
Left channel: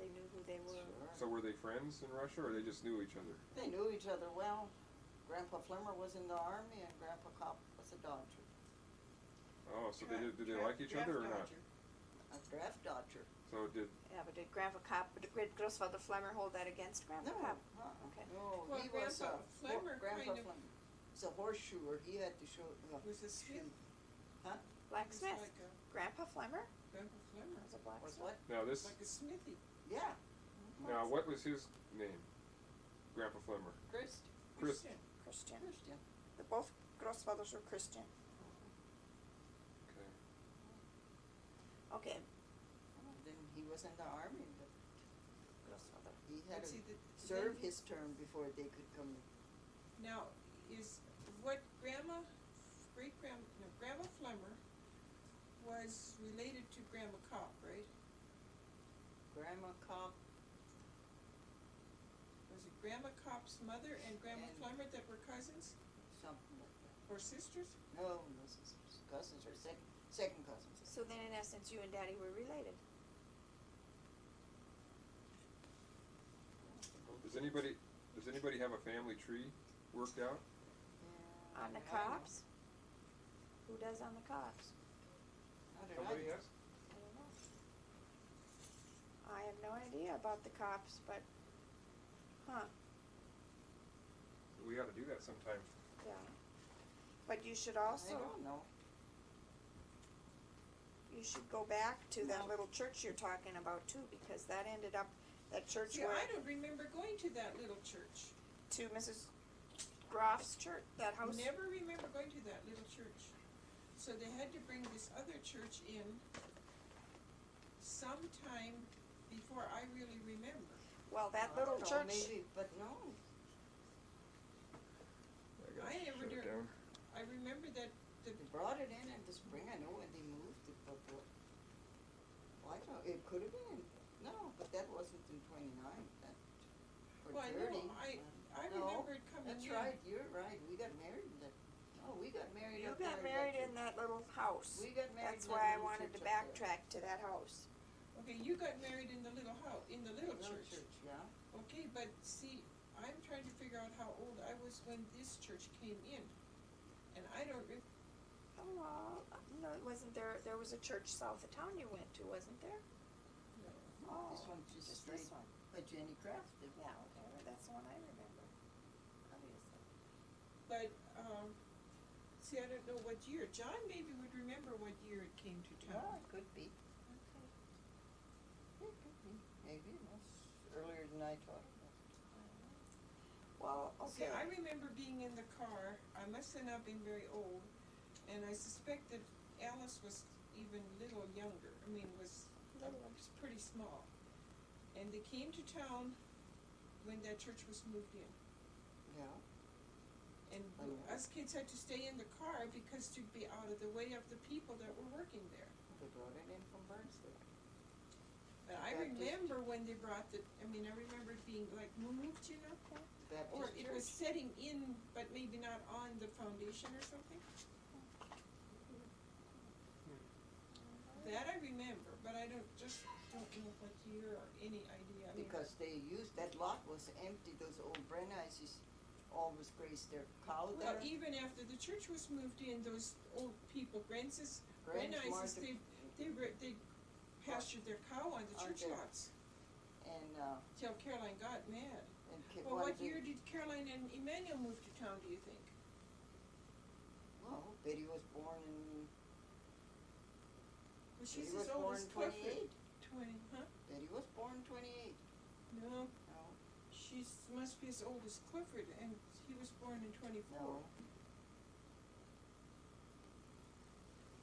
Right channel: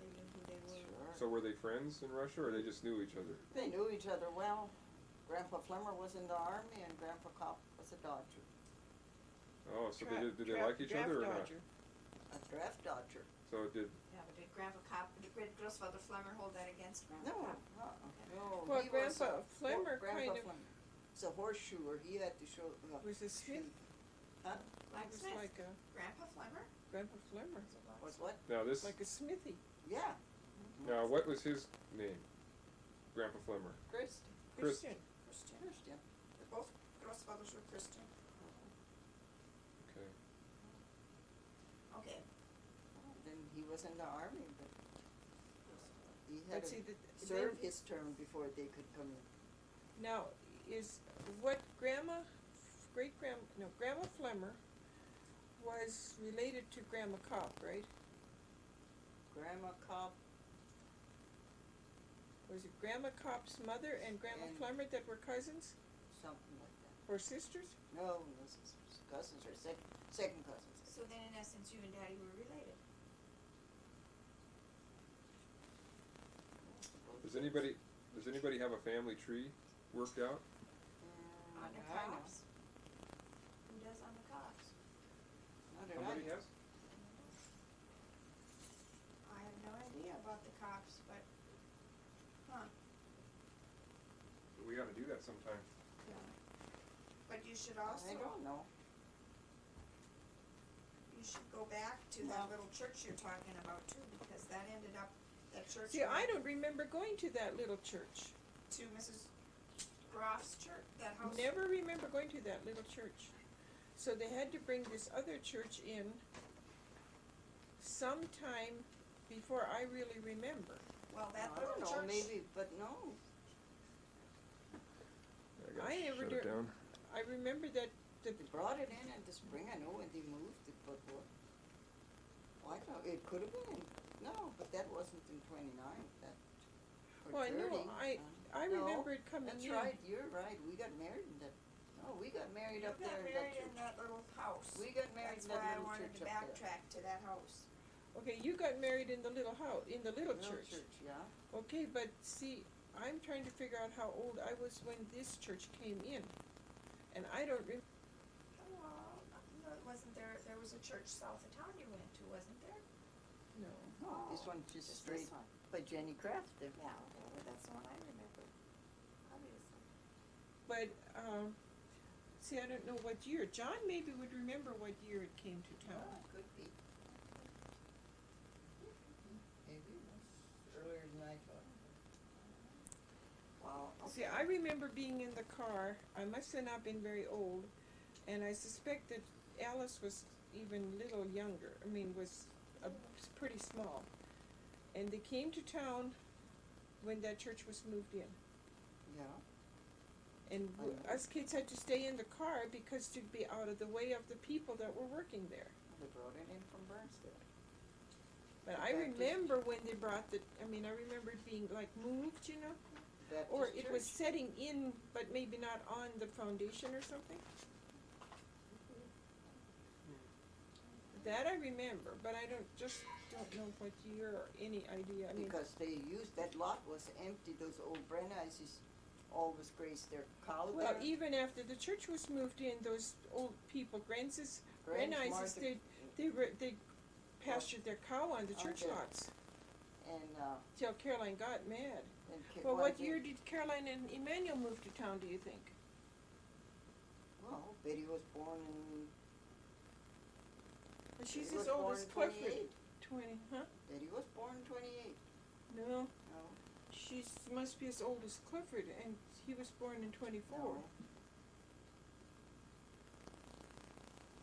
They knew who they were. Sure. so were they friends in Russia, or they just knew each other? They knew each other well. Grandpa Flemmer was in the army and Grandpa Kopp was a dodger, Oh, so did they Draft- like each other or draft not? dodger. a draft dodger. So did Yeah, but did Grossfather Flemmer hold that against Grandpa No, Kapp? uh-uh. No, Well, he was Grandpa Flemmer Grandpa kind of- Flemmer. It's a horseshoer. He had to show. Was a smith. shoot. It was Blacksmith. like a Grandpa Flemmer Grandpa Flemmer. was a Was blacksmith. what? now this? Like a smithy. Yeah. Now what was his name? Grandpa Flemmer. Christ. Christian. Christian. Christian. Both Grossfathers were Christian. Okay. Okay. Then he was in the army, but Grossfather. he had But to see, serve then- his term before they could come in. Now, is what Grandma Flemmer was related to Grandma Kopp, right? Grandma Kopp Was it Grandma Kopp's mother and Grandma And- Flemmer that were cousins something like that. or sisters? No, sisters. Cousins or second cousins. So then in essence you and Daddy were related. Does anybody have a family tree worked out? On the I know. Kopps? Who does on the Kopps? Not that I Somebody know. has. I don't know. I have no idea about the Kopps, but, We ought to do that sometime. yeah. But you should I also, don't know. you should go back to that No. little church you're talking about too, because that ended up, that church See, I went don't remember going to that little church. to Mrs. Groff's church, that house. Never remember going to that little church. So they had to bring this other church in sometime before I really remember. Well, that I little don't know, church. maybe, but no. I gotta I never shut it do- down. I remember that They brought it in the spring, I know, when they moved it, but what? Well, I don't know, it could have been, no, but that wasn't in 29, that, or Well, I know, 30. I no, remember it coming in. That's right, you're right, we got married in that, no, we got married You up there got in that married in church. that little house. We got married That's in that why I little wanted church to up there. backtrack to that house. Okay, you got married in the little house, in the little Little church. church, yeah. Okay, but see, I'm trying to figure out how old I was when this church came in. And I don't Oh, well, no, wasn't there, there was a church south of town you went to, wasn't there? know. No, this Oh, one just Just straight this one? by Jenny Crafton. Yeah, okay, well, that's the one I remember, obviously. But, see, I don't know what year. John maybe would remember what year it came to Well, town. it could be. Maybe, that's earlier than I thought. Well, See, I remember being in the car, I must have not been very old, and I suspect that Alice was even little younger, was pretty small. And they came to town when that church was moved in. Yeah, And I know. us kids had to stay in the car because to be out of the way of the people that were working there. they brought it in from Bernstein. But The I Baptist- remember when they brought I remember it being like moved, Baptist or it church. was setting in, but maybe not on the foundation or something. That I remember, but I don't know what year or any idea. Because they used, that lot was empty, those old Brenneises always grazed their cow Well, there. even after the church was moved in, those old people, Grances, Grange, Brenneises, Martha, they pastured their cow on the On church there. lots, and, till Caroline got mad. Well, what what year did Caroline and Emmanuel move to town, do you think? Well, Betty was born in, Well, she's Betty as was old born as in Clifford. 28. 20, huh? Betty was born in 28. No, No, she must be as old as Clifford, and he was born in 24. no.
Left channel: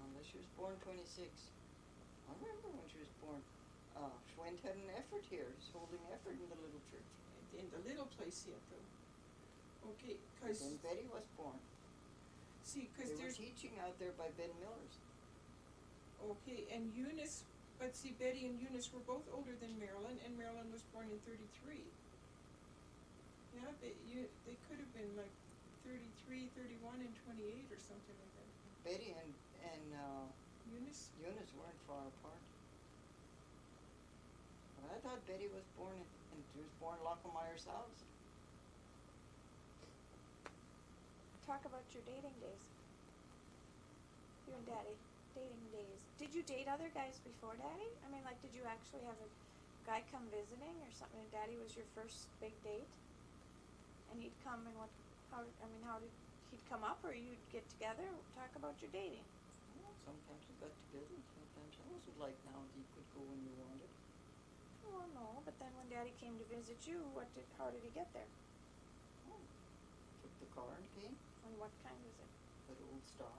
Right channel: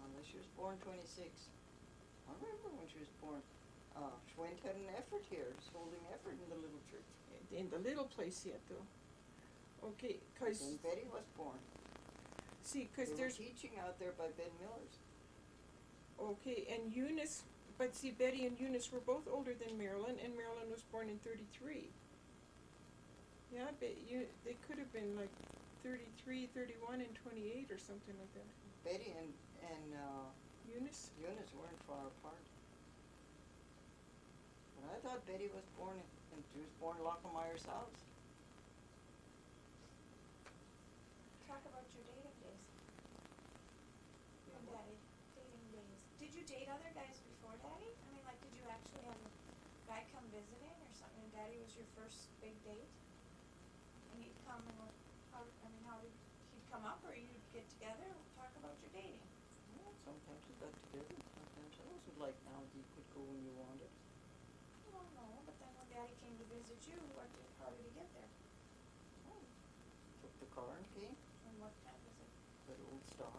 Unless she was born 26. I remember when she was born. Schwend had an effort here, he's holding effort in the little church. In the little place yet, though. Okay, cause, Then Betty was born. see, cause They were there's, teaching out there by Ben Miller's. okay, and Eunice, but see, Betty and Eunice were both older than Marilyn, and Marilyn was born in 33. Yeah, but they could have been like 33, 31, and 28 or something like that. Betty and Eunice? Eunice weren't far apart. But I thought Betty was born and she was born in Lockermeyer's house. talk about your dating days. You and Daddy, dating days. Did you date other guys before Daddy? Like, did you actually have a guy come visiting or something, and Daddy was your first big date? And he'd come and how did he'd come up, or you'd get together? Talk about your dating. Well, sometimes we got together, sometimes it wasn't like now that you could go when you wanted. Oh, no, but then when Daddy came to visit you, how did he get there? Oh, took the car and came, And what kind is it? that old Star.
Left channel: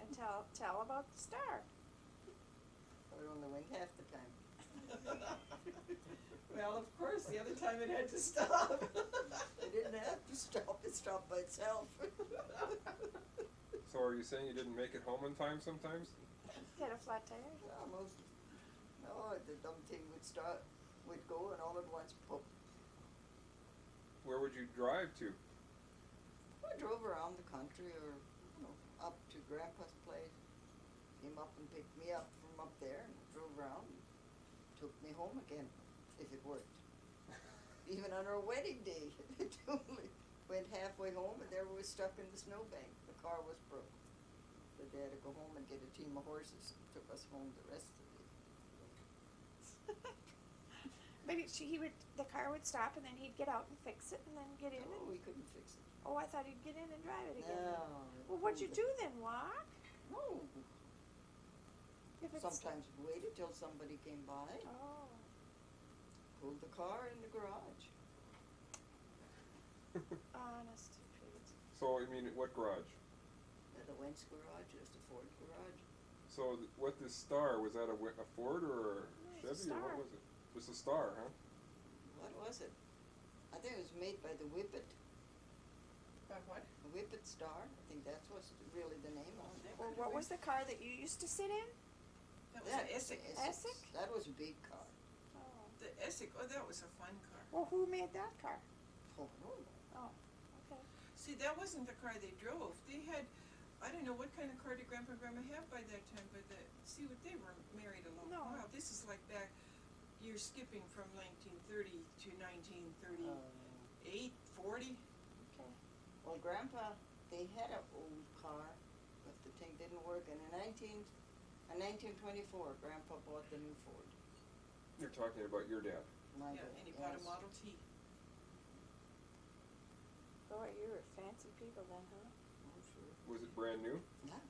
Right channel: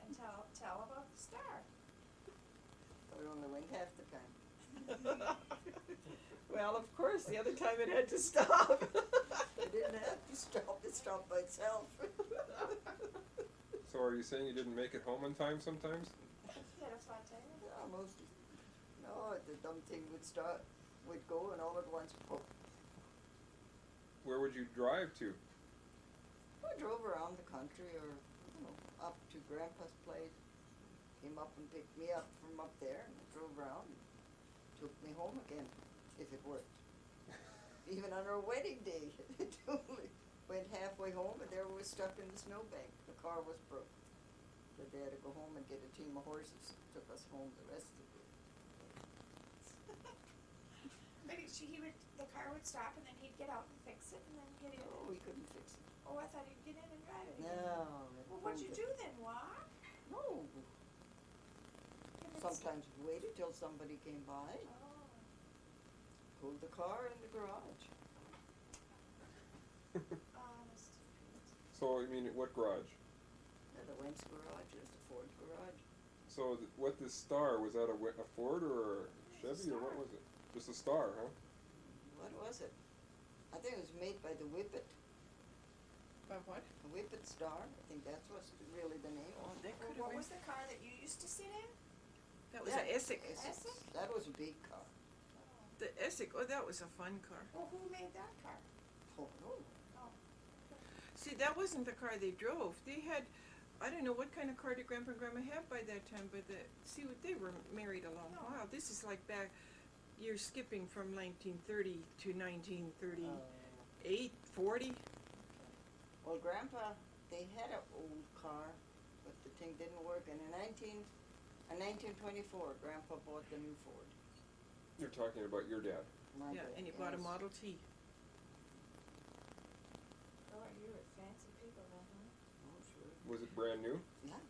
And tell about the star. But it only went half the time. Well, of course, the other time it had to stop. It didn't have to stop, it stopped by itself. So are you saying you didn't make it home in time sometimes? He had a flat tire. Yeah, no, the dumb thing would go and all at once, pop. Where would you drive to? I drove around the country or, up to Grandpa's place. Came up and picked me up from up there and drove around and took me home again, if it worked. Even on our wedding day, it only went halfway home and there we were stuck in the snowbank. The car was broke. So they had to go home and get a team of horses and took us home the rest of the day. Maybe the car would stop and then he'd get out and fix it and then get in. No, we couldn't fix it. Oh, I thought he'd get in and drive it again. No. Well, what'd you do then? Walk? No. If it's- Sometimes we waited till somebody came by, Oh. pulled the car in the garage. Honest to Pete. So, what garage? There's a Wentz garage, there's a Ford garage. So, what this Star, was that a Ford or a No, it's a Chevy, or what Star. was it? Just a Star, huh? What was it? I think it was made by the Whippet, About what? Whippet Star. I think that's what's really the name of it. Well, what was the car that you used to sit in? That was an Essex. Essex? That was a big car. Oh. The Essex, that was a fun car. Well, who made that car? Oh, no. Oh, okay. See, that wasn't the car they drove. They had, I don't know what kind of car did Grandpa and Grandma have by that time, but see what they were married a long No. while. This is like back, you're skipping from 1930 to 1938, 40. Well, Grandpa, they had an old car, but the thing didn't work, and in 1924, Grandpa bought the new Ford. You're talking about your dad. My Yeah, dad, and he bought a yes. Model T. Boy, you were fancy people then, huh? Oh, sure. Was it brand new? Yeah.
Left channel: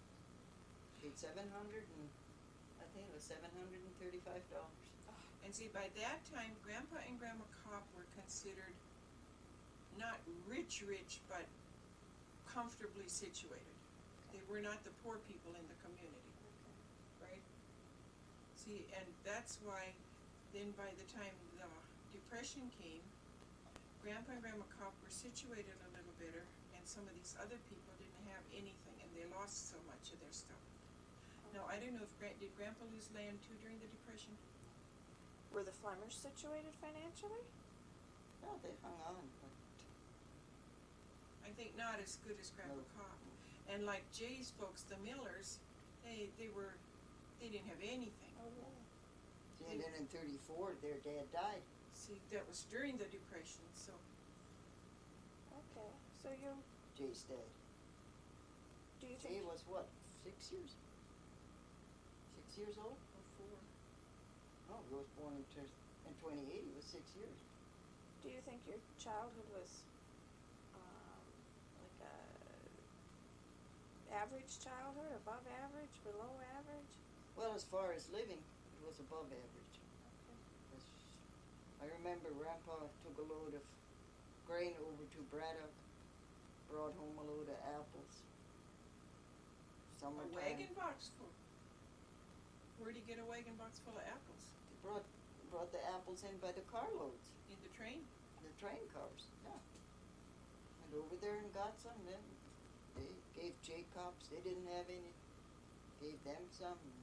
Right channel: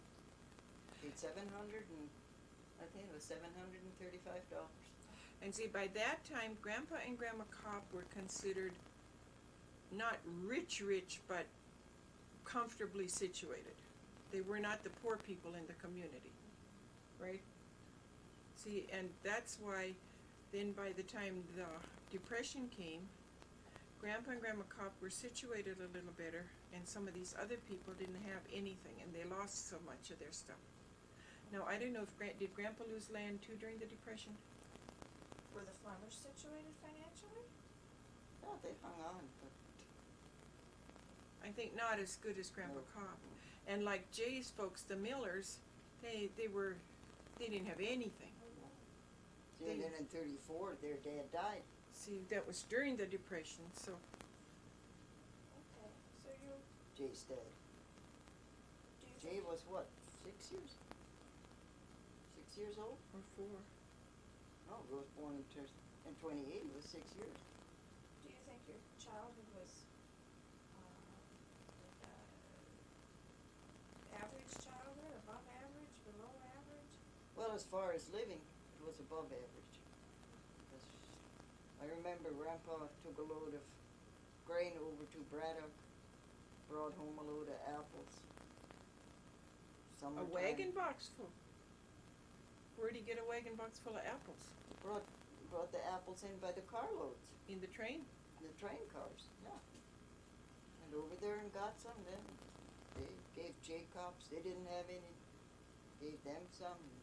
Paid I think it was $735. And see, by that time, Grandpa and Grandma Kapp were considered not rich, but comfortably situated. They were not the poor people in the community, right? See, and that's why then by the time the Depression came, Grandpa and Grandma Kapp were situated a little better, and some of these other people didn't have anything, and they lost so much of their stuff. Now, I don't know if did Grandpa lose land too during the Depression? Were the Flemmers situated financially? Yeah, they hung on, but I think not as good as Grandpa No. Kapp. And like Jay's folks, the Millers, they didn't have anything. Oh, really? see, and then in 34, their dad died. See, that was during the Depression, so Okay, so you, Jay's dad. do you Jay think, was what, 6 years? 6 years old? or four. No, he was born in 28, he was 6 years. do you think your childhood was, like a average childhood, above average, below average? Well, as far as living, it was above average. 'Cause I remember Grandpa took a load of grain over to Braddock, brought home a load of apples. A Summertime. wagon box full. Where'd he get a wagon box full of apples? He brought the apples in by the carloads, In the train? the train cars, yeah. Went over there and got some, then they gave Jacobs, they didn't have any, gave them some, and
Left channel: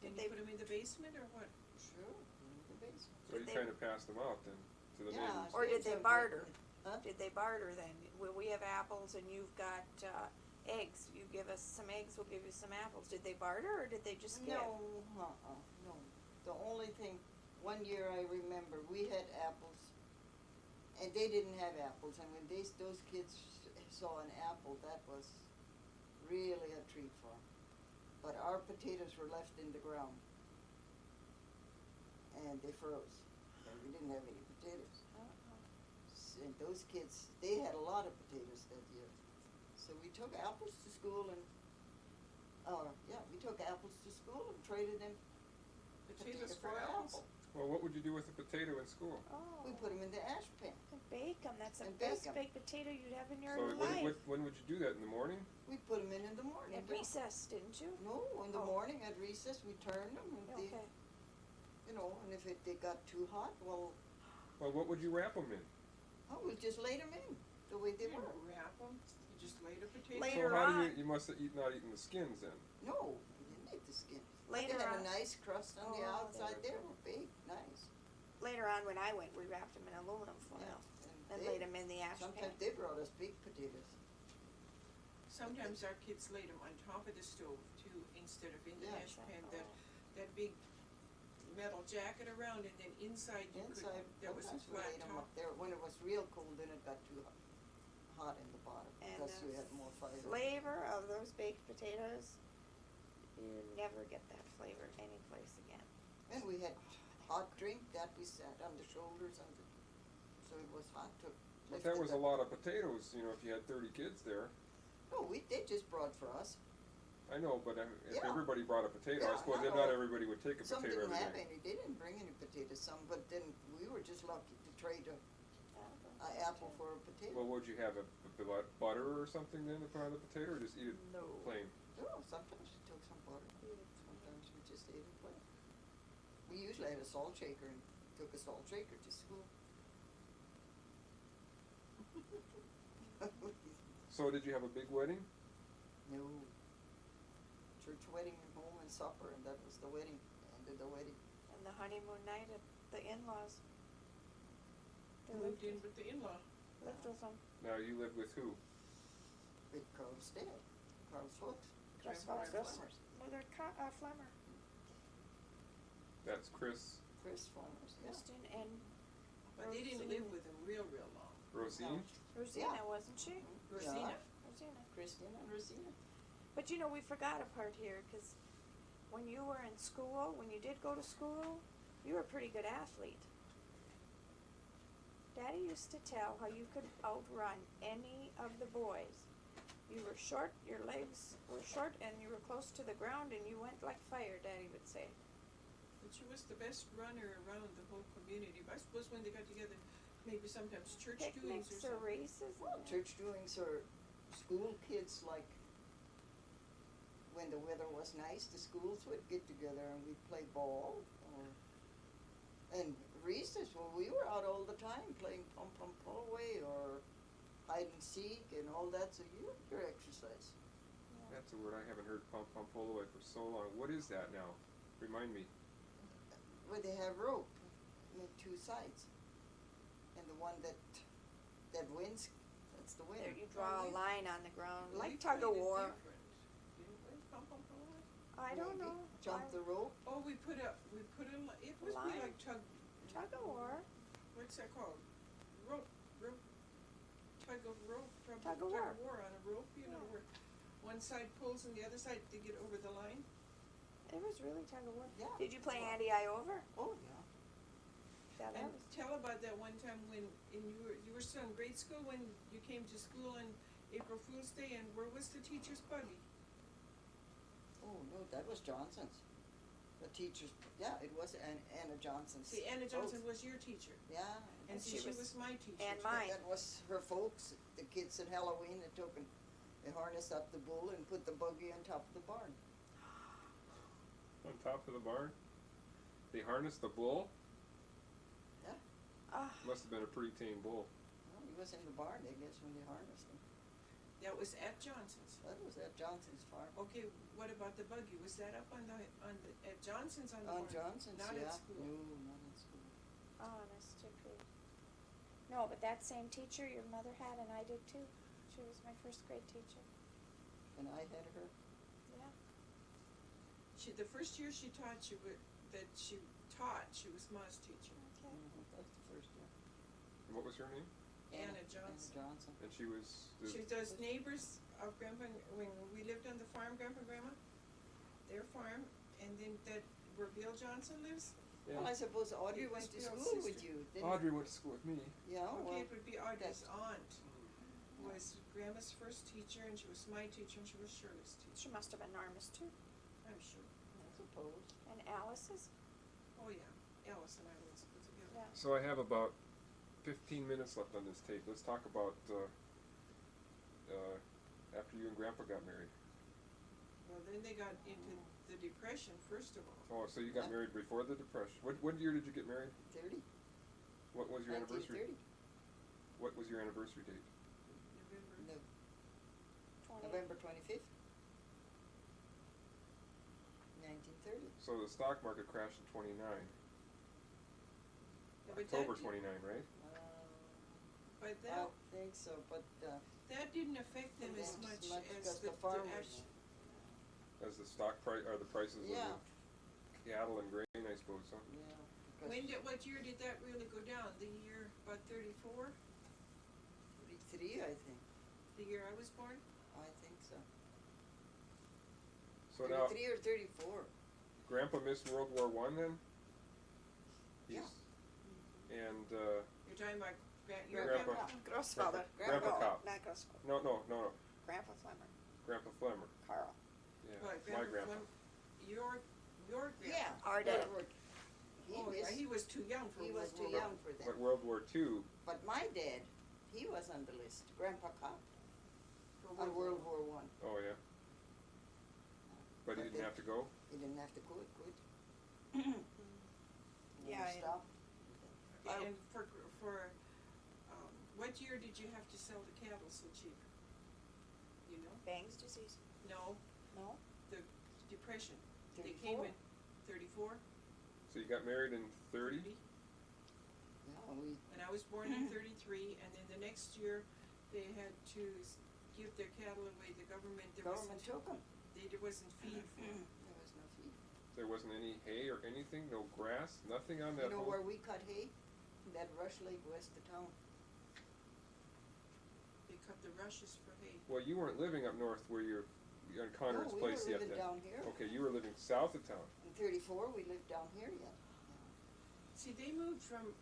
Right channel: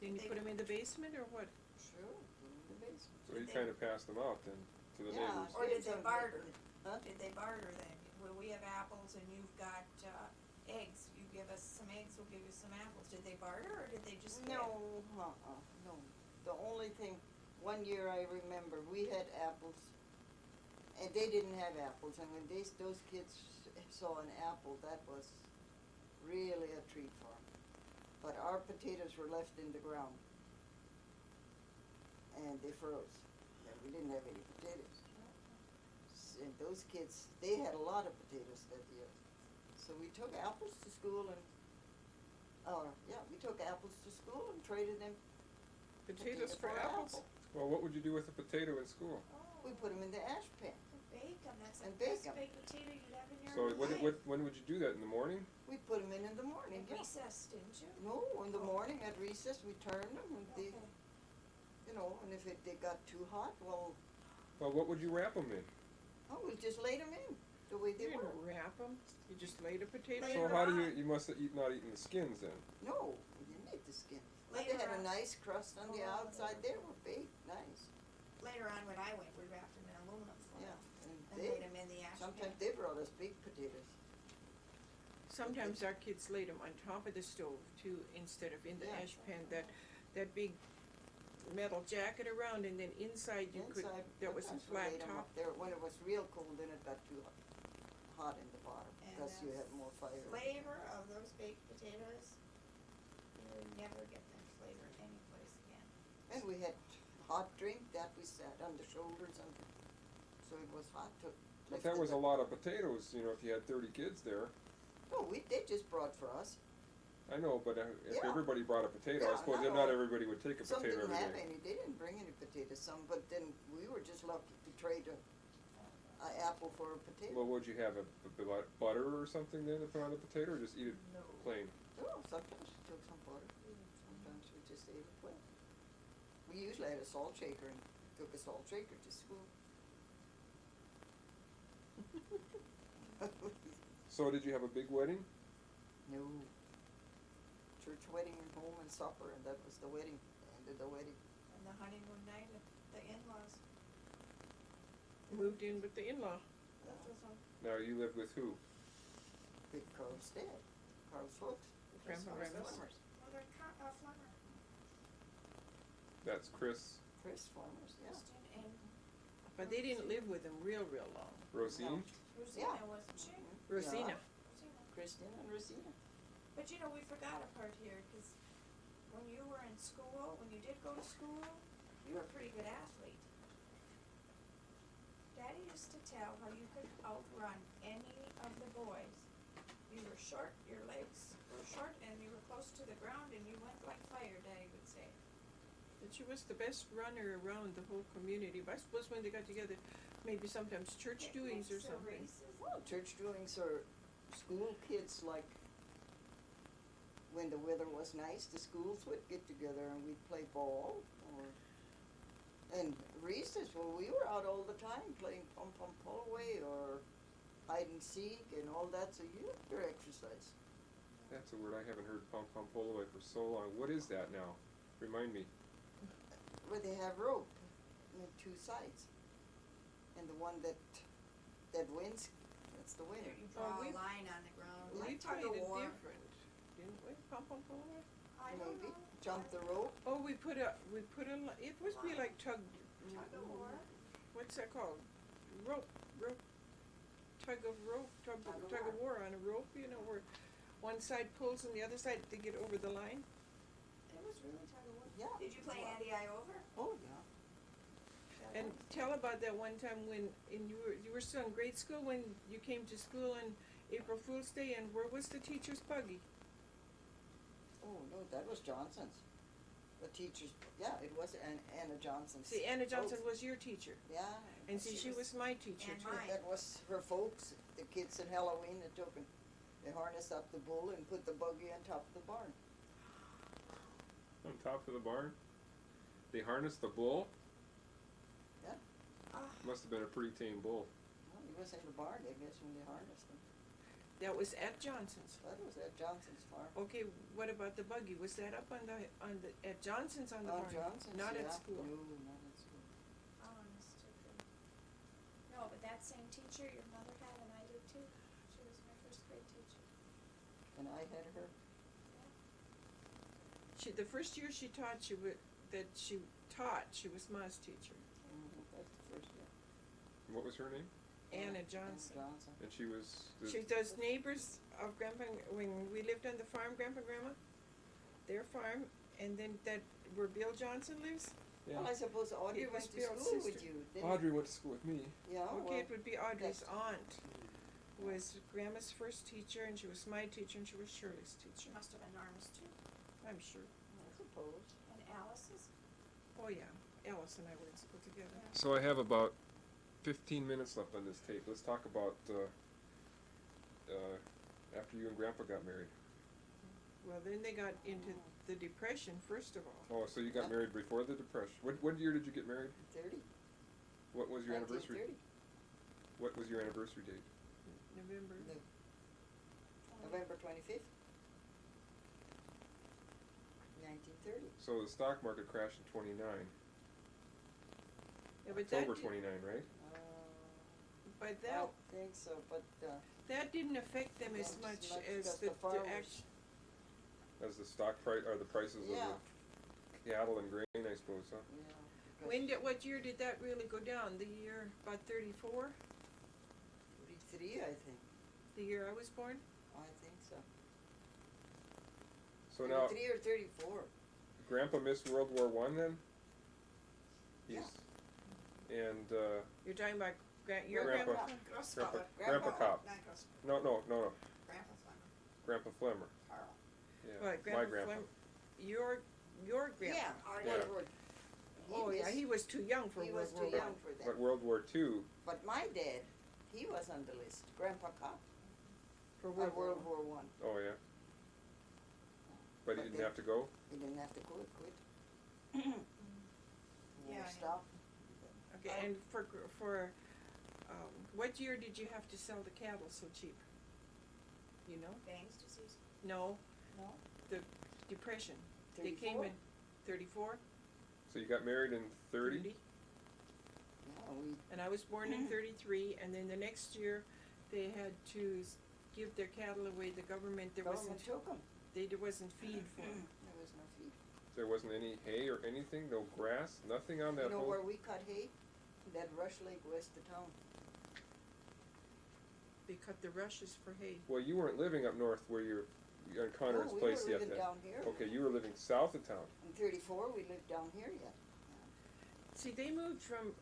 Did They- you put them in the basement or what? sure, put 'em in the basement. So you Did they- kind of passed them out then to the Yeah, neighbors. Or did kids they are barter? getting- Huh? Did they barter then? Well, we have apples and you've got, eggs, you give us some eggs, we'll give you some apples. Did they barter or did they just give? No, no. The only thing, one year I remember, we had apples, and they didn't have apples, and when those kids saw an apple, that was really a treat for them. But our potatoes were left in the ground, and they froze, and we didn't have any potatoes. And those kids, they had a lot of potatoes that year. So we took apples to school and, we took apples to school and traded them Potatoes for apples? apple. Well, what would you do with a potato in school? Oh, We put them in the ash pan. bake 'em, that's the And bake best 'em. baked potato you'd have in your So life. when would you do that, in the morning? We put them in the morning. At Yeah. recess, didn't you? No, in the Oh. morning at recess we turned them and they, Okay. and if they got too hot, well, Well, what would you wrap them in? we just laid them in the way they You were. didn't wrap them, you just laid a potato. Later So how do on. you must have not eaten the skins then? No, we didn't eat the skin. But Later they had a on. nice crust on the Oh, outside. they They were were baked nice. Later on, when I went, we wrapped them in aluminum foil Yeah, and and laid them in the ash pan. sometimes they brought us big potatoes. Sometimes our kids laid them on top of the stove too, instead of in the Yeah. ash pan, that big metal jacket around, and then inside you could, Inside, there was a sometimes we flat laid 'em top. up there. When it was real cold, then it got too hot in the bottom And because you the had more fire. Flavor of those baked potatoes, you never get that flavor anyplace again. And we had hot drink that we sat on the shoulders and so it was hot to But that was a lot of potatoes, if you had 30 kids there. No, they just brought for us. I know, but if Yeah. everybody brought a potato, Yeah, I suppose not then not all. everybody would take a Some potato didn't every have day. any, they didn't bring any potatoes, some, but then we were just lucky to trade a apple for a potato. Well, would you have a butter or something then to put on the potato, or just eat it No. plain? Oh, sometimes we took some butter, sometimes we just ate it plain. We usually had a salt shaker and took a salt shaker to school. So did you have a big wedding? No. Church wedding and home and supper, and that was the wedding, ended the wedding. And the honeymoon night at the in-laws. Moved in with the in-law. lived with them. Now you live with who? With Carl's dad, Carl's folks. Grandpa Carl's Reynolds. Flemmer's. Mother Flemmer, That's Chris. Chris Flemmer's, yeah. Kristen, and But they didn't live with him real long. Rosine? Rosina, wasn't she? Rosina. Rosina. Christine and Rosina. But you know, we forgot a part here, cause when you were in school, when you did go to school, you were a pretty good athlete. Daddy used to tell how you could outrun any of the boys. You were short, your legs were short, and you were close to the ground, and you went like fire, Daddy would say. But she was the best runner around the whole community. But I suppose when they got together, maybe sometimes church doings or Picnics or something. races. Well, church doings or school kids, like, when the weather was nice, the schools would get together and we'd play ball, or, and recess, well, we were out all the time playing pom-pom pullaway or hide and seek and all that, so you have your exercise. That's a word I haven't heard, pom pom pull away, for so long. What is that now? Remind me. Where they have rope on two sides, and the one that wins, that's the winner. You draw a we- line on the ground, We like tug of played it war. different, didn't we? Pom-pom pullaway? I don't Maybe. know. Jump the rope. Oh, it was be Line. like Tug of war. what's that called? Rope, tug of rope, tug Tug of of war on a rope, you know, where one side pulls and the other side to get over the line. It was really tug of war. Yeah. Did you play Well, Andy I over? Oh, yeah. Yeah, that And was- tell about that one time when, you were still in grade school when you came to school on April Fool's Day, and where was the teacher's buggy? Oh, no, that was Johnson's. The teacher's, yeah, it was Anna Johnson's. See, Anna Johnson folks. was your teacher, Yeah. and see, she she was- was my teacher. and too. mine. That was her folks, the kids at Halloween that took and they harnessed up the bull and put the buggy on top of the barn. On top of the barn? They harnessed the bull? Ah, Must have been a pretty tame bull. Well, he was in the barn, I guess, when they harnessed him. That was at Johnson's. That was at Johnson's farm. Okay, what about the buggy? Was that up at Johnson's on the On barn? Johnson's, Not yeah. at school. No, not at school. oh, that's too cool. No, but that same teacher your mother had and I did too. She was my first grade teacher. And I had her. Yeah. The first year she taught, she was Ma's teacher. Okay. That's the first year. And what was her name? Anna Johnson. Anna Johnson. And she was She does neighbors of Grandpa, when we lived on the farm, Grandpa and Grandma, their farm, and then where Bill Johnson lives. Well, I suppose Audrey It was went to Bill's school with sister. you, didn't Audrey went to school with me. Yeah, Okay, well, it would be Audrey's that's- aunt, was Grandma's first teacher, and she was my teacher, and she was Shirley's She teacher, must have been Norma's too. I'm sure. I suppose. And Alice's? Oh, yeah, Alice and I were in school together. Yeah. So I have about 15 minutes left on this tape. Let's talk about after you and Grandpa got married. Well, then they got into the Depression, first of all. Oh, so you got married before the Depression. What year did you get married? 30. What was your anniversary? 1930. What was your anniversary date? November. No, November 25th. 1930. So the stock market crashed in 29. Yeah, but October that, 29, right? But I that, think so, but, that didn't affect them as Not much much as 'cause the the farmers- As the stock price or the prices Yeah. of the cattle and grain, I suppose, huh? yeah, because what year did that really go down? The year about 34? 33, I think. The year I was born? I think so. So now 33 or 34. Grandpa missed World War One then? Yeah. And You're talking about your Grandpa. grandpa? Grossfather. Grandpa Kapp. Not Grossfather. No, Grandpa Flemmer. Grandpa Flemmer. Carl. Yeah, What, my grandpa. Your grandpa? Yeah, Our Yeah. dad. Oh, yeah, he was too young for he World was War too One. young for But that. World War Two, But my dad, he was on the list. Grandpa Kapp For on World War One. oh yeah. But he But didn't they- have to go? He didn't have to quit. Yeah, Stop. Okay, and what year did you have to sell the cattle so cheap? You know? Bangs disease. No, No? the Depression. They came 34. in 34? So you got married in 30? Yeah, we, And I was born in 33, and then the next year, they had to give their cattle away. The government, government took them. there wasn't feed for them. There was no feed. There wasn't any hay or anything, no grass, nothing on that You know whole. where we cut hay? That rush lake west of town. They cut the rushes for hay. Well, you weren't living up north where you're on Conrad's No, we place were yet living then. down here. Okay, you were living south of town. In 34, we lived down here yet. See, they moved from,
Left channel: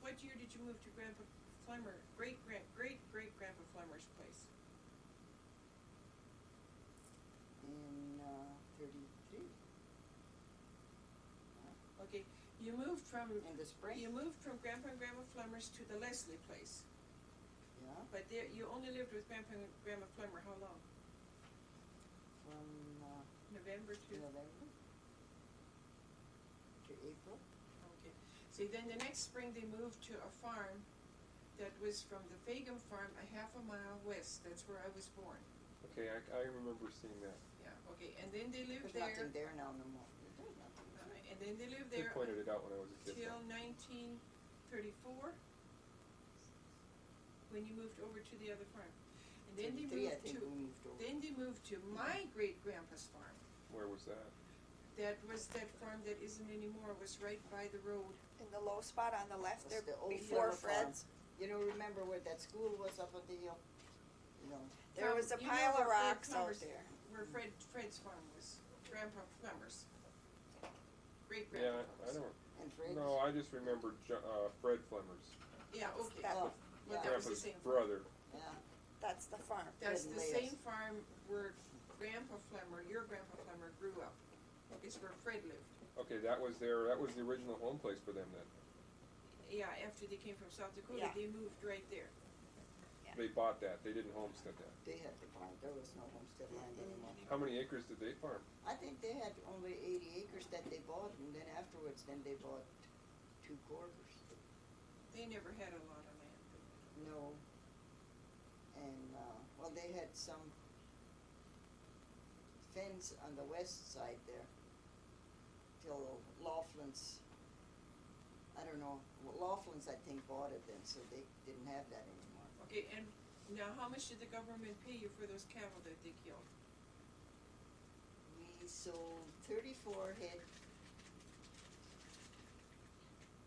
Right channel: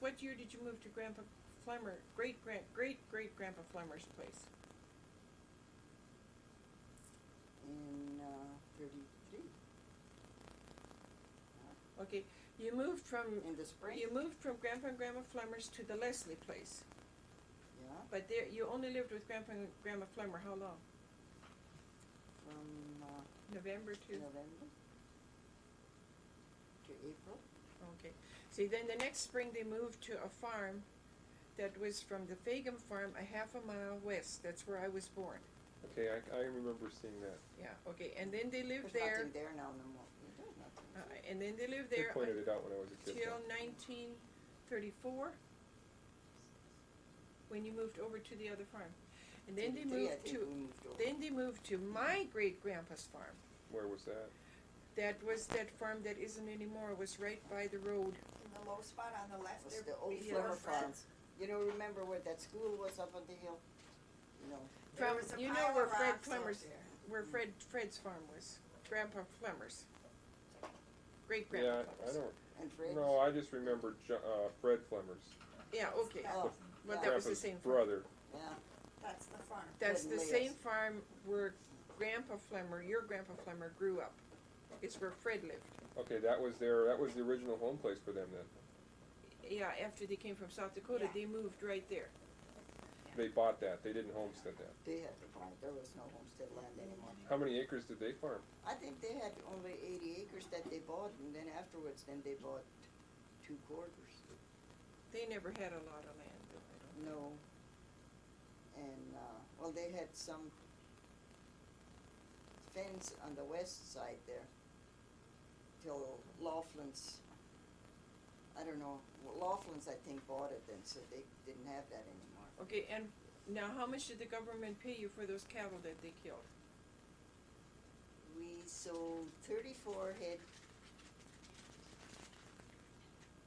what year did you move to Grandpa Flemmer, great-great-grandpa Flemmer's place? In 33, Okay, you moved from, in the spring. you moved from Grandpa and Grandma Flemmer's to the Leslie place. Yeah, But there, you only lived with Grandpa and Grandma Flemmer, how long? from November to, November to April. okay. See, then the next spring they moved to a farm that was from the Fagum farm a half a mile west, that's where I was born. Okay, I remember seeing that. Yeah, okay, and then they lived There's there, nothing there now no more. There's nothing. and then they lived They there pointed it out when I was a kid. till though. 1934, when you moved over to the other farm. And then they 33, I moved think to, we moved over. then they moved to my great-grandpa's farm. Where was that? That was that farm that isn't anymore, it was right by the road. In the low spot on the left That's there the old before Flemmer farm. Fred's. You know, remember where that school was up on the hill? You know, There From- was a you know pile where of Fred rocks out Flemmer's- there. Where Fred's farm was, Grandpa Flemmer's. Yeah, Great-grandpa I Flemmer's. don't. and Fred's. No, I just remember Fred Flemmer's, Yeah, okay, That- Oh, well, yeah. that was the Grandpa's same farm. brother. Yeah, That's the farm. That's Fred the and same Leo's. farm where Grandpa Flemmer, your Grandpa Flemmer grew up. It's where Fred lived. Okay, that was the original home place for them then. Yeah, after they came from South Dakota, Yeah. they moved right there. They bought that, they didn't homestead that. they had to buy it. There was no homestead land anymore. How many acres did they farm? I think they had only 80 acres that they bought, and then afterwards, then they bought 2 quarters. They never had a lot of land, though, I don't. No. And, well, they had some fence on the west side there till Laughlin's, I don't know, well, Laughlin's, I think, bought it then, so they didn't have that anymore. Okay, and now how much did the government pay you for those cattle that they killed? We sold 34 head.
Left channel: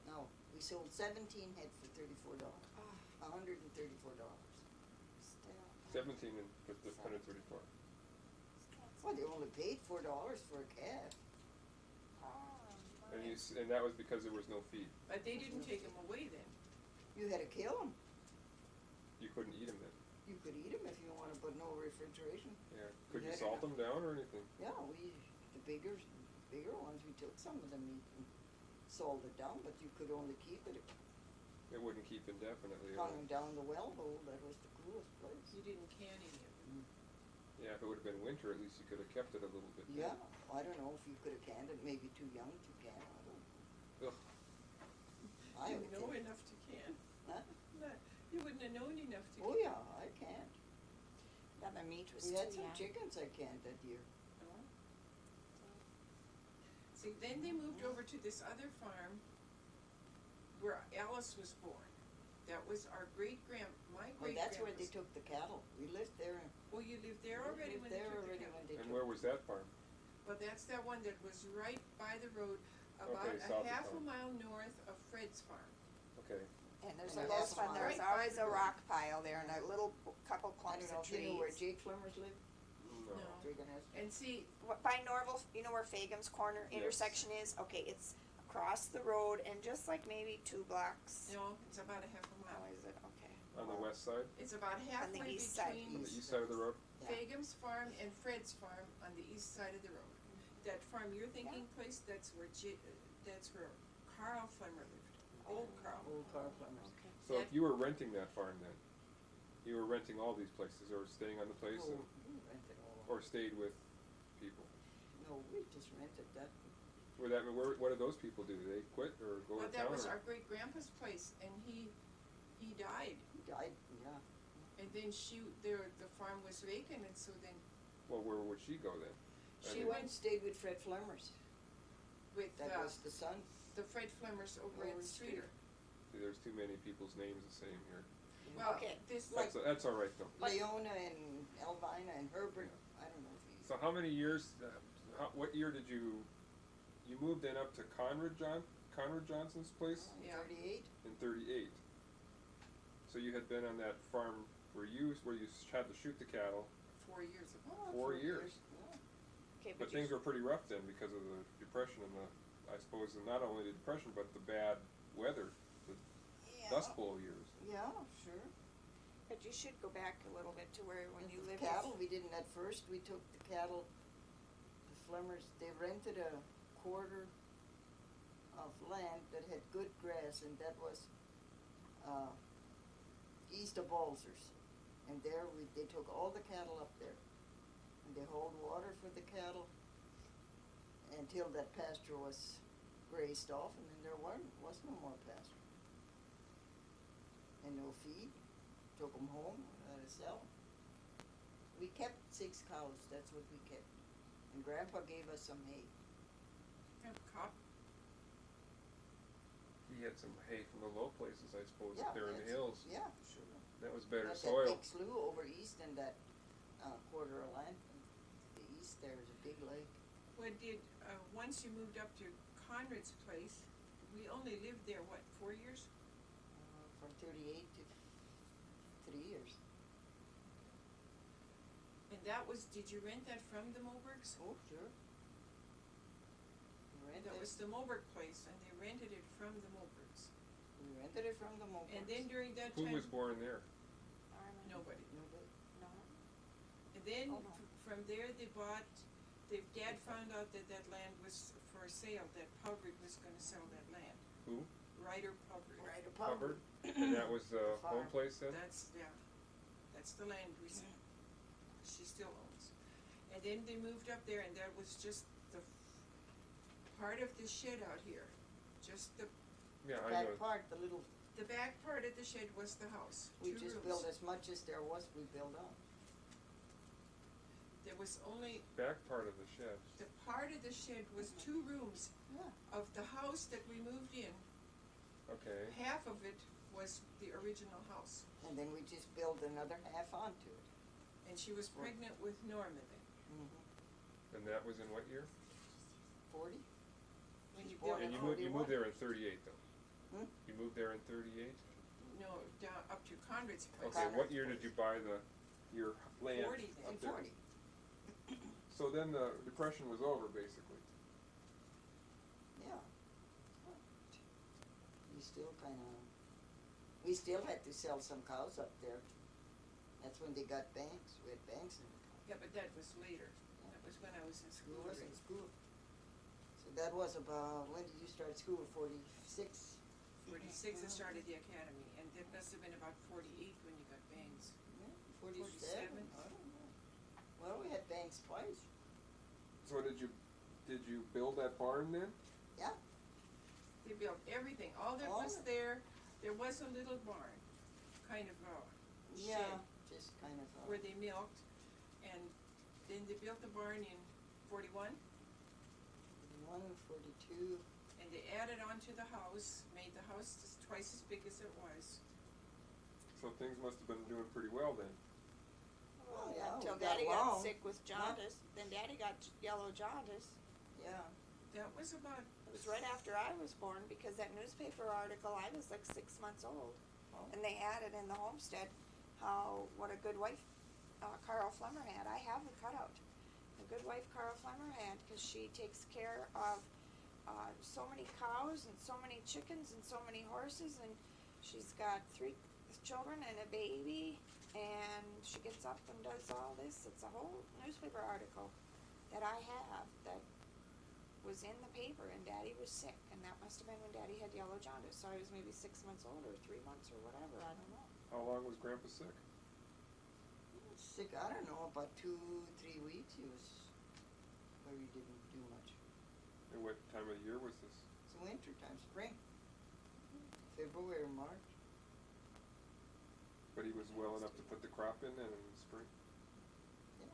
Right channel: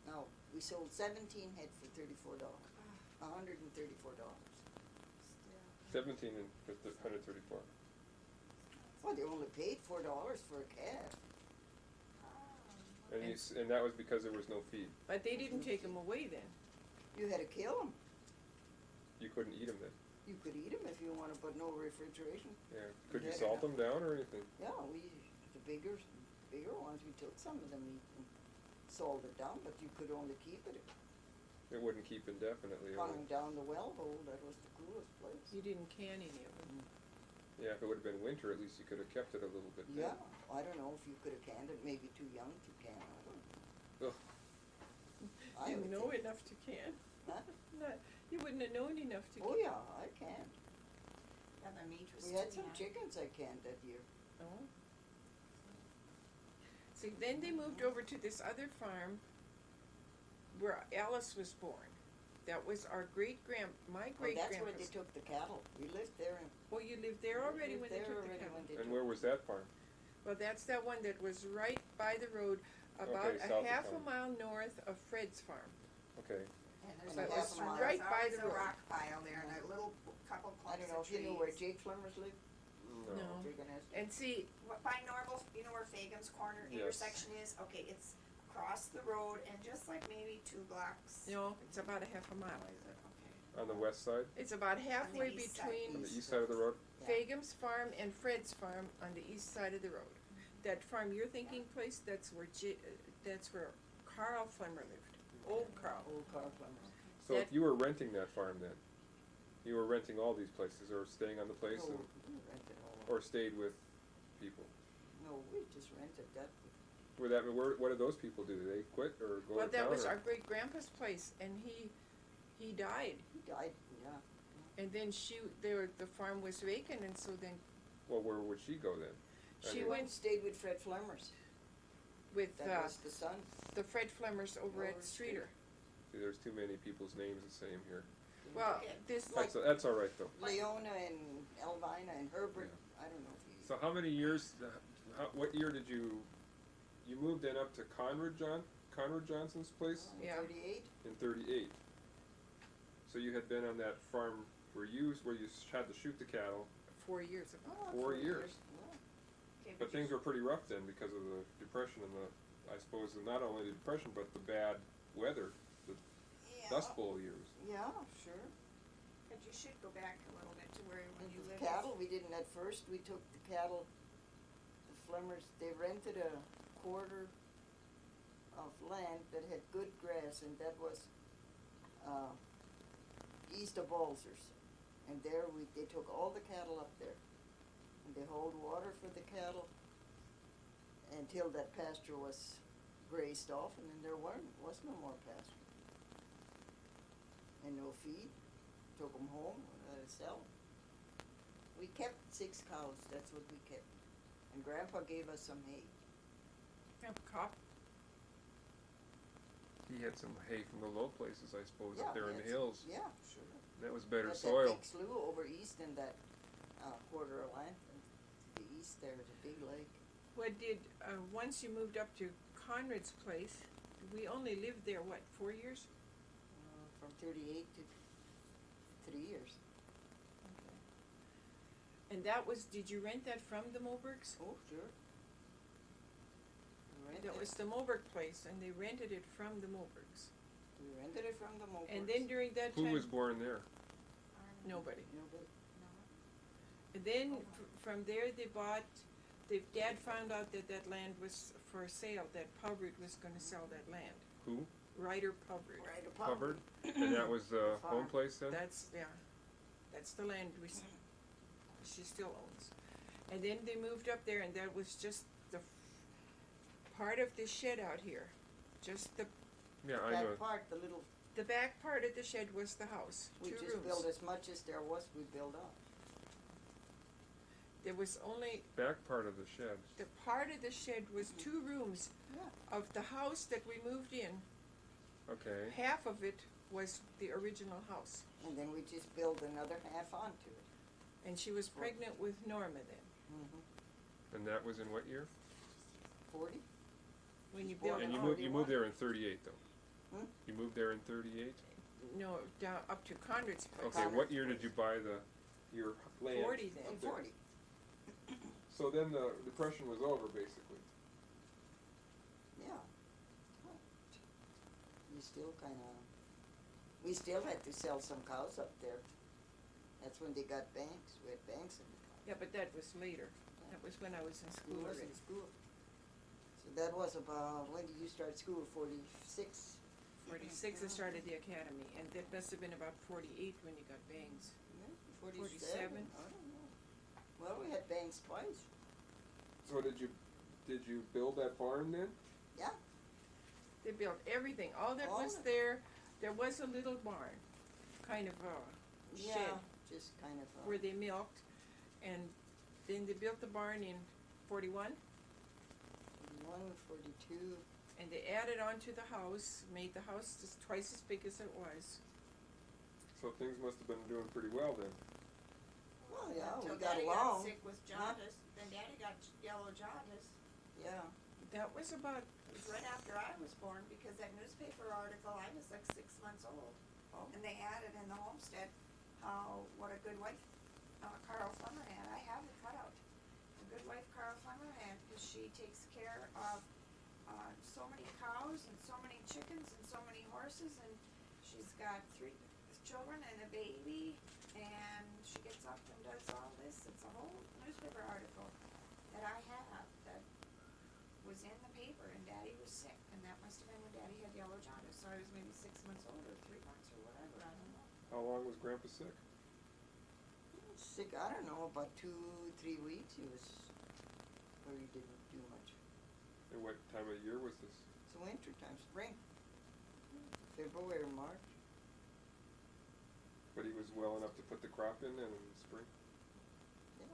No, we sold 17 head for $34. $134. 17 and 134. Well, they only paid $4 for a calf. And that was because there was no feed. But they didn't take them away then. You had to kill them. You couldn't eat them then. You could eat them if you wanted, but no refrigeration. Yeah. Could you Yeah. salt them down or anything? Yeah, the bigger ones, we took some of the meat and salted it down, but you could only keep it. It wouldn't keep indefinitely. Hung down the well hole, that was the coolest place. You didn't can any of them. Yeah, if it would have been winter, at least you could have kept it a little bit. Yeah, I don't know if you could have canned it, maybe too young to can, I don't know. Ugh. I You would know think. enough to can. Huh? You wouldn't have known enough to Oh can. yeah, I canned. Yeah, the meat was We too had some young. chickens I canned that year. Oh. See, then they moved over to this other farm where Alice was born. That was our Well, great-grandpa's. that's where they took the cattle. We lived there and. Oh, you lived there already we when lived they there took the already cattle? when they And took. where was that farm? Well, that's that one that was right by the road, about Okay, south a of half a town. mile north of Fred's farm. Okay. And there's And a a little half spot, mile. there's Right by always the a road. rock pile there and a little couple I clumps don't know of if you know where trees. Jake Flemmer's lived. No. No. Jake and Esther. And see, By Norval, you know where Fagan's corner Yes. intersection is? Okay, it's across the road and just like maybe 2 blocks. no, it's about a half a How mile. is it? Okay. On the west side? It's about halfway east side. between On the east side of the road? Yeah. Fagan's farm and Fred's farm on the east side of the road. That farm you're thinking place, that's where Carl Flemmer lived. Old Carl. Old Carl Flemmer's. So if you were renting that farm then, you were renting all these places or staying on the place No, and, we rented all of or stayed with people? it. No, we just rented that. What did those people do? Did they quit or go Well, to that town? was or- our great grandpa's place, and he died. He died, yeah. And then the farm was vacant, and so then Well, where would she go then? I She mean, She went and stayed with Fred Flemmer's. with That was the son. the Fred Flemmers over Over at at Streeter. See, there's too many people's names the same here. Well, Okay. this, like, That's all right though. Leona and Elvina and Herbert, I don't know if you. So how many years, what year did you moved in up to Conrad Johnson's place Yeah. 38? in 38? So you had been on that farm where you had to shoot the cattle, 4 years ago. Oh, 4 years. Yeah. Okay, but things were pretty rough then because of the depression and I suppose, and not only the depression, but the bad weather, the Dust Bowl years. Yeah, sure. But you should go back a little bit to where when And you the lived. cattle, we didn't at first, we took the cattle, the Flemmers, they rented a quarter of land that had good grass, and that was, east of Balzers. And there they took all the cattle up there, and they hauled water for the cattle until that pasture was grazed off, and then there was no more pasture. And no feed, took them home, and let us sell 'em. We kept 6 cows, that's what we kept. And Grandpa gave us some hay. Yeah, Kapp. He had some hay from the low places, I suppose, Yeah, up there in the that's- hills. Yeah, sure. That was better But soil. that big slough over east in that, quarter of land, and to the east there is a big lake. What did, once you moved up to Conrad's place, we only lived there, what, 4 years? From 38 to 3 years. And that was, did you rent that from the Mobergs? Oh, sure. We rented, That was the Moberg place, and they rented it from the Mobergs. we rented it from the Mopers. And then during that Who time, was born there? nobody. Nobody. No. And then Oh, no. from there, they bought, Dad found out that that land was for sale, that Pubbard was gonna sell that land. Who? Ryder Pubbard. Right above. Hubbard? And that was the home Farm. place then? That's, yeah, that's the land she still owns. And then they moved up there, and that was just the part of the shed out here. Just Yeah, I know. That part, the little, the back part of the shed was the house, we 2 just rooms. built as much as there was, we built up. There was only, Back part of the shed. the part of the shed was 2 rooms. Yeah. Of the house that we moved in, Okay. half of it was the original house. And then we just built another half onto it. And she was pregnant with Norma then. Mm-hmm. And that was in what year? 40? When She's you born built And in you moved there in 38 though? Hmm? You moved there in 38? No, down up to Conrad's place. Okay, what Conrad's year did place. you buy your land? 40 then. up In there? 40. So then the depression was over basically. Yeah. You still kinda, we still had to sell some cows up there. That's when they got banks, we had banks in the cow. Yeah, but that was later. That was when I was in We school was in already. school. So that was about, when did you start school, 46? 46 I started the academy, and that must have been about 48 when you got bangs. Yeah, 47? 47? I don't know. Well, we had banks twice. So did you build that barn then? Yeah, They built everything, all that All was of it. there was a little barn, kind of a yeah, shed just kind of, where they milked, and then they built the barn in 41, 41, 42. and they added on to the house, made the house just twice as big as it was. So things must have been doing pretty well then. Well, yeah, Until we got Daddy along. got sick with jaundice, then Daddy got yellow jaundice. Yeah, That was about, It was right after I was born, because that newspaper article, I was like 6 months old. Oh. And they added in the homestead what a good wife Carl Flemmer had. I have the cutout. The good wife Carl Flemmer had, because she takes care of so many cows and so many chickens and so many horses, and she's got 3 children and a baby, and she gets up and does all this. It's a whole newspaper article that I have that was in the paper, and Daddy was sick, and that must have been when Daddy had yellow jaundice, so I was maybe 6 months old or 3 months or whatever, I don't know. How long was Grandpa sick? sick, I don't know, about 2-3 weeks he was, where he didn't do much. And what time of year was this? It's winter time, spring. February, March. But he was well enough to put the crop in then in the spring? Yeah.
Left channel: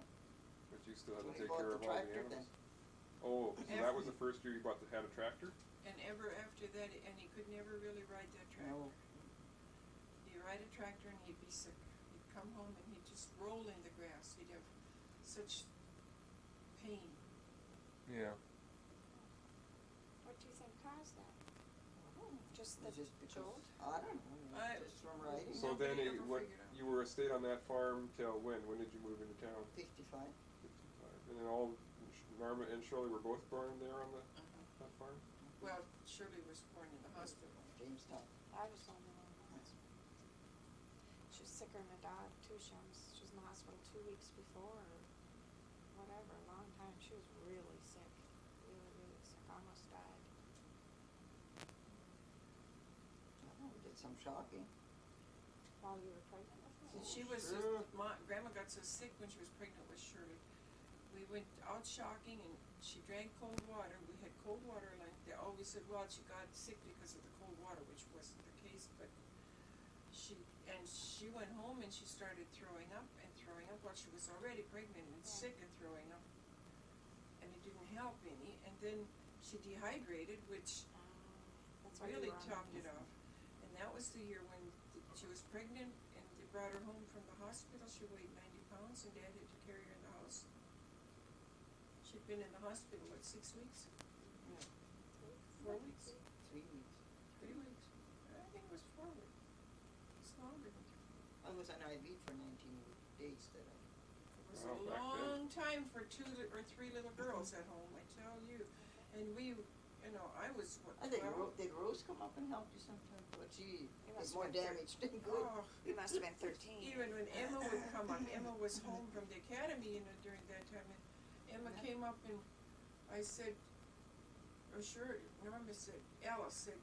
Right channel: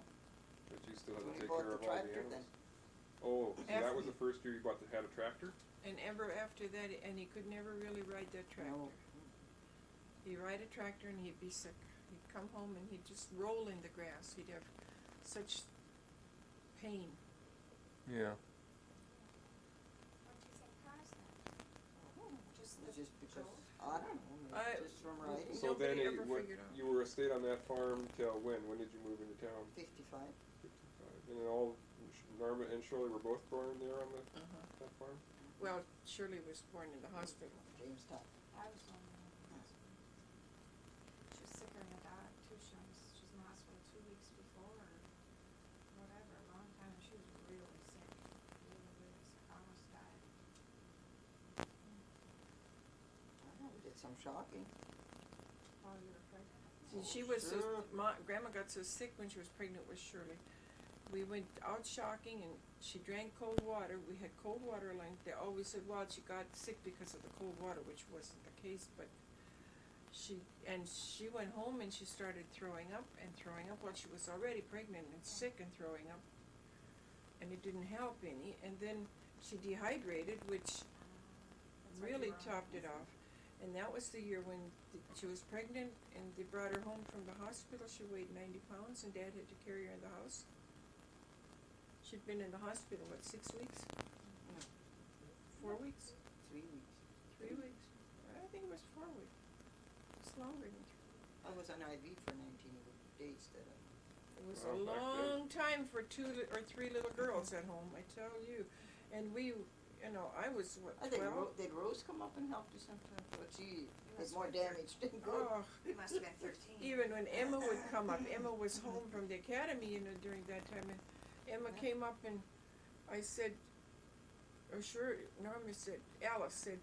But you still had When to he take bought care the of all the tractor animals? then. Oh, so that was After- the first year you had a tractor? And ever after that, and he could never really ride that tractor. No. He'd ride a tractor and he'd be sick. He'd come home and he'd just roll in the grass. He'd have such pain. Yeah. What do you think caused that? Just It was the just because, jolt? I don't know, I- just from riding. So then Nobody ever what, figured out. you were stayed on that farm till when? When did you move into town? 55. 55. And then all Norma and Shirley were both born there on the that farm. Well, Shirley was born in the hospital. Jamestown. I was one of them. She was sicker than a dog too. She was in the hospital 2 weeks before or whatever, a long time. She was really sick, really, really sick, almost died. I don't know, we did some shocking. While you were pregnant with me? See, she was sure. Grandma got so sick when she was pregnant with Shirley. We went out shocking and she drank cold water. We had cold water line. They always said, well, she got sick because of the cold water, which wasn't the case, but she went home and she started throwing up while she was already pregnant and sick and throwing up. And it didn't help any. And then she dehydrated, which That's why you really were on topped the it off. And that was the year when she was pregnant and they brought her home from the hospital. She weighed 90 pounds and Dad had to carry her in the house. She'd been in the hospital, 6 weeks? 4 weeks? 3 weeks. 3 weeks? I think it was 4 weeks. It's longer than 3 weeks. I was on IV for 19 days that I, It was Wow, a back then. long time for 2 or 3 little girls at home, I tell you. And we, I was, what, I think 12? did Rose come up and help you sometime? But she You did must more have been damage than good. Oh, You must have been 13. even when Emma would come up, Emma was home from the academy, during that time, and Emma Yeah. came up and I said, Norma said, Alice said,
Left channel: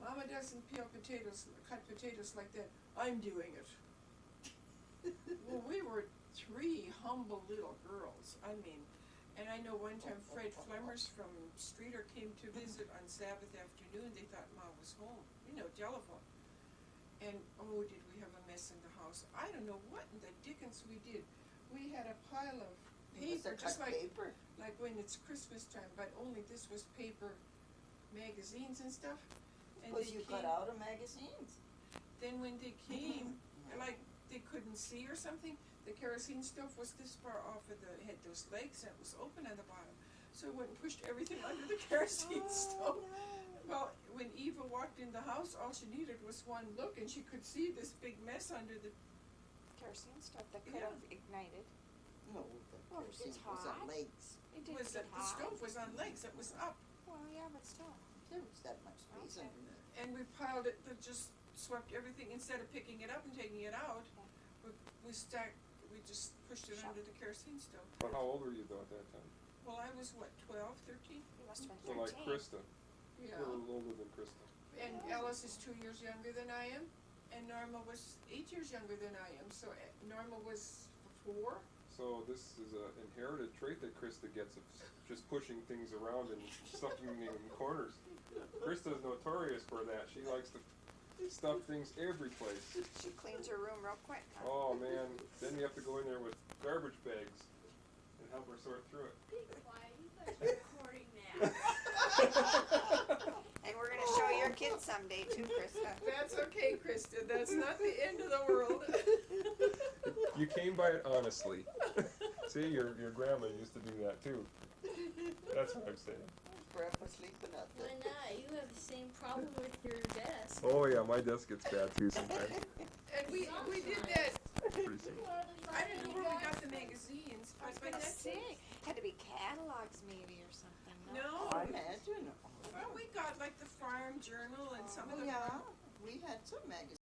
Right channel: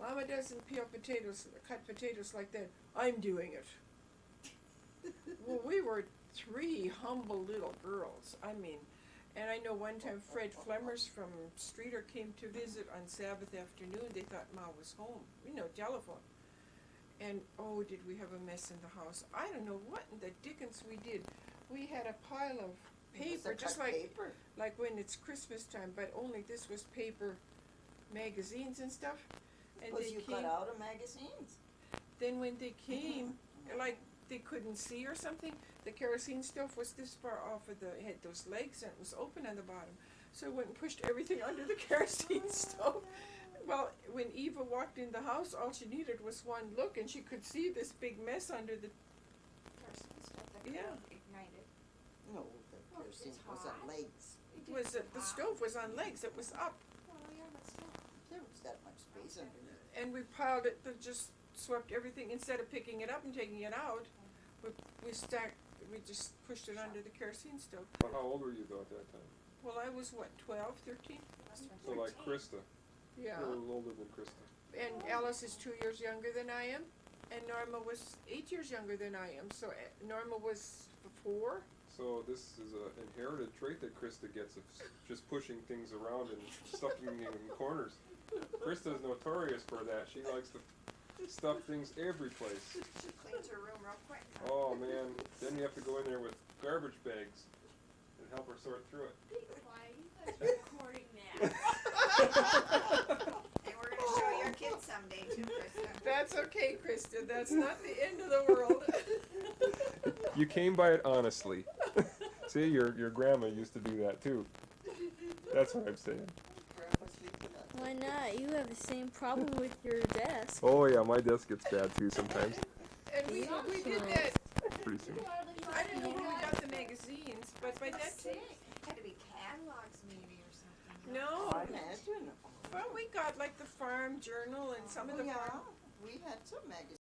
Mama doesn't cut potatoes like that, I'm doing it. Well, we were 3 humble little girls, and I know one time Fred Flemmers from Streeter came to visit on Sabbath afternoon. They thought Ma was home, telephone. And oh, did we have a mess in the house. I don't know what in the dickens we did. We had a pile of It was paper, the just cut like paper. when it's Christmas time, but only this was paper magazines and stuff. And Because they you cut came, out of magazines. then when they came, like they couldn't see or something, the kerosene stove was this far off of had those legs and it was open on the bottom. So I went and pushed everything under the kerosene stove. Well, when Eva walked in the house, all she needed was one look and she could see this big mess under the, Kerosene stuff that could Yeah. have ignited. No, the Well, kerosene it's was on hot. legs. It did was, get the hot. stove was on legs, it was up. Well, yeah, but still. There was that much space Okay. underneath. And we piled it, just swept everything, instead of picking it up and taking it out, we just pushed it under the kerosene stove. But how old were you though at that time? Well, I was what, 12, 13? You must have So been 13. like Krista, Yeah. you're a little older than Krista. And Alice is 2 years younger than I am, and Norma was 8 years younger than I am, so Norma was 4. So this is an inherited trait that Krista gets of just pushing things around and stuffing them in corners. Krista's notorious for that. She likes to stuff things every place. She cleans her room real quick. Oh man, then you have to go in there with garbage bags and help her sort through it. Be quiet, you guys are recording that. And we're gonna show your kids someday too, Krista. That's okay, Krista, that's not the end of the world. You came by it honestly. See, your grandma used to do that too. That's what I'm saying. Grandpa sleeping out there. Why not? You have the same problem with your desk. Oh yeah, my desk gets bad too sometimes. And we did that, Pretty soon. I don't know where we got the magazines, but by that time, Had to be catalogs maybe or something. no. I imagine. Well, we got like the Farm Journal and some of Oh, the yeah, we had some magazines.